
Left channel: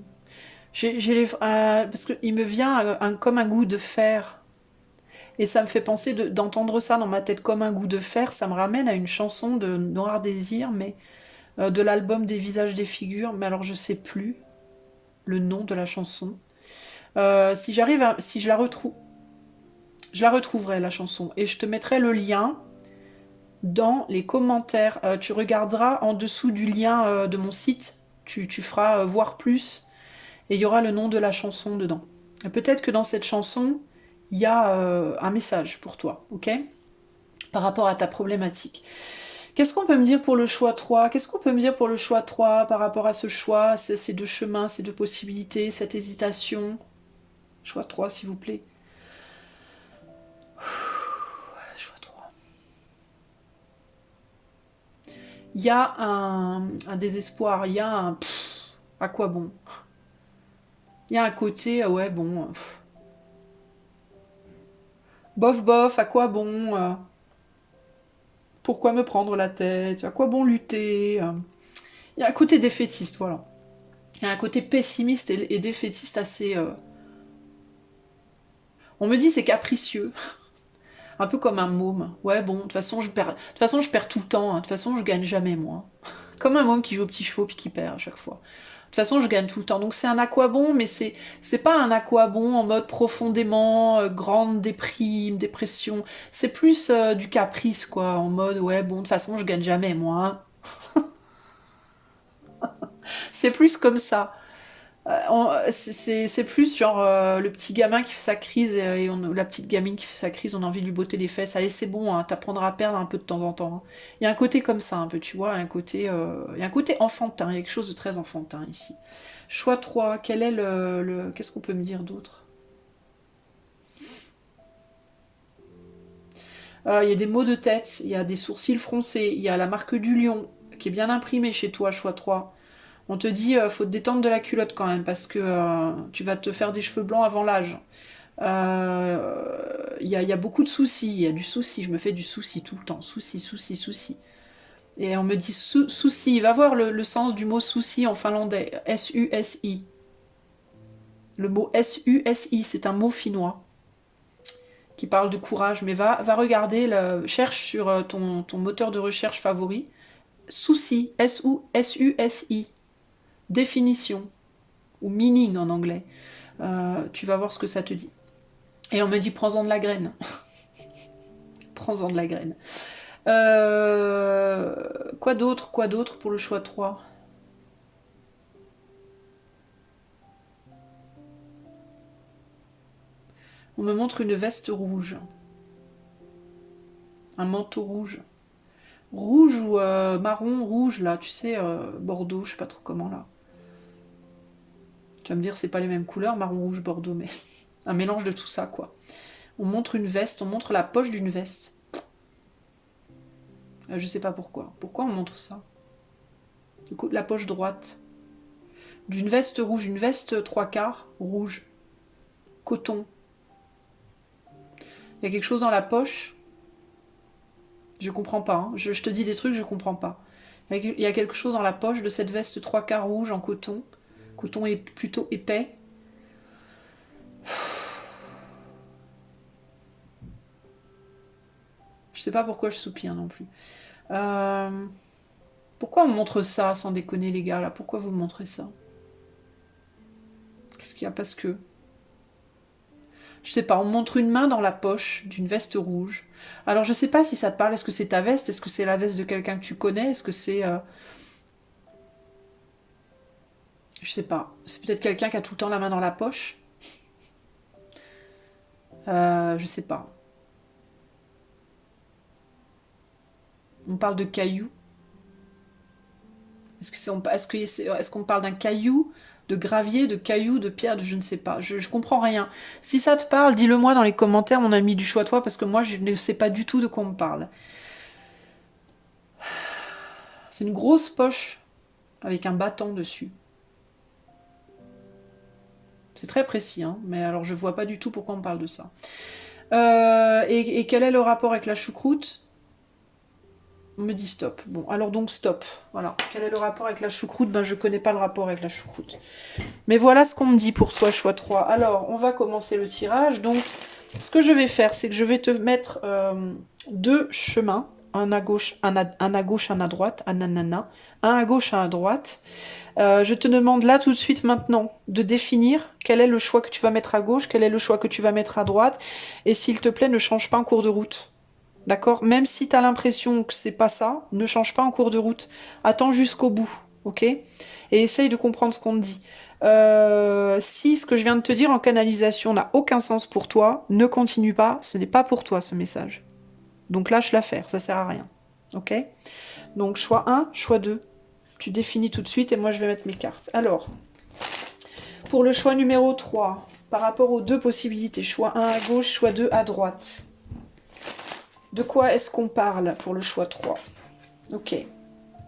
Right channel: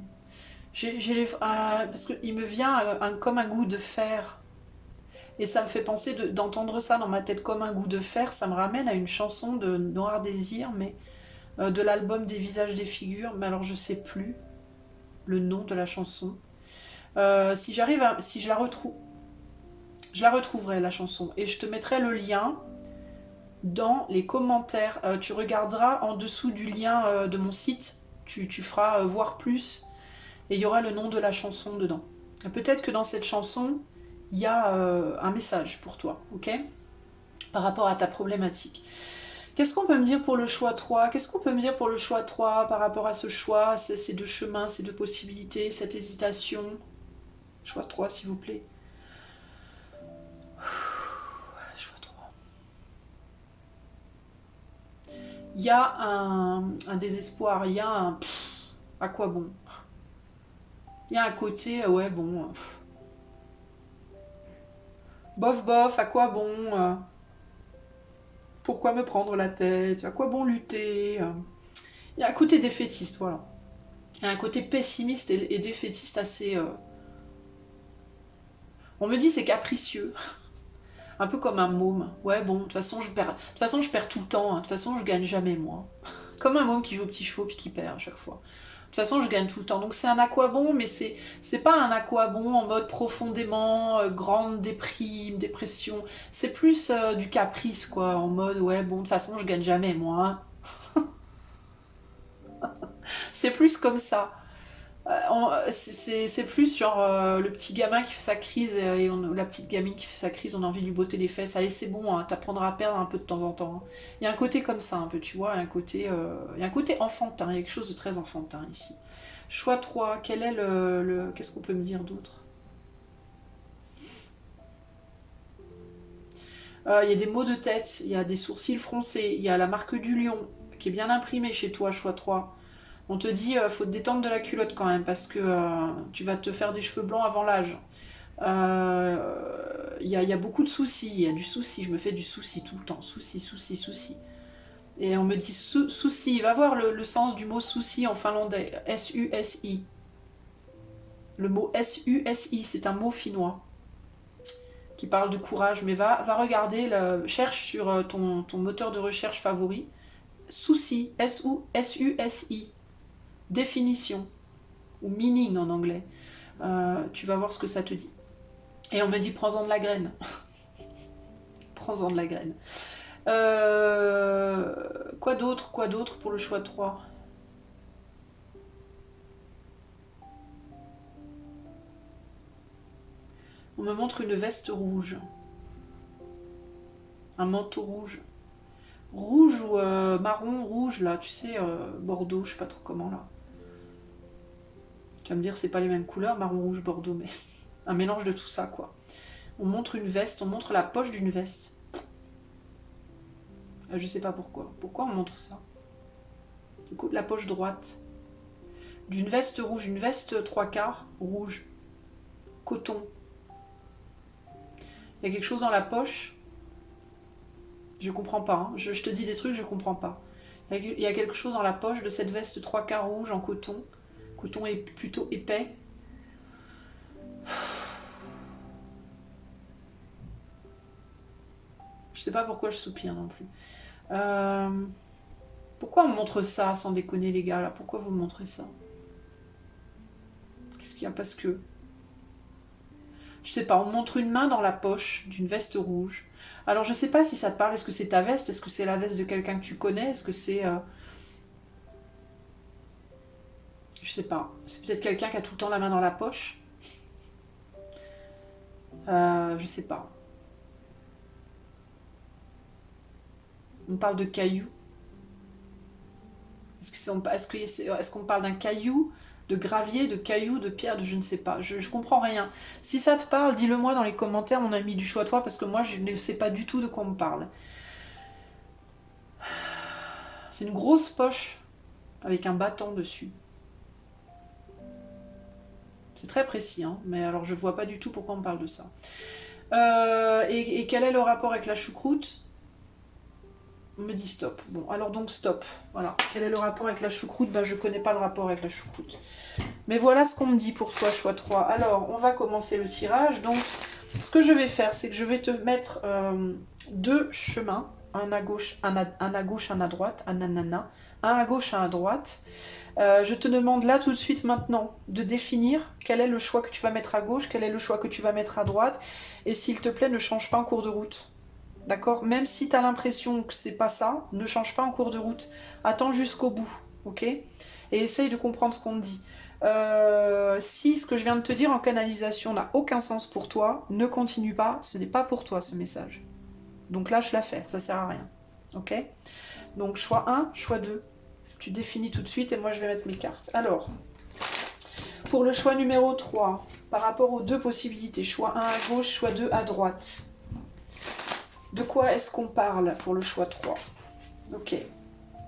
Parce qu'il me vient comme un goût de fer. Et ça me fait penser d'entendre ça dans ma tête comme un goût de fer. Ça me ramène à une chanson de Noir Désir, mais de l'album Des visages, des figures. Mais alors je sais plus le nom de la chanson. Si je la retrouve, je la retrouverai la chanson et je te mettrai le lien dans les commentaires. Tu regarderas en dessous du lien de mon site. Tu feras voir plus et il y aura le nom de la chanson dedans. Peut-être que dans cette chanson, il y a un message pour toi, ok? Par rapport à ta problématique. Qu'est-ce qu'on peut me dire pour le choix 3? Qu'est-ce qu'on peut me dire pour le choix 3 par rapport à ce choix, ces deux chemins, ces deux possibilités, cette hésitation? Choix 3, s'il vous plaît. Choix 3. Il y a un désespoir, il y a un à quoi bon? Il y a un côté, ouais, bon, bof bof, à quoi bon? Pourquoi me prendre la tête? À quoi bon lutter? Il y a un côté défaitiste, voilà. Il y a un côté pessimiste et défaitiste assez. On me dit c'est capricieux, un peu comme un môme. Ouais, bon, de toute façon, je perds tout le temps. De toute façon, je gagne jamais, moi. Comme un môme qui joue aux petits chevaux puis qui perd à chaque fois. De toute façon, je gagne tout le temps. Donc c'est un aquabon, mais c'est pas un aquabon en mode profondément grande déprime, dépression. C'est plus du caprice, quoi. En mode, ouais, bon, de toute façon, je gagne jamais, moi. Hein. C'est plus comme ça. C'est plus genre le petit gamin qui fait sa crise la petite gamine qui fait sa crise, on a envie de lui botter les fesses. Allez, c'est bon, hein, t'apprendras à perdre un peu de temps en temps. Hein. Il y a un côté comme ça, un peu, tu vois, il y a un côté enfantin, il y a quelque chose de très enfantin ici. Choix 3, quel est qu'est-ce qu'on peut me dire d'autre? Il y a des maux de tête, il y a des sourcils froncés, il y a la marque du lion qui est bien imprimée chez toi, choix 3. On te dit, faut te détendre de la culotte quand même, parce que tu vas te faire des cheveux blancs avant l'âge. Il y a beaucoup de soucis, il y a du souci, je me fais du souci tout le temps, souci, souci, souci. Et on me dit souci, va voir le sens du mot souci en finlandais, S-U-S-I. Le mot S-U-S-I, c'est un mot finnois qui parle de courage, mais va regarder, cherche sur ton moteur de recherche favori, souci, S-U-S-I, définition, ou meaning en anglais. Tu vas voir ce que ça te dit. Et on me dit prends-en de la graine. Prends-en de la graine. Quoi d'autre pour le choix 3? On me montre une veste rouge. Un manteau rouge. Rouge ou marron, rouge là, tu sais, Bordeaux, je sais pas trop comment là. Tu vas me dire, c'est pas les mêmes couleurs, marron, rouge, Bordeaux, mais un mélange de tout ça quoi. On montre une veste, on montre la poche d'une veste. Je sais pas pourquoi. Pourquoi on montre ça? Du coup, la poche droite. D'une veste rouge, une veste trois quarts rouge. Coton. Il y a quelque chose dans la poche. Je comprends pas. Hein. Je te dis des trucs, je comprends pas. Il y a quelque chose dans la poche de cette veste trois quarts rouge en coton. Coton est plutôt épais. Je sais pas pourquoi je soupire non plus. Euh, Pourquoi on montre ça sans déconner les gars là? Pourquoi vous montrez ça? Qu'est-ce qu'il y a? Parce que je sais pas, on montre une main dans la poche d'une veste rouge. Alors je sais pas si ça te parle, est-ce que c'est ta veste? Est-ce que c'est la veste de quelqu'un que tu connais? Est-ce que c'est... je sais pas. C'est peut-être quelqu'un qui a tout le temps la main dans la poche. Je sais pas. On parle de cailloux. Est-ce qu'on parle d'un caillou, de gravier, de caillou, de pierre, de je ne sais pas. Je comprends rien. Si ça te parle, dis-le moi dans les commentaires, mon ami du choix toi, parce que moi je ne sais pas du tout de quoi on me parle. C'est une grosse poche avec un bâton dessus. C'est très précis, hein, mais alors je vois pas du tout pourquoi on parle de ça. Et quel est le rapport avec la choucroute? On me dit stop. Bon, alors donc stop. Voilà. Quel est le rapport avec la choucroute? Ben, je connais pas le rapport avec la choucroute. Mais voilà ce qu'on me dit pour toi, choix 3. Alors, on va commencer le tirage. Donc, ce que je vais faire, c'est que je vais te mettre deux chemins. Un à gauche, un à gauche, un à droite. Un nanana. Un à gauche, un à droite. Je te demande là tout de suite maintenant de définir quel est le choix que tu vas mettre à gauche, quel est le choix que tu vas mettre à droite. Et s'il te plaît, ne change pas en cours de route. D'accord? Même si tu as l'impression que c'est pas ça, ne change pas en cours de route. Attends jusqu'au bout, ok? Et essaye de comprendre ce qu'on te dit. Si ce que je viens de te dire en canalisation n'a aucun sens pour toi, ne continue pas, ce n'est pas pour toi ce message. Donc lâche l'affaire, ça sert à rien. Ok? Donc choix 1, choix 2. Tu définis tout de suite et moi je vais mettre mes cartes. Alors, pour le choix numéro 3, par rapport aux deux possibilités, choix 1 à gauche, choix 2 à droite. De quoi est-ce qu'on parle pour le choix 3? Ok.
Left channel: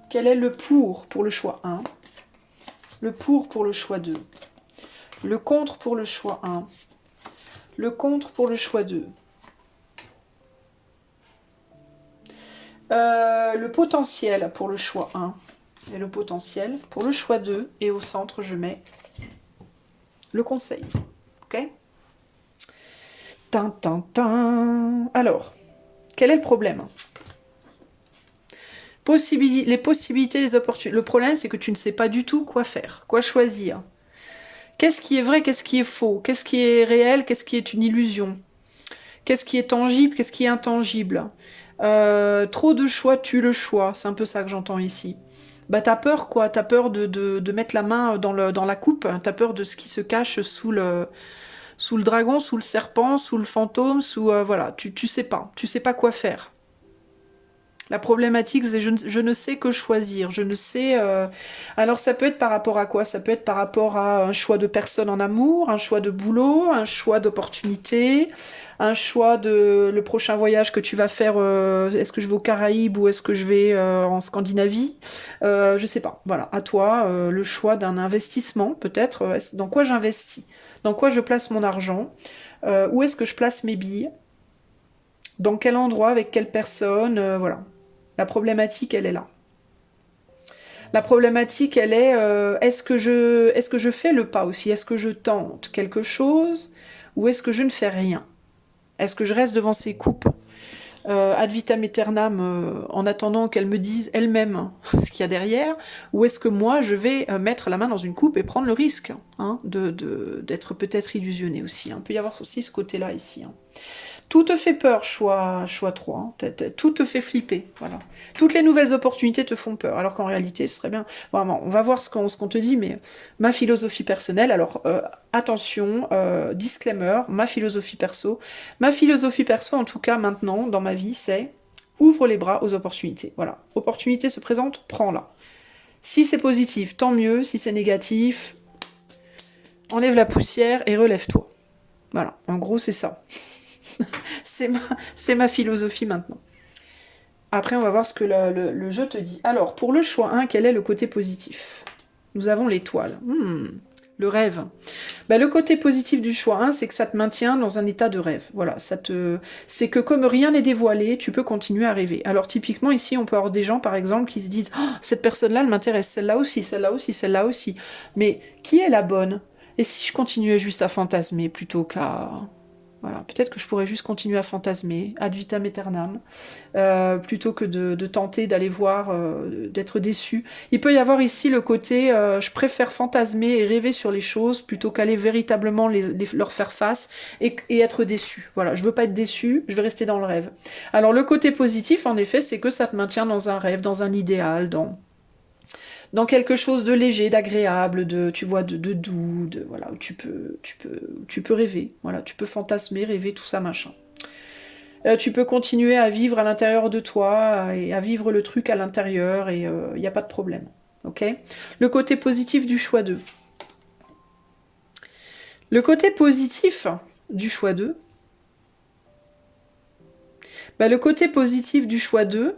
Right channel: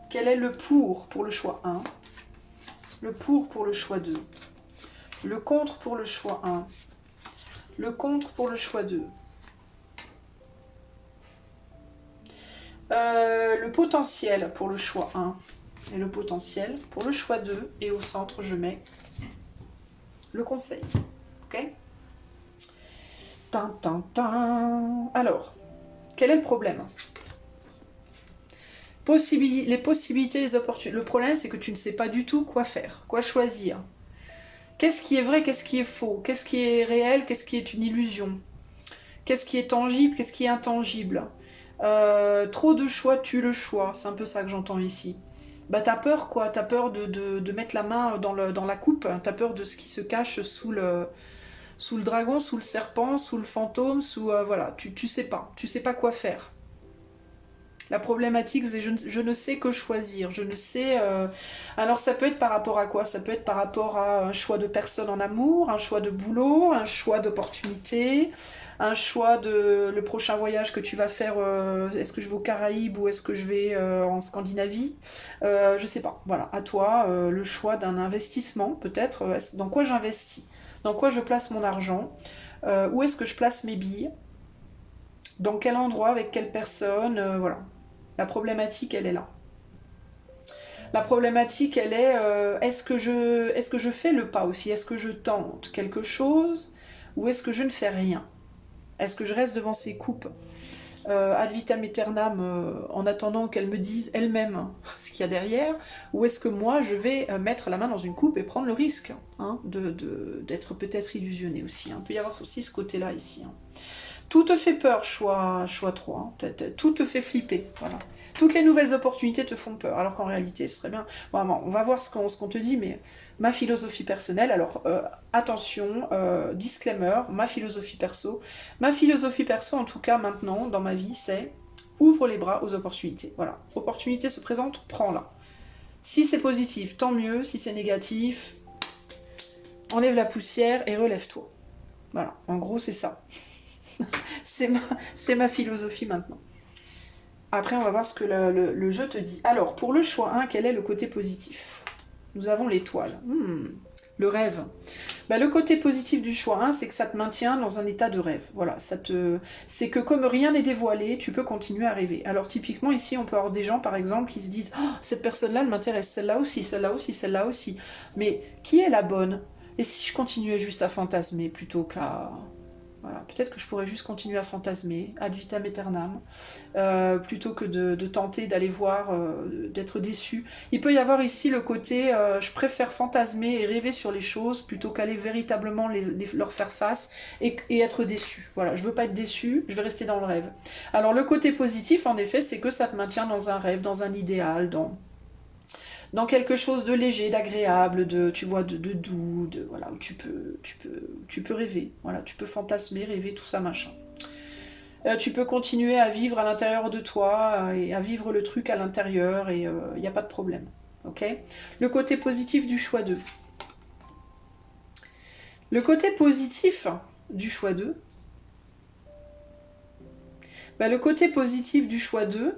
Quel est le pour le choix 1? Le pour le choix 2. Le contre pour le choix 1. Le contre pour le choix 2. Le potentiel pour le choix 1. Et le potentiel pour le choix 2. Et au centre, je mets le conseil. Ok? Alors, quel est le problème? Les possibilités, les opportunités. Le problème, c'est que tu ne sais pas du tout quoi faire, quoi choisir. Qu'est-ce qui est vrai, qu'est-ce qui est faux? Qu'est-ce qui est réel, qu'est-ce qui est une illusion? Qu'est-ce qui est tangible, qu'est-ce qui est intangible? Trop de choix tue le choix, c'est un peu ça que j'entends ici. Bah t'as peur quoi, t'as peur de mettre la main dans la coupe, t'as peur de ce qui se cache sous le dragon, sous le serpent, sous le fantôme, voilà, tu sais pas quoi faire. La problématique, c'est je ne sais que choisir. Je ne sais. Alors, ça peut être par rapport à quoi? Ça peut être par rapport à un choix de personne en amour, un choix de boulot, un choix d'opportunité, un choix de le prochain voyage que tu vas faire. Est-ce que je vais aux Caraïbes ou est-ce que je vais en Scandinavie? Je sais pas. Voilà, à toi le choix d'un investissement, peut-être. Dans quoi j'investis? Dans quoi je place mon argent? Où est-ce que je place mes billes? Dans quel endroit? Avec quelle personne? Voilà. La problématique, elle est là. La problématique, elle est, est-ce que je fais le pas aussi? Est-ce que je tente quelque chose ou est-ce que je ne fais rien? Est-ce que je reste devant ces coupes ad vitam aeternam en attendant qu'elles me disent elles-mêmes ce qu'il y a derrière? Ou est-ce que moi, je vais mettre la main dans une coupe et prendre le risque hein, d'être peut-être illusionné aussi? Il peut y avoir aussi ce côté-là ici. Hein. Tout te fait peur, choix 3. Hein. Tout te fait flipper. Voilà. Toutes les nouvelles opportunités te font peur. Alors qu'en réalité, ce serait bien. Vraiment, on va voir ce qu'on te dit, mais ma philosophie personnelle. Alors, attention, disclaimer, ma philosophie perso. Ma philosophie perso, en tout cas, maintenant, dans ma vie, c'est ouvre les bras aux opportunités. Voilà. Opportunité se présente, prends-la. Si c'est positif, tant mieux. Si c'est négatif, enlève la poussière et relève-toi. Voilà. En gros, c'est ça. C'est ma philosophie maintenant. Après, on va voir ce que le jeu te dit. Alors, pour le choix 1, quel est le côté positif? Nous avons l'étoile. Le rêve. Bah, le côté positif du choix 1, c'est que ça te maintient dans un état de rêve. Voilà, c'est que comme rien n'est dévoilé, tu peux continuer à rêver. Alors, typiquement, ici, on peut avoir des gens, par exemple, qui se disent oh, cette personne-là, elle m'intéresse, celle-là aussi, celle-là aussi, celle-là aussi. Mais qui est la bonne? Et si je continuais juste à fantasmer plutôt qu'à... Voilà, peut-être que je pourrais juste continuer à fantasmer, ad vitam aeternam, plutôt que de tenter d'aller voir, d'être déçu. Il peut y avoir ici le côté, je préfère fantasmer et rêver sur les choses plutôt qu'aller véritablement leur faire face et être déçu. Voilà, je veux pas être déçu, je vais rester dans le rêve. Alors le côté positif, en effet, c'est que ça te maintient dans un rêve, dans un idéal, dans quelque chose de léger, d'agréable, tu vois, de doux, voilà, où tu peux rêver, voilà, tu peux fantasmer, rêver, tout ça, machin. Tu peux continuer à vivre à l'intérieur de toi et à vivre le truc à l'intérieur et il n'y a pas de problème, ok? Le côté positif du choix 2. Le côté positif du choix 2, bah, le côté positif du choix 2,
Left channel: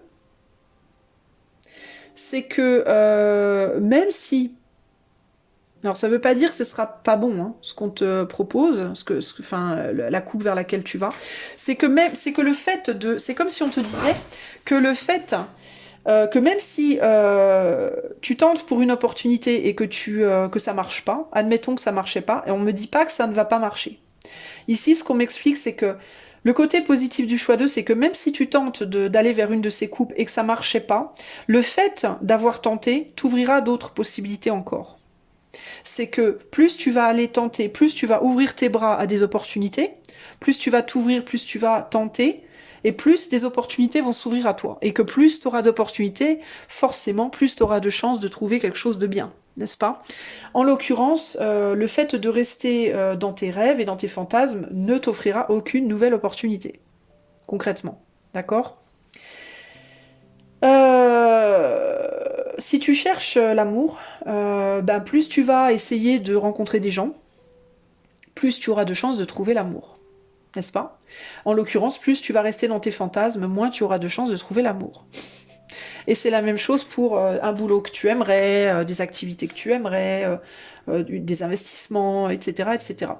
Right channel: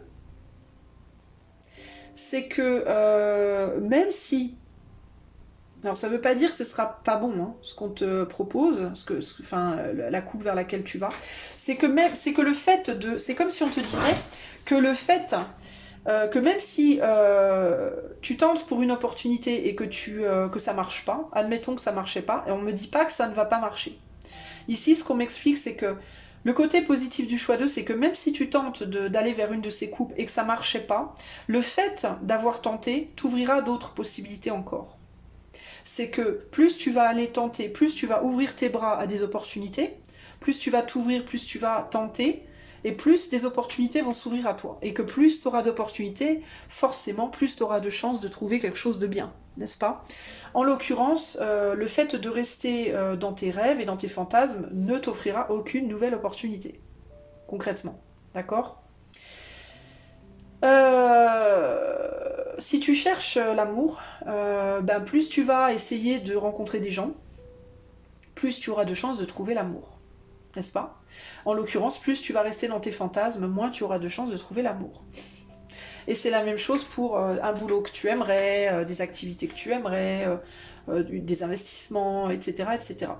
c'est que même si Alors ça veut pas dire que ce sera pas bon, hein, ce qu'on te propose, enfin, la coupe vers laquelle tu vas. C'est que le fait de... C'est comme si on te disait que le fait que même si tu tentes pour une opportunité et que ça marche pas, admettons que ça marchait pas, et on me dit pas que ça ne va pas marcher. Ici, ce qu'on m'explique, c'est que le côté positif du choix 2, c'est que même si tu tentes d'aller vers une de ces coupes et que ça marchait pas, le fait d'avoir tenté t'ouvrira d'autres possibilités encore. C'est que plus tu vas aller tenter, plus tu vas ouvrir tes bras à des opportunités, plus tu vas t'ouvrir, plus tu vas tenter, et plus des opportunités vont s'ouvrir à toi. Et que plus tu auras d'opportunités, forcément, plus tu auras de chances de trouver quelque chose de bien, n'est-ce pas? En l'occurrence, le fait de rester dans tes rêves et dans tes fantasmes ne t'offrira aucune nouvelle opportunité, concrètement. D'accord? Si tu cherches l'amour, ben plus tu vas essayer de rencontrer des gens, plus tu auras de chances de trouver l'amour. N'est-ce pas? En l'occurrence, plus tu vas rester dans tes fantasmes, moins tu auras de chances de trouver l'amour. Et c'est la même chose pour un boulot que tu aimerais, des activités que tu aimerais, des investissements, etc. etc.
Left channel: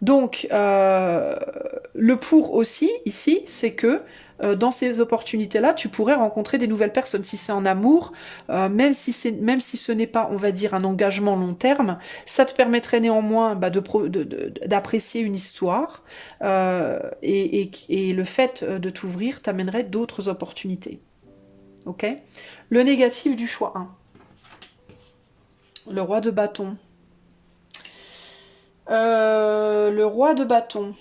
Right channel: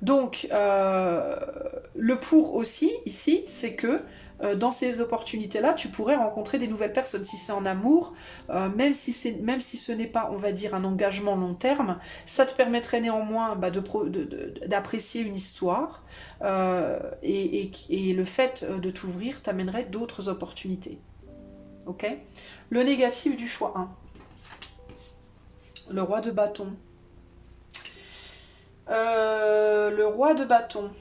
Donc, le pour aussi, ici, c'est que dans ces opportunités-là, tu pourrais rencontrer des nouvelles personnes. Si c'est en amour, même si ce n'est pas, on va dire, un engagement long terme, ça te permettrait néanmoins d'apprécier une histoire et le fait de t'ouvrir t'amènerait d'autres opportunités. Ok? Le négatif du choix 1. Le roi de bâton. Le roi de bâton.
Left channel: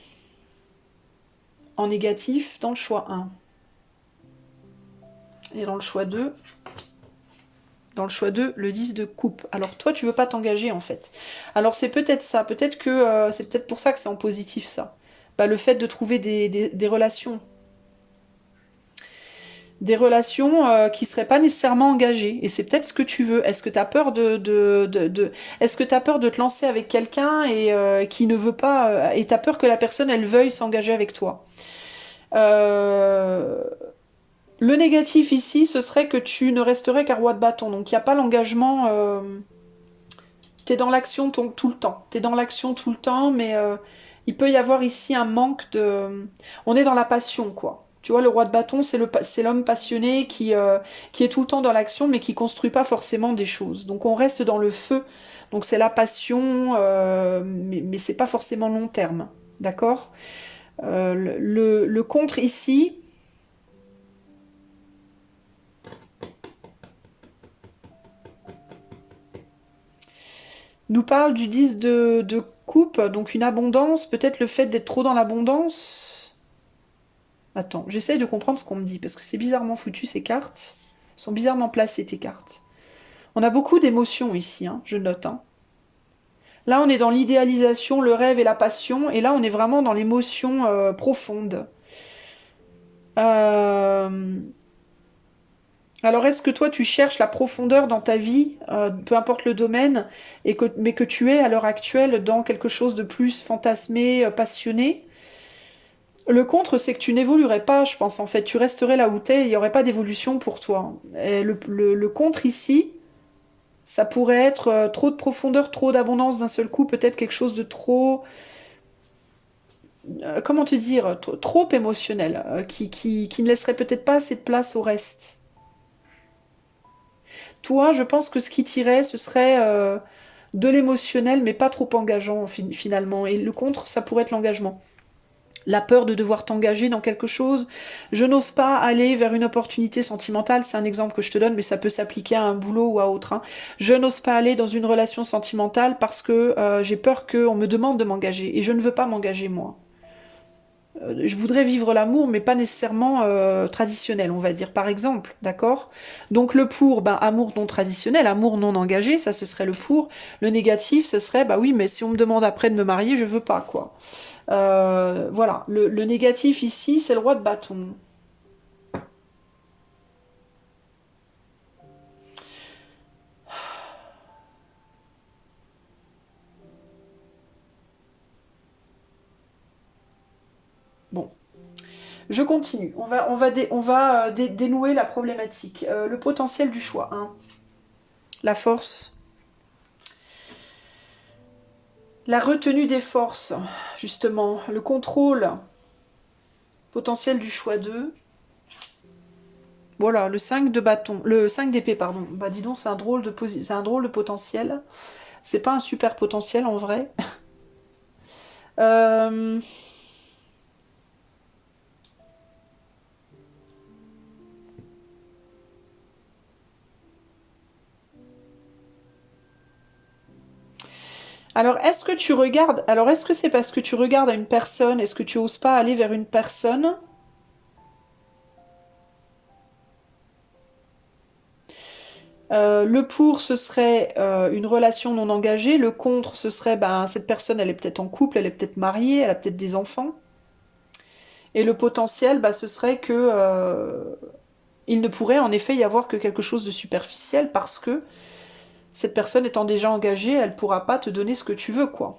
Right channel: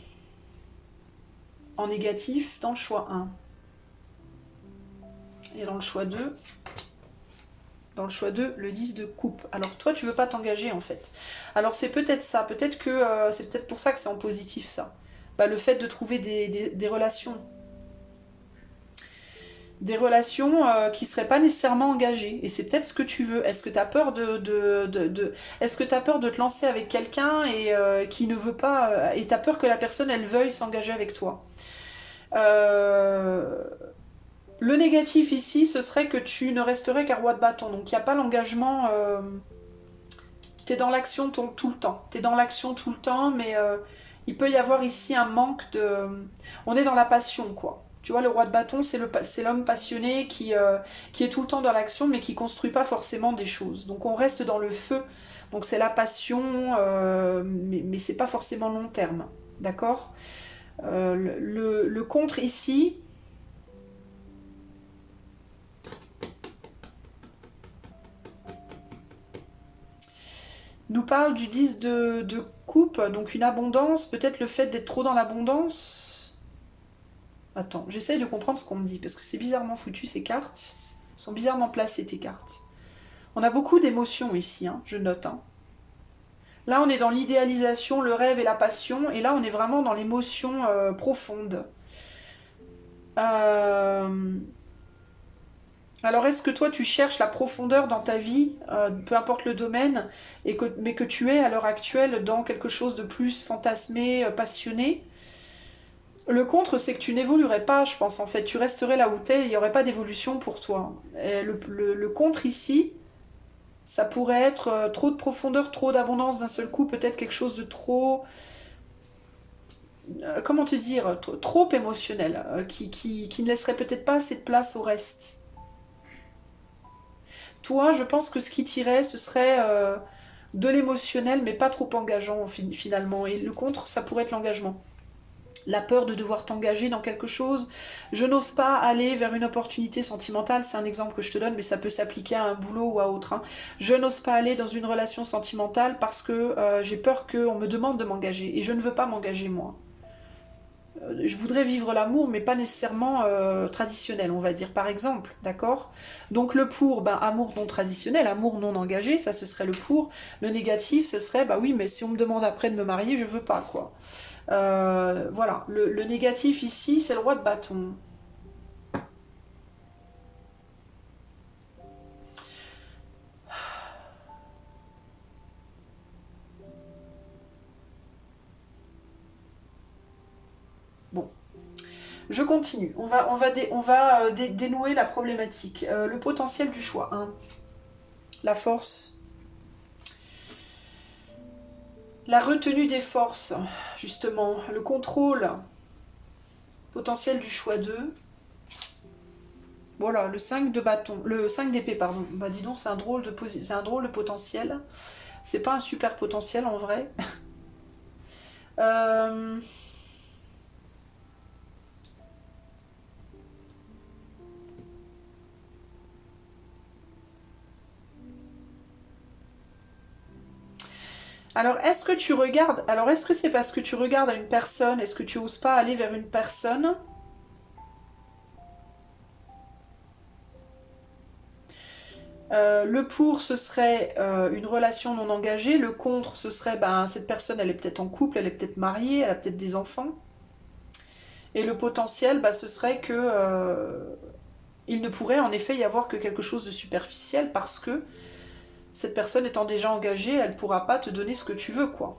En négatif dans le choix 1. Et dans le choix 2, le 10 de coupe. Alors toi, tu veux pas t'engager en fait. Alors c'est peut-être ça, peut-être que c'est peut-être pour ça que c'est en positif ça. Bah, le fait de trouver des relations. Des relations qui seraient pas nécessairement engagées. Et c'est peut-être ce que tu veux. Est-ce que tu as peur Est-ce que tu as peur de te lancer avec quelqu'un et qui ne veut pas... et tu as peur que la personne, elle veuille s'engager avec toi. euh, Le négatif ici, ce serait que tu ne resterais qu'un roi de bâton. Donc il n'y a pas l'engagement. Tu es dans l'action tout le temps. Tu es dans l'action tout le temps, mais il peut y avoir ici un manque de. On est dans la passion, quoi. Tu vois, le roi de bâton, c'est l'homme passionné qui est tout le temps dans l'action, mais qui construit pas forcément des choses. Donc on reste dans le feu. Donc c'est la passion, mais c'est pas forcément long terme. D'accord? Le contre ici, nous parle du 10 de coupe, donc une abondance, peut-être le fait d'être trop dans l'abondance. Attends, j'essaye de comprendre ce qu'on me dit, parce que c'est bizarrement foutu ces cartes. Elles sont bizarrement placées tes cartes. On a beaucoup d'émotions ici, hein, je note. Hein. Là, on est dans l'idéalisation, le rêve et la passion, et là, on est vraiment dans l'émotion profonde. Euh, Alors, est-ce que toi, tu cherches la profondeur dans ta vie, peu importe le domaine, mais que tu es à l'heure actuelle dans quelque chose de plus fantasmé, passionné? Le contre, c'est que tu n'évoluerais pas, je pense, en fait. Tu resterais là où t'es, il n'y aurait pas d'évolution pour toi. Et le contre ici, ça pourrait être trop de profondeur, trop d'abondance d'un seul coup, peut-être quelque chose de trop... comment te dire? Trop émotionnel, qui ne laisserait peut-être pas assez de place au reste. Toi, je pense que ce qui t'irait, ce serait de l'émotionnel, mais pas trop engageant finalement. Et le contre, ça pourrait être l'engagement. La peur de devoir t'engager dans quelque chose. Je n'ose pas aller vers une opportunité sentimentale, c'est un exemple que je te donne, mais ça peut s'appliquer à un boulot ou à autre. Hein. Je n'ose pas aller dans une relation sentimentale parce que j'ai peur qu'on me demande de m'engager. Et je ne veux pas m'engager moi. Je voudrais vivre l'amour, mais pas nécessairement traditionnel, on va dire, par exemple, d'accord? Donc le pour, ben, amour non traditionnel, amour non engagé, ça ce serait le pour. Le négatif, ce serait, bah oui, mais si on me demande après de me marier, je veux pas, quoi. Voilà, le négatif ici, c'est le roi de bâton. Bon, je continue. On va dénouer la problématique. Le potentiel du choix. Hein. La force. La retenue des forces, justement, le contrôle potentiel du choix 2. Voilà, le 5 de bâton, le 5 d'épée, pardon. Bah dis donc, c'est un drôle de potentiel. C'est pas un super potentiel en vrai. Euh, Alors, est-ce que tu regardes... Alors, est-ce que c'est parce que tu regardes à une personne? Est-ce que tu oses pas aller vers une personne? Le pour, ce serait une relation non engagée. Le contre, ce serait, ben, cette personne, elle est peut-être en couple, elle est peut-être mariée, elle a peut-être des enfants. Et le potentiel, bah, ce serait que il ne pourrait en effet y avoir que quelque chose de superficiel parce que cette personne étant déjà engagée, elle ne pourra pas te donner ce que tu veux, quoi.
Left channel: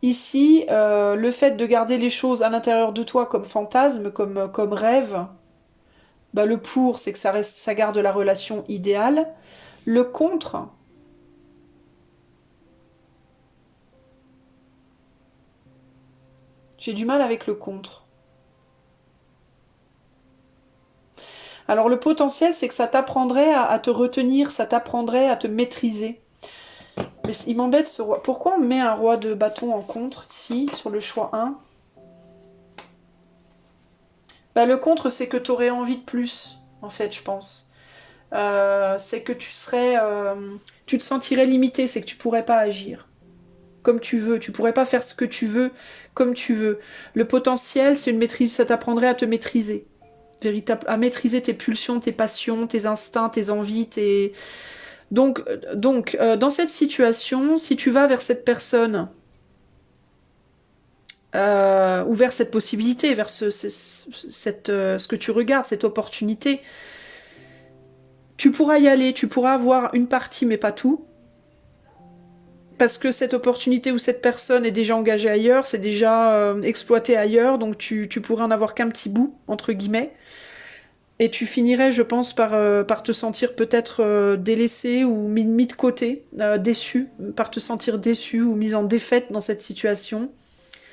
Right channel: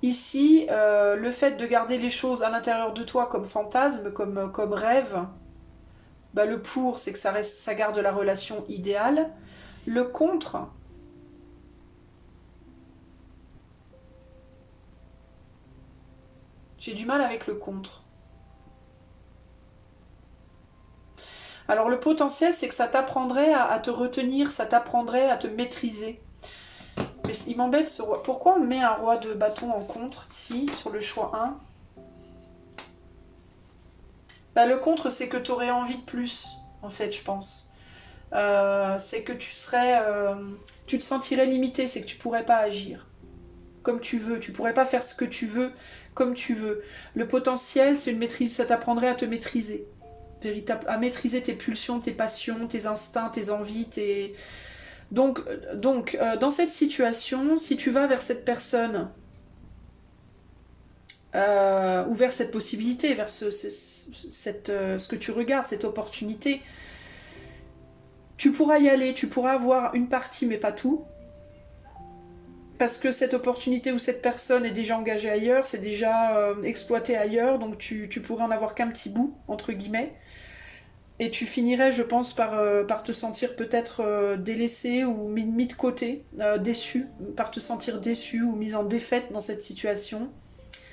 Ici, le fait de garder les choses à l'intérieur de toi comme fantasme, comme rêve, bah, le pour, c'est que ça reste, ça garde la relation idéale. Le contre, j'ai du mal avec le contre. Alors le potentiel, c'est que ça t'apprendrait à te retenir, ça t'apprendrait à te maîtriser. Mais il m'embête ce roi. Pourquoi on met un roi de bâton en contre ici, sur le choix 1? Bah, le contre, c'est que tu aurais envie de plus, en fait, je pense. C'est que tu serais... tu te sentirais limité, c'est que tu pourrais pas agir comme tu veux. Tu pourrais pas faire ce que tu veux comme tu veux. Le potentiel, c'est une maîtrise, ça t'apprendrait à te maîtriser. À maîtriser tes pulsions, tes passions, tes instincts, tes envies, tes... Dans cette situation, si tu vas vers cette personne ou vers cette possibilité, vers ce que tu regardes, cette opportunité, tu pourras y aller, tu pourras avoir une partie mais pas tout, parce que cette opportunité ou cette personne est déjà engagée ailleurs, c'est déjà exploité ailleurs, donc tu pourrais en avoir qu'un petit bout, entre guillemets. Et tu finirais, je pense, par te sentir peut-être délaissé ou mis de côté, déçu, par te sentir déçu ou mis en défaite dans cette situation.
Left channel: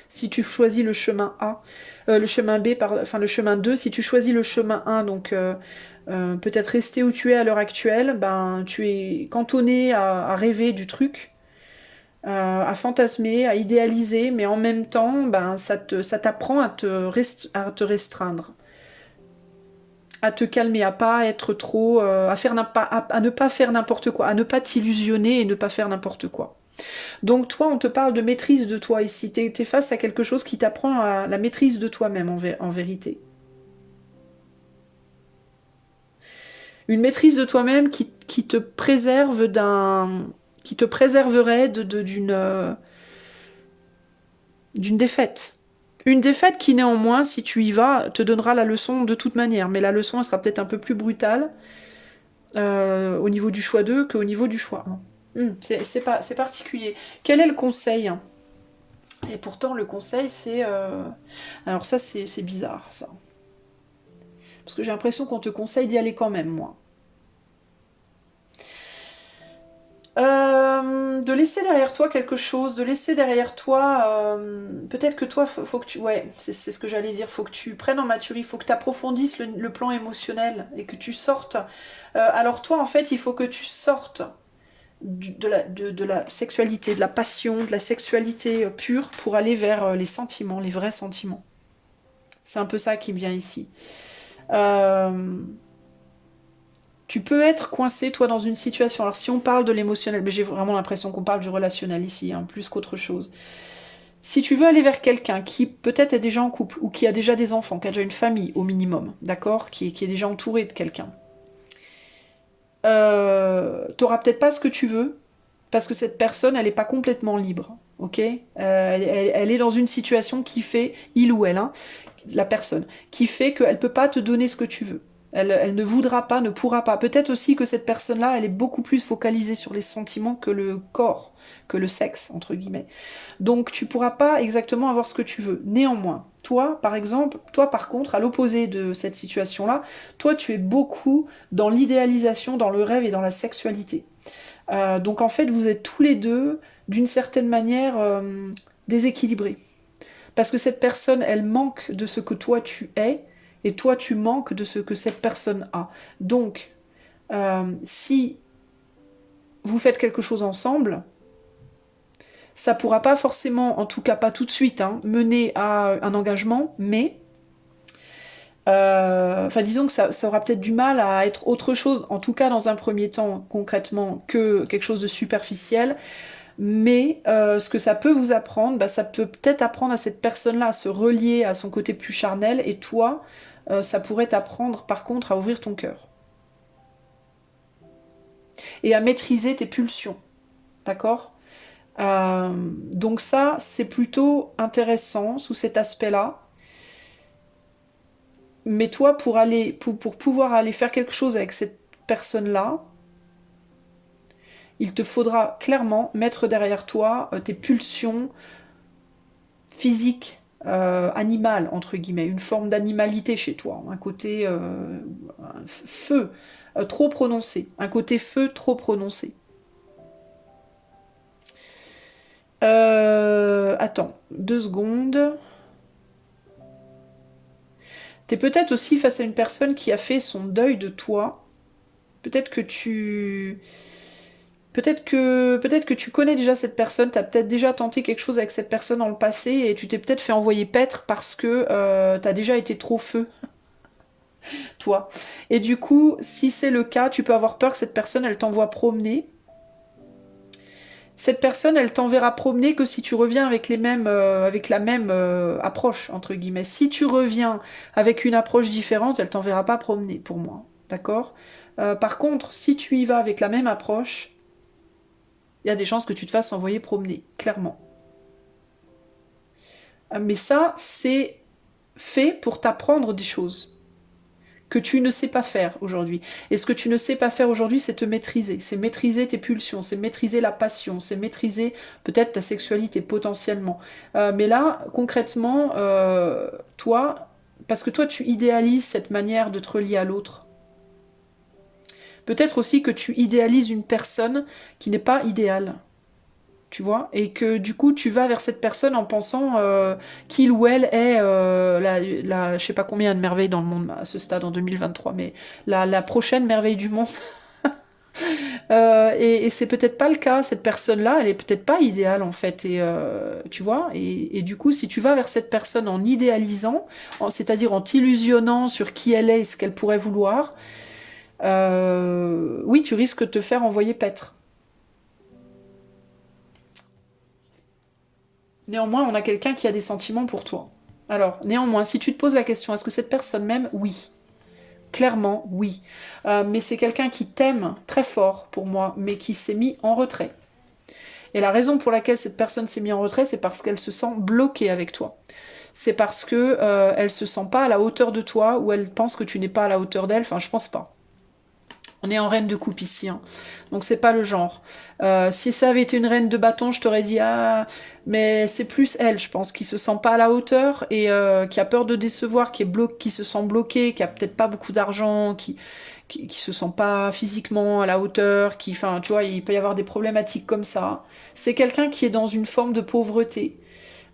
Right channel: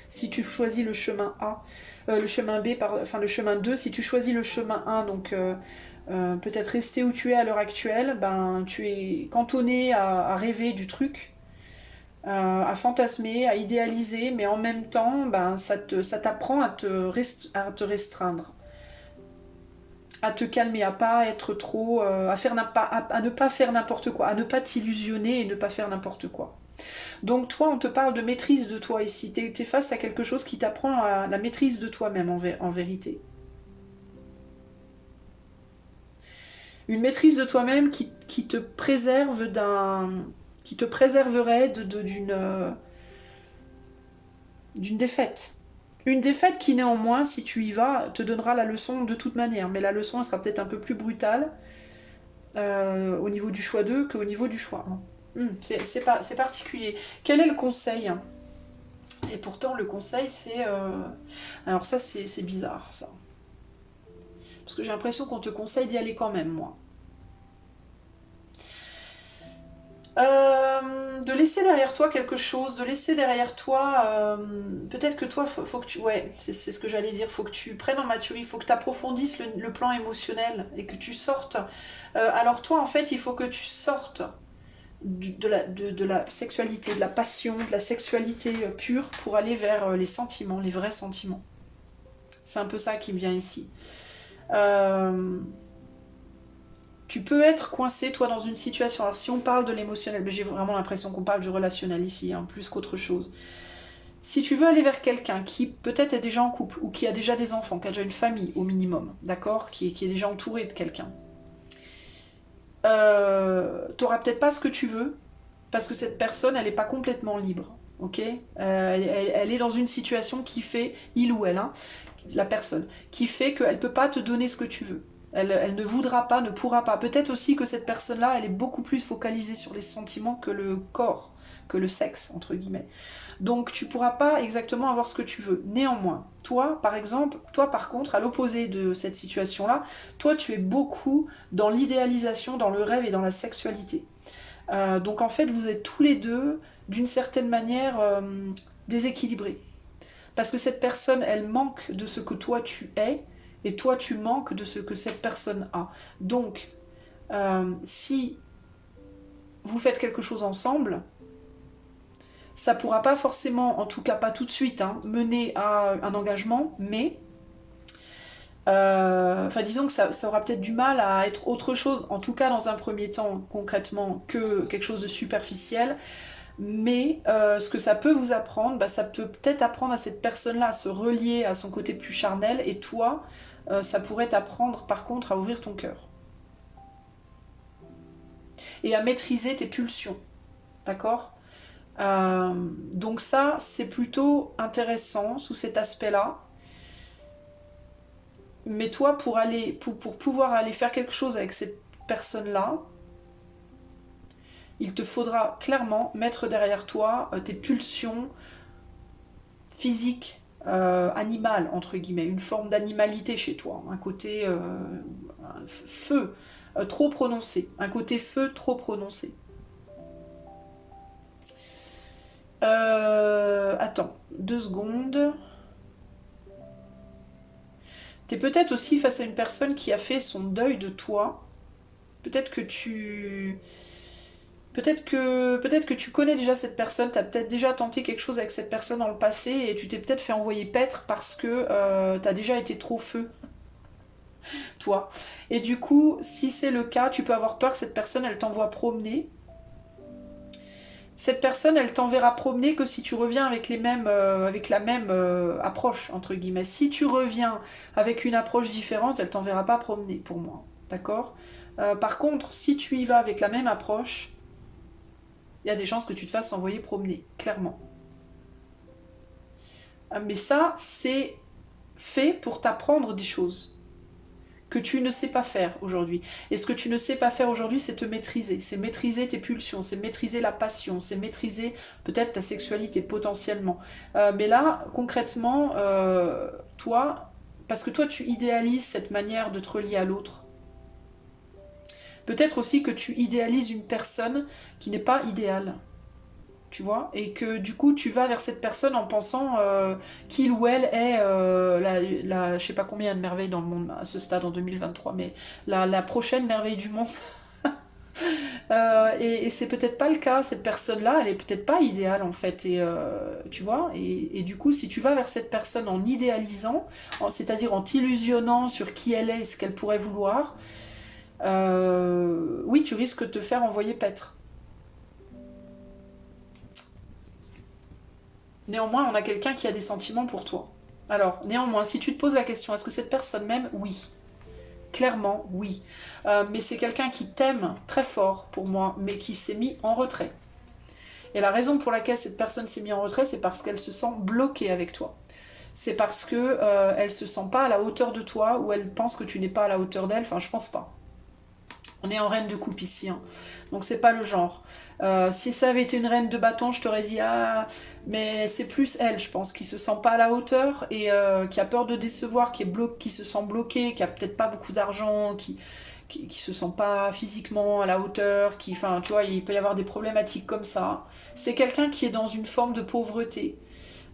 Si tu choisis le chemin A, le chemin B, enfin le chemin 2, si tu choisis le chemin 1, donc peut-être rester où tu es à l'heure actuelle, ben tu es cantonné à rêver du truc, à fantasmer, à idéaliser, mais en même temps, ben, ça t'apprend à te restreindre, à te calmer, à pas être trop, à ne pas faire n'importe quoi, à ne pas t'illusionner et ne pas faire n'importe quoi. Donc toi, on te parle de maîtrise de toi ici. Tu es face à quelque chose qui t'apprend à la maîtrise de toi-même en vérité. Une maîtrise de toi-même qui te préserve qui te préserverait d'une défaite. Une défaite qui néanmoins, si tu y vas, te donnera la leçon de toute manière. Mais la leçon elle sera peut-être un peu plus brutale au niveau du choix 2 qu'au niveau du choix 1. C'est particulier. Quel est le conseil? Et pourtant, le conseil, c'est... Alors ça, c'est bizarre, ça. Parce que j'ai l'impression qu'on te conseille d'y aller quand même, moi. De laisser derrière toi quelque chose, de laisser derrière toi... Peut-être que toi, faut que tu... Ouais, c'est ce que j'allais dire. Faut que tu prennes en maturité, faut que tu approfondisses le plan émotionnel et que tu sortes. Alors toi, en fait, il faut que tu sortes de la sexualité, de la passion, de la sexualité pure pour aller vers les sentiments, les vrais sentiments. C'est un peu ça qui me vient ici. Tu peux être coincé, toi, dans une situation. Alors, si on parle de l'émotionnel, mais j'ai vraiment l'impression qu'on parle du relationnel ici, hein, plus qu'autre chose. Si tu veux aller vers quelqu'un qui peut-être est déjà en couple, ou qui a déjà des enfants, qui a déjà une famille au minimum, d'accord, qui est déjà entouré de quelqu'un, t'auras peut-être pas ce que tu veux, parce que cette personne, elle n'est pas complètement libre, ok, elle est dans une situation qui fait, il ou elle, hein, la personne, qui fait qu'elle ne peut pas te donner ce que tu veux. Elle ne voudra pas, ne pourra pas. Peut-être aussi que cette personne-là, elle est beaucoup plus focalisée sur les sentiments que le corps, que le sexe, entre guillemets. Donc tu pourras pas exactement avoir ce que tu veux. Néanmoins, toi, par exemple, toi par contre, à l'opposé de cette situation-là, toi tu es beaucoup dans l'idéalisation, dans le rêve et dans la sexualité. Donc en fait, vous êtes tous les deux, d'une certaine manière, déséquilibrés. Parce que cette personne, elle manque de ce que toi tu es, et toi tu manques de ce que cette personne a. Donc, si vous faites quelque chose ensemble, ça pourra pas forcément, en tout cas pas tout de suite, hein, mener à un engagement, mais enfin disons que ça aura peut-être du mal à être autre chose, en tout cas dans un premier temps concrètement, que quelque chose de superficiel. Mais ce que ça peut vous apprendre, bah, ça peut peut-être apprendre à cette personne-là à se relier à son côté plus charnel, et toi, ça pourrait t'apprendre par contre à ouvrir ton cœur et à maîtriser tes pulsions, d'accord? Donc ça, c'est plutôt intéressant sous cet aspect-là. Mais toi, pour pouvoir aller faire quelque chose avec cette personne-là, il te faudra clairement mettre derrière toi tes pulsions physiques, animales, entre guillemets, une forme d'animalité chez toi, un côté feu trop prononcé, un côté feu trop prononcé. Attends, 2 secondes. T'es peut-être aussi face à une personne qui a fait son deuil de toi. Peut-être que tu... peut-être que tu connais déjà cette personne, tu as peut-être déjà tenté quelque chose avec cette personne dans le passé et tu t'es peut-être fait envoyer paître parce que tu as déjà été trop feu, toi. Et du coup, si c'est le cas, tu peux avoir peur que cette personne, elle t'envoie promener. Cette personne, elle t'enverra promener que si tu reviens avec avec la même approche, entre guillemets. Si tu reviens avec une approche différente, elle t'enverra pas promener, pour moi. D'accord. Par contre, si tu y vas avec la même approche, il y a des chances que tu te fasses envoyer promener, clairement. Mais ça, c'est fait pour t'apprendre des choses que tu ne sais pas faire aujourd'hui. Et ce que tu ne sais pas faire aujourd'hui, c'est te maîtriser. C'est maîtriser tes pulsions, c'est maîtriser la passion, c'est maîtriser peut-être ta sexualité potentiellement. Mais là, concrètement, toi, parce que toi, tu idéalises cette manière de te relier à l'autre. Peut-être aussi que tu idéalises une personne qui n'est pas idéale. Tu vois, et que du coup tu vas vers cette personne en pensant qu'il ou elle est je sais pas combien de merveilles dans le monde à ce stade en 2023, mais la prochaine merveille du monde. Et c'est peut-être pas le cas, cette personne-là, elle est peut-être pas idéale en fait, et tu vois, et du coup si tu vas vers cette personne en idéalisant, c'est-à-dire en t'illusionnant sur qui elle est et ce qu'elle pourrait vouloir, oui, tu risques de te faire envoyer paître. Néanmoins, on a quelqu'un qui a des sentiments pour toi. Alors, néanmoins, si tu te poses la question, est-ce que cette personne m'aime? Oui. Clairement, oui. Mais c'est quelqu'un qui t'aime très fort pour moi, mais qui s'est mis en retrait. Et la raison pour laquelle cette personne s'est mise en retrait, c'est parce qu'elle se sent bloquée avec toi. C'est parce que elle se sent pas à la hauteur de toi, ou elle pense que tu n'es pas à la hauteur d'elle. Enfin, je pense pas. On est en reine de coupe ici, hein. Donc c'est pas le genre. Si ça avait été une reine de bâton, je t'aurais dit ah, mais c'est plus elle, je pense, qui se sent pas à la hauteur et qui a peur de décevoir, qui se sent bloquée, qui a peut-être pas beaucoup d'argent, qui se sent pas physiquement à la hauteur, enfin, tu vois, il peut y avoir des problématiques comme ça. C'est quelqu'un qui est dans une forme de pauvreté.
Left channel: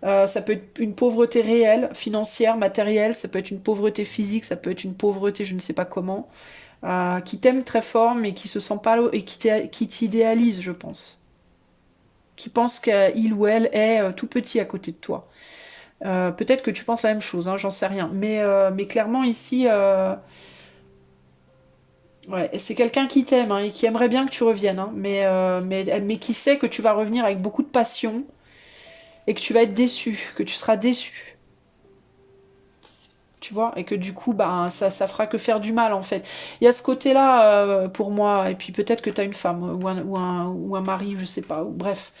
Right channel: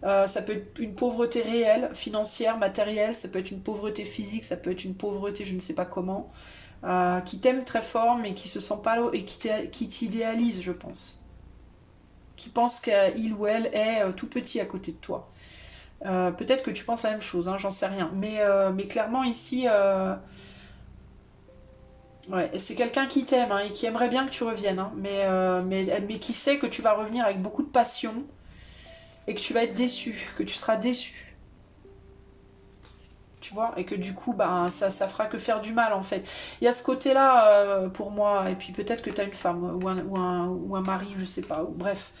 Ça peut être une pauvreté réelle, financière, matérielle, ça peut être une pauvreté physique, ça peut être une pauvreté je ne sais pas comment, qui t'aime très fort mais qui se sent pas et qui t'idéalise, je pense. Qui pense qu'il ou elle est tout petit à côté de toi. Peut-être que tu penses la même chose, hein, j'en sais rien. Mais clairement ici, ouais, c'est quelqu'un qui t'aime, hein, et qui aimerait bien que tu reviennes, hein, mais qui sait que tu vas revenir avec beaucoup de passion et que tu vas être déçu, que tu seras déçu. Tu vois, et que du coup, bah, ça fera que faire du mal en fait. Il y a ce côté-là pour moi, et puis peut-être que tu as une femme ou un mari, je sais pas, ou, bref.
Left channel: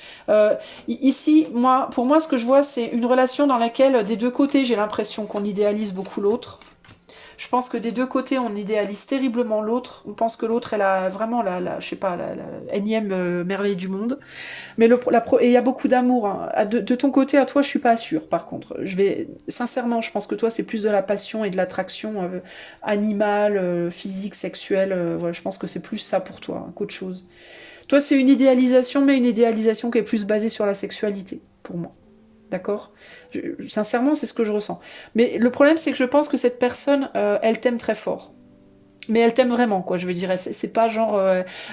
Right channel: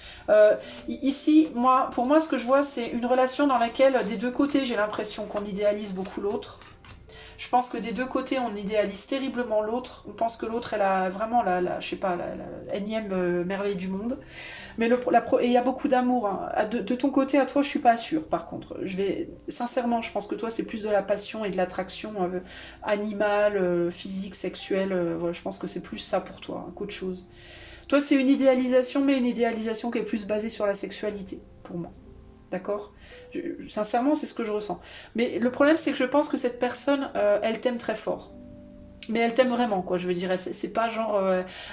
Ici, pour moi, ce que je vois, c'est une relation dans laquelle des deux côtés, j'ai l'impression qu'on idéalise beaucoup l'autre. Je pense que des deux côtés, on idéalise terriblement l'autre. On pense que l'autre, elle a vraiment je sais pas, la énième merveille du monde. Mais et il y a beaucoup d'amour, hein. De ton côté, à toi, je suis pas sûre. Par contre, sincèrement, je pense que toi, c'est plus de la passion et de l'attraction animale, physique, sexuelle. Voilà, je pense que c'est plus ça pour toi, hein, qu'autre chose. Toi, c'est une idéalisation, mais une idéalisation qui est plus basée sur la sexualité, pour moi. D'accord? Sincèrement, c'est ce que je ressens. Mais le problème, c'est que je pense que cette personne, elle t'aime très fort. Mais elle t'aime vraiment, quoi, je veux dire. C'est pas genre,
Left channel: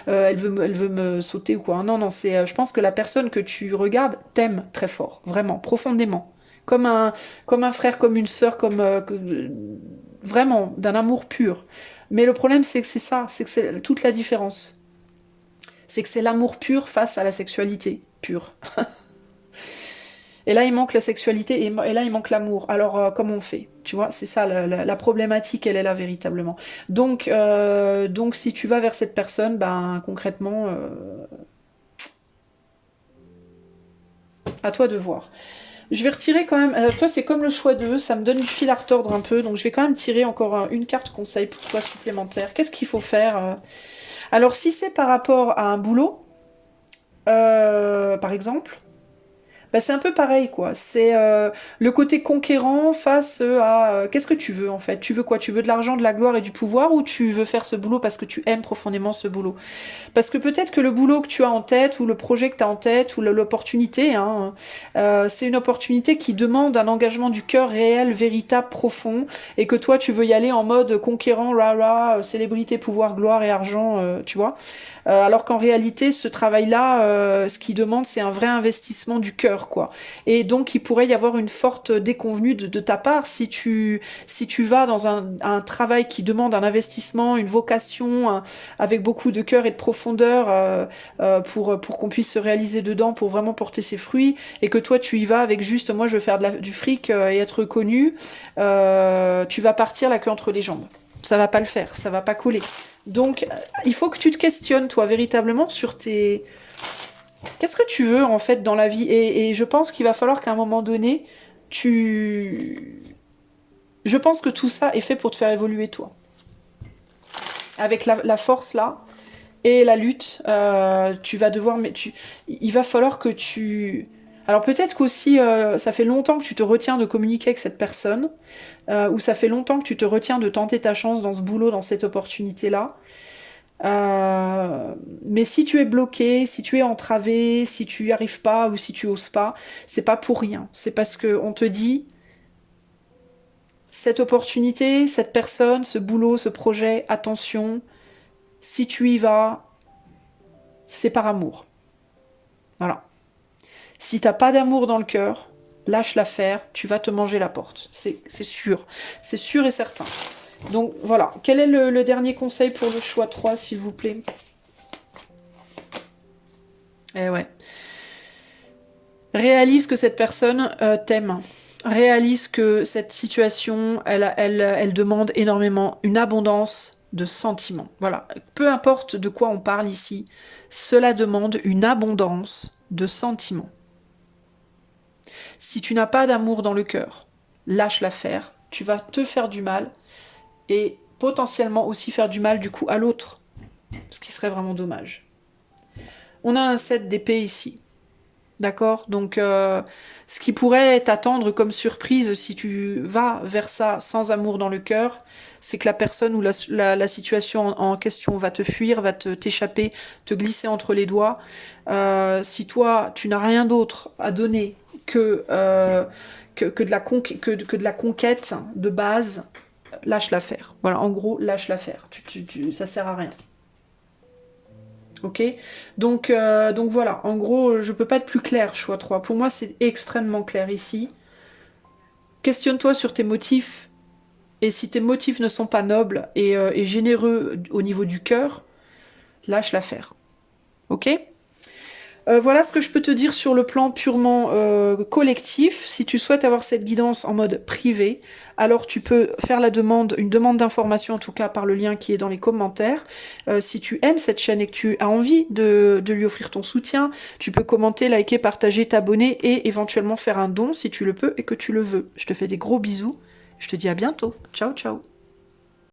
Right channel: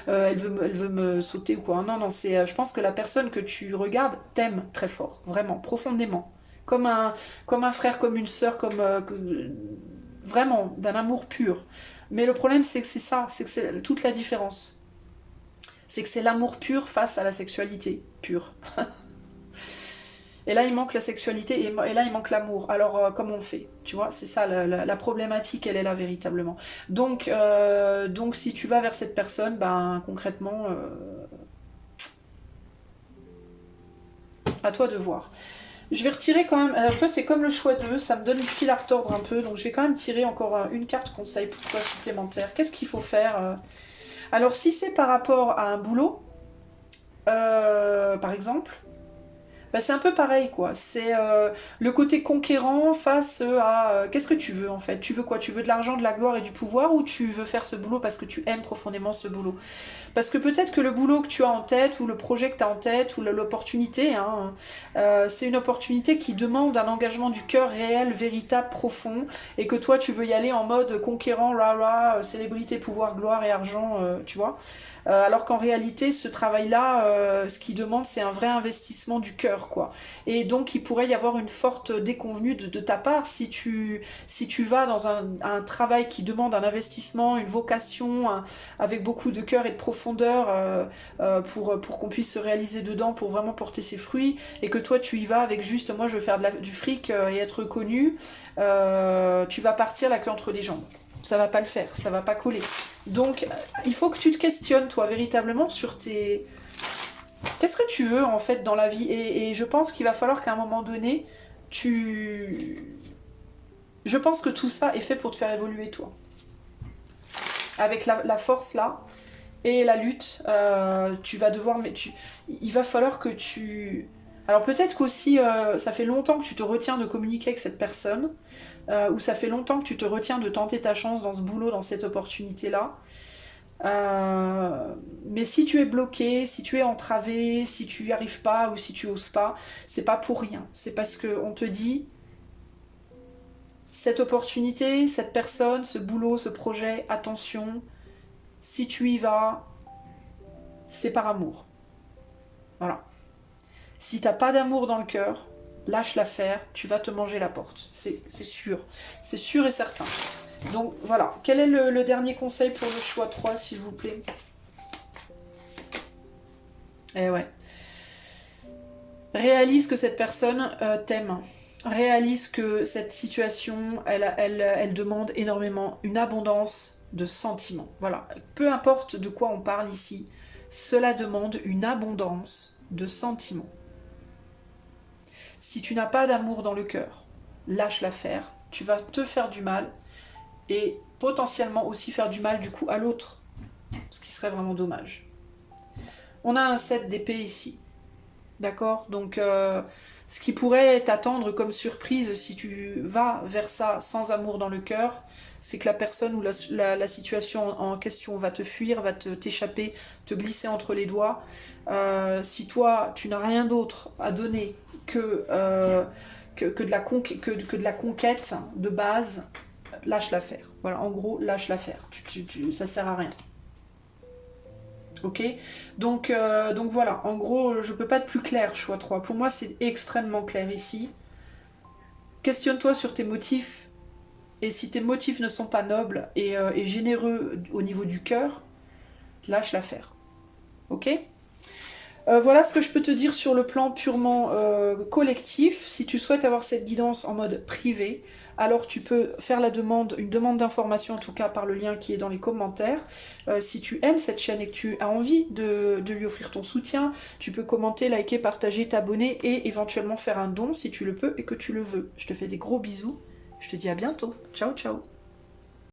elle veut me sauter ou quoi. Non, non, je pense que la personne que tu regardes t'aime très fort, vraiment, profondément. Comme un frère, comme une sœur, vraiment, d'un amour pur. Mais le problème, c'est que c'est ça, c'est que c'est toute la différence. C'est que c'est l'amour pur face à la sexualité pure. Et là, il manque la sexualité et là, il manque l'amour. Alors, comment on fait? Tu vois, c'est ça, la problématique, elle est là véritablement. Donc, si tu vas vers cette personne, ben, concrètement, à toi de voir. Je vais retirer quand même. Alors, toi, c'est comme le choix d'eux, ça me donne du fil à retordre un peu. Donc, je vais quand même tirer encore une carte conseil pour toi supplémentaire. Qu'est-ce qu'il faut faire? Alors, si c'est par rapport à un boulot, par exemple. Bah, c'est un peu pareil, quoi. C'est le côté conquérant face à qu'est-ce que tu veux en fait? Tu veux quoi? Tu veux de l'argent, de la gloire et du pouvoir ou tu veux faire ce boulot parce que tu aimes profondément ce boulot? Parce que peut-être que le boulot que tu as en tête ou le projet que tu as en tête ou l'opportunité, hein, c'est une opportunité qui demande un engagement du cœur réel, véritable, profond et que toi tu veux y aller en mode conquérant, rah, célébrité, pouvoir, gloire et argent, tu vois? Alors qu'en réalité, ce travail-là, ce qu'il demande, c'est un vrai investissement du cœur, quoi. Et donc, il pourrait y avoir une forte déconvenue de ta part si tu vas dans un travail qui demande un investissement, une vocation, avec beaucoup de cœur et de profondeur pour qu'on puisse se réaliser dedans, pour vraiment porter ses fruits, et que toi, tu y vas avec juste, moi, je veux faire du fric et être connu, tu vas partir la queue entre les jambes. Ça va pas le faire, ça va pas coller. Donc, il faut que tu te questionnes, toi, véritablement, sur tes... Qu'est-ce que tu veux, en fait, dans la vie et je pense qu'il va falloir qu'à un moment donné, tu... Je pense que tout ça est fait pour te faire évoluer, toi. Avec la force, là, et la lutte, tu vas devoir... Il va falloir que tu... Alors peut-être qu'aussi, ça fait longtemps que tu te retiens de communiquer avec cette personne, ou ça fait longtemps que tu te retiens de tenter ta chance dans ce boulot, dans cette opportunité-là. Mais si tu es bloqué, si tu es entravé, si tu n'y arrives pas ou si tu oses pas, c'est pas pour rien. C'est parce qu'on te dit cette opportunité, cette personne, ce boulot, ce projet, attention, si tu y vas, c'est par amour. Voilà. Si t'as pas d'amour dans le cœur, lâche l'affaire, tu vas te manger la porte. C'est sûr et certain. Donc voilà, quel est le dernier conseil pour le choix 3, s'il vous plaît? Eh ouais. Réalise que cette personne t'aime. Réalise que cette situation, elle demande énormément une abondance de sentiments. Voilà. Peu importe de quoi on parle ici, cela demande une abondance de sentiments. Si tu n'as pas d'amour dans le cœur, lâche l'affaire. Tu vas te faire du mal et potentiellement aussi faire du mal du coup à l'autre. Ce qui serait vraiment dommage. On a un 7 d'épée ici. D'accord? Donc, ce qui pourrait t'attendre comme surprise si tu vas vers ça sans amour dans le cœur, c'est que la personne ou la situation en question va te fuir, va t'échapper, te glisser entre les doigts. Si toi, tu n'as rien d'autre à donner que de la conquête de base, lâche l'affaire. Voilà, en gros, lâche l'affaire. Ça sert à rien. Ok, donc voilà, en gros, je peux pas être plus clair, choix 3. Pour moi, c'est extrêmement clair ici. Questionne-toi sur tes motifs, et si tes motifs ne sont pas nobles et généreux au niveau du cœur, lâche l'affaire. Ok? Voilà ce que je peux te dire sur le plan purement collectif. Si tu souhaites avoir cette guidance en mode privé, alors tu peux faire une demande d'information en tout cas par le lien qui est dans les commentaires. Si tu aimes cette chaîne et que tu as envie de lui offrir ton soutien, tu peux commenter, liker, partager, t'abonner et éventuellement faire un don si tu le peux et que tu le veux. Je te fais des gros bisous. Je te dis à bientôt. Ciao, ciao.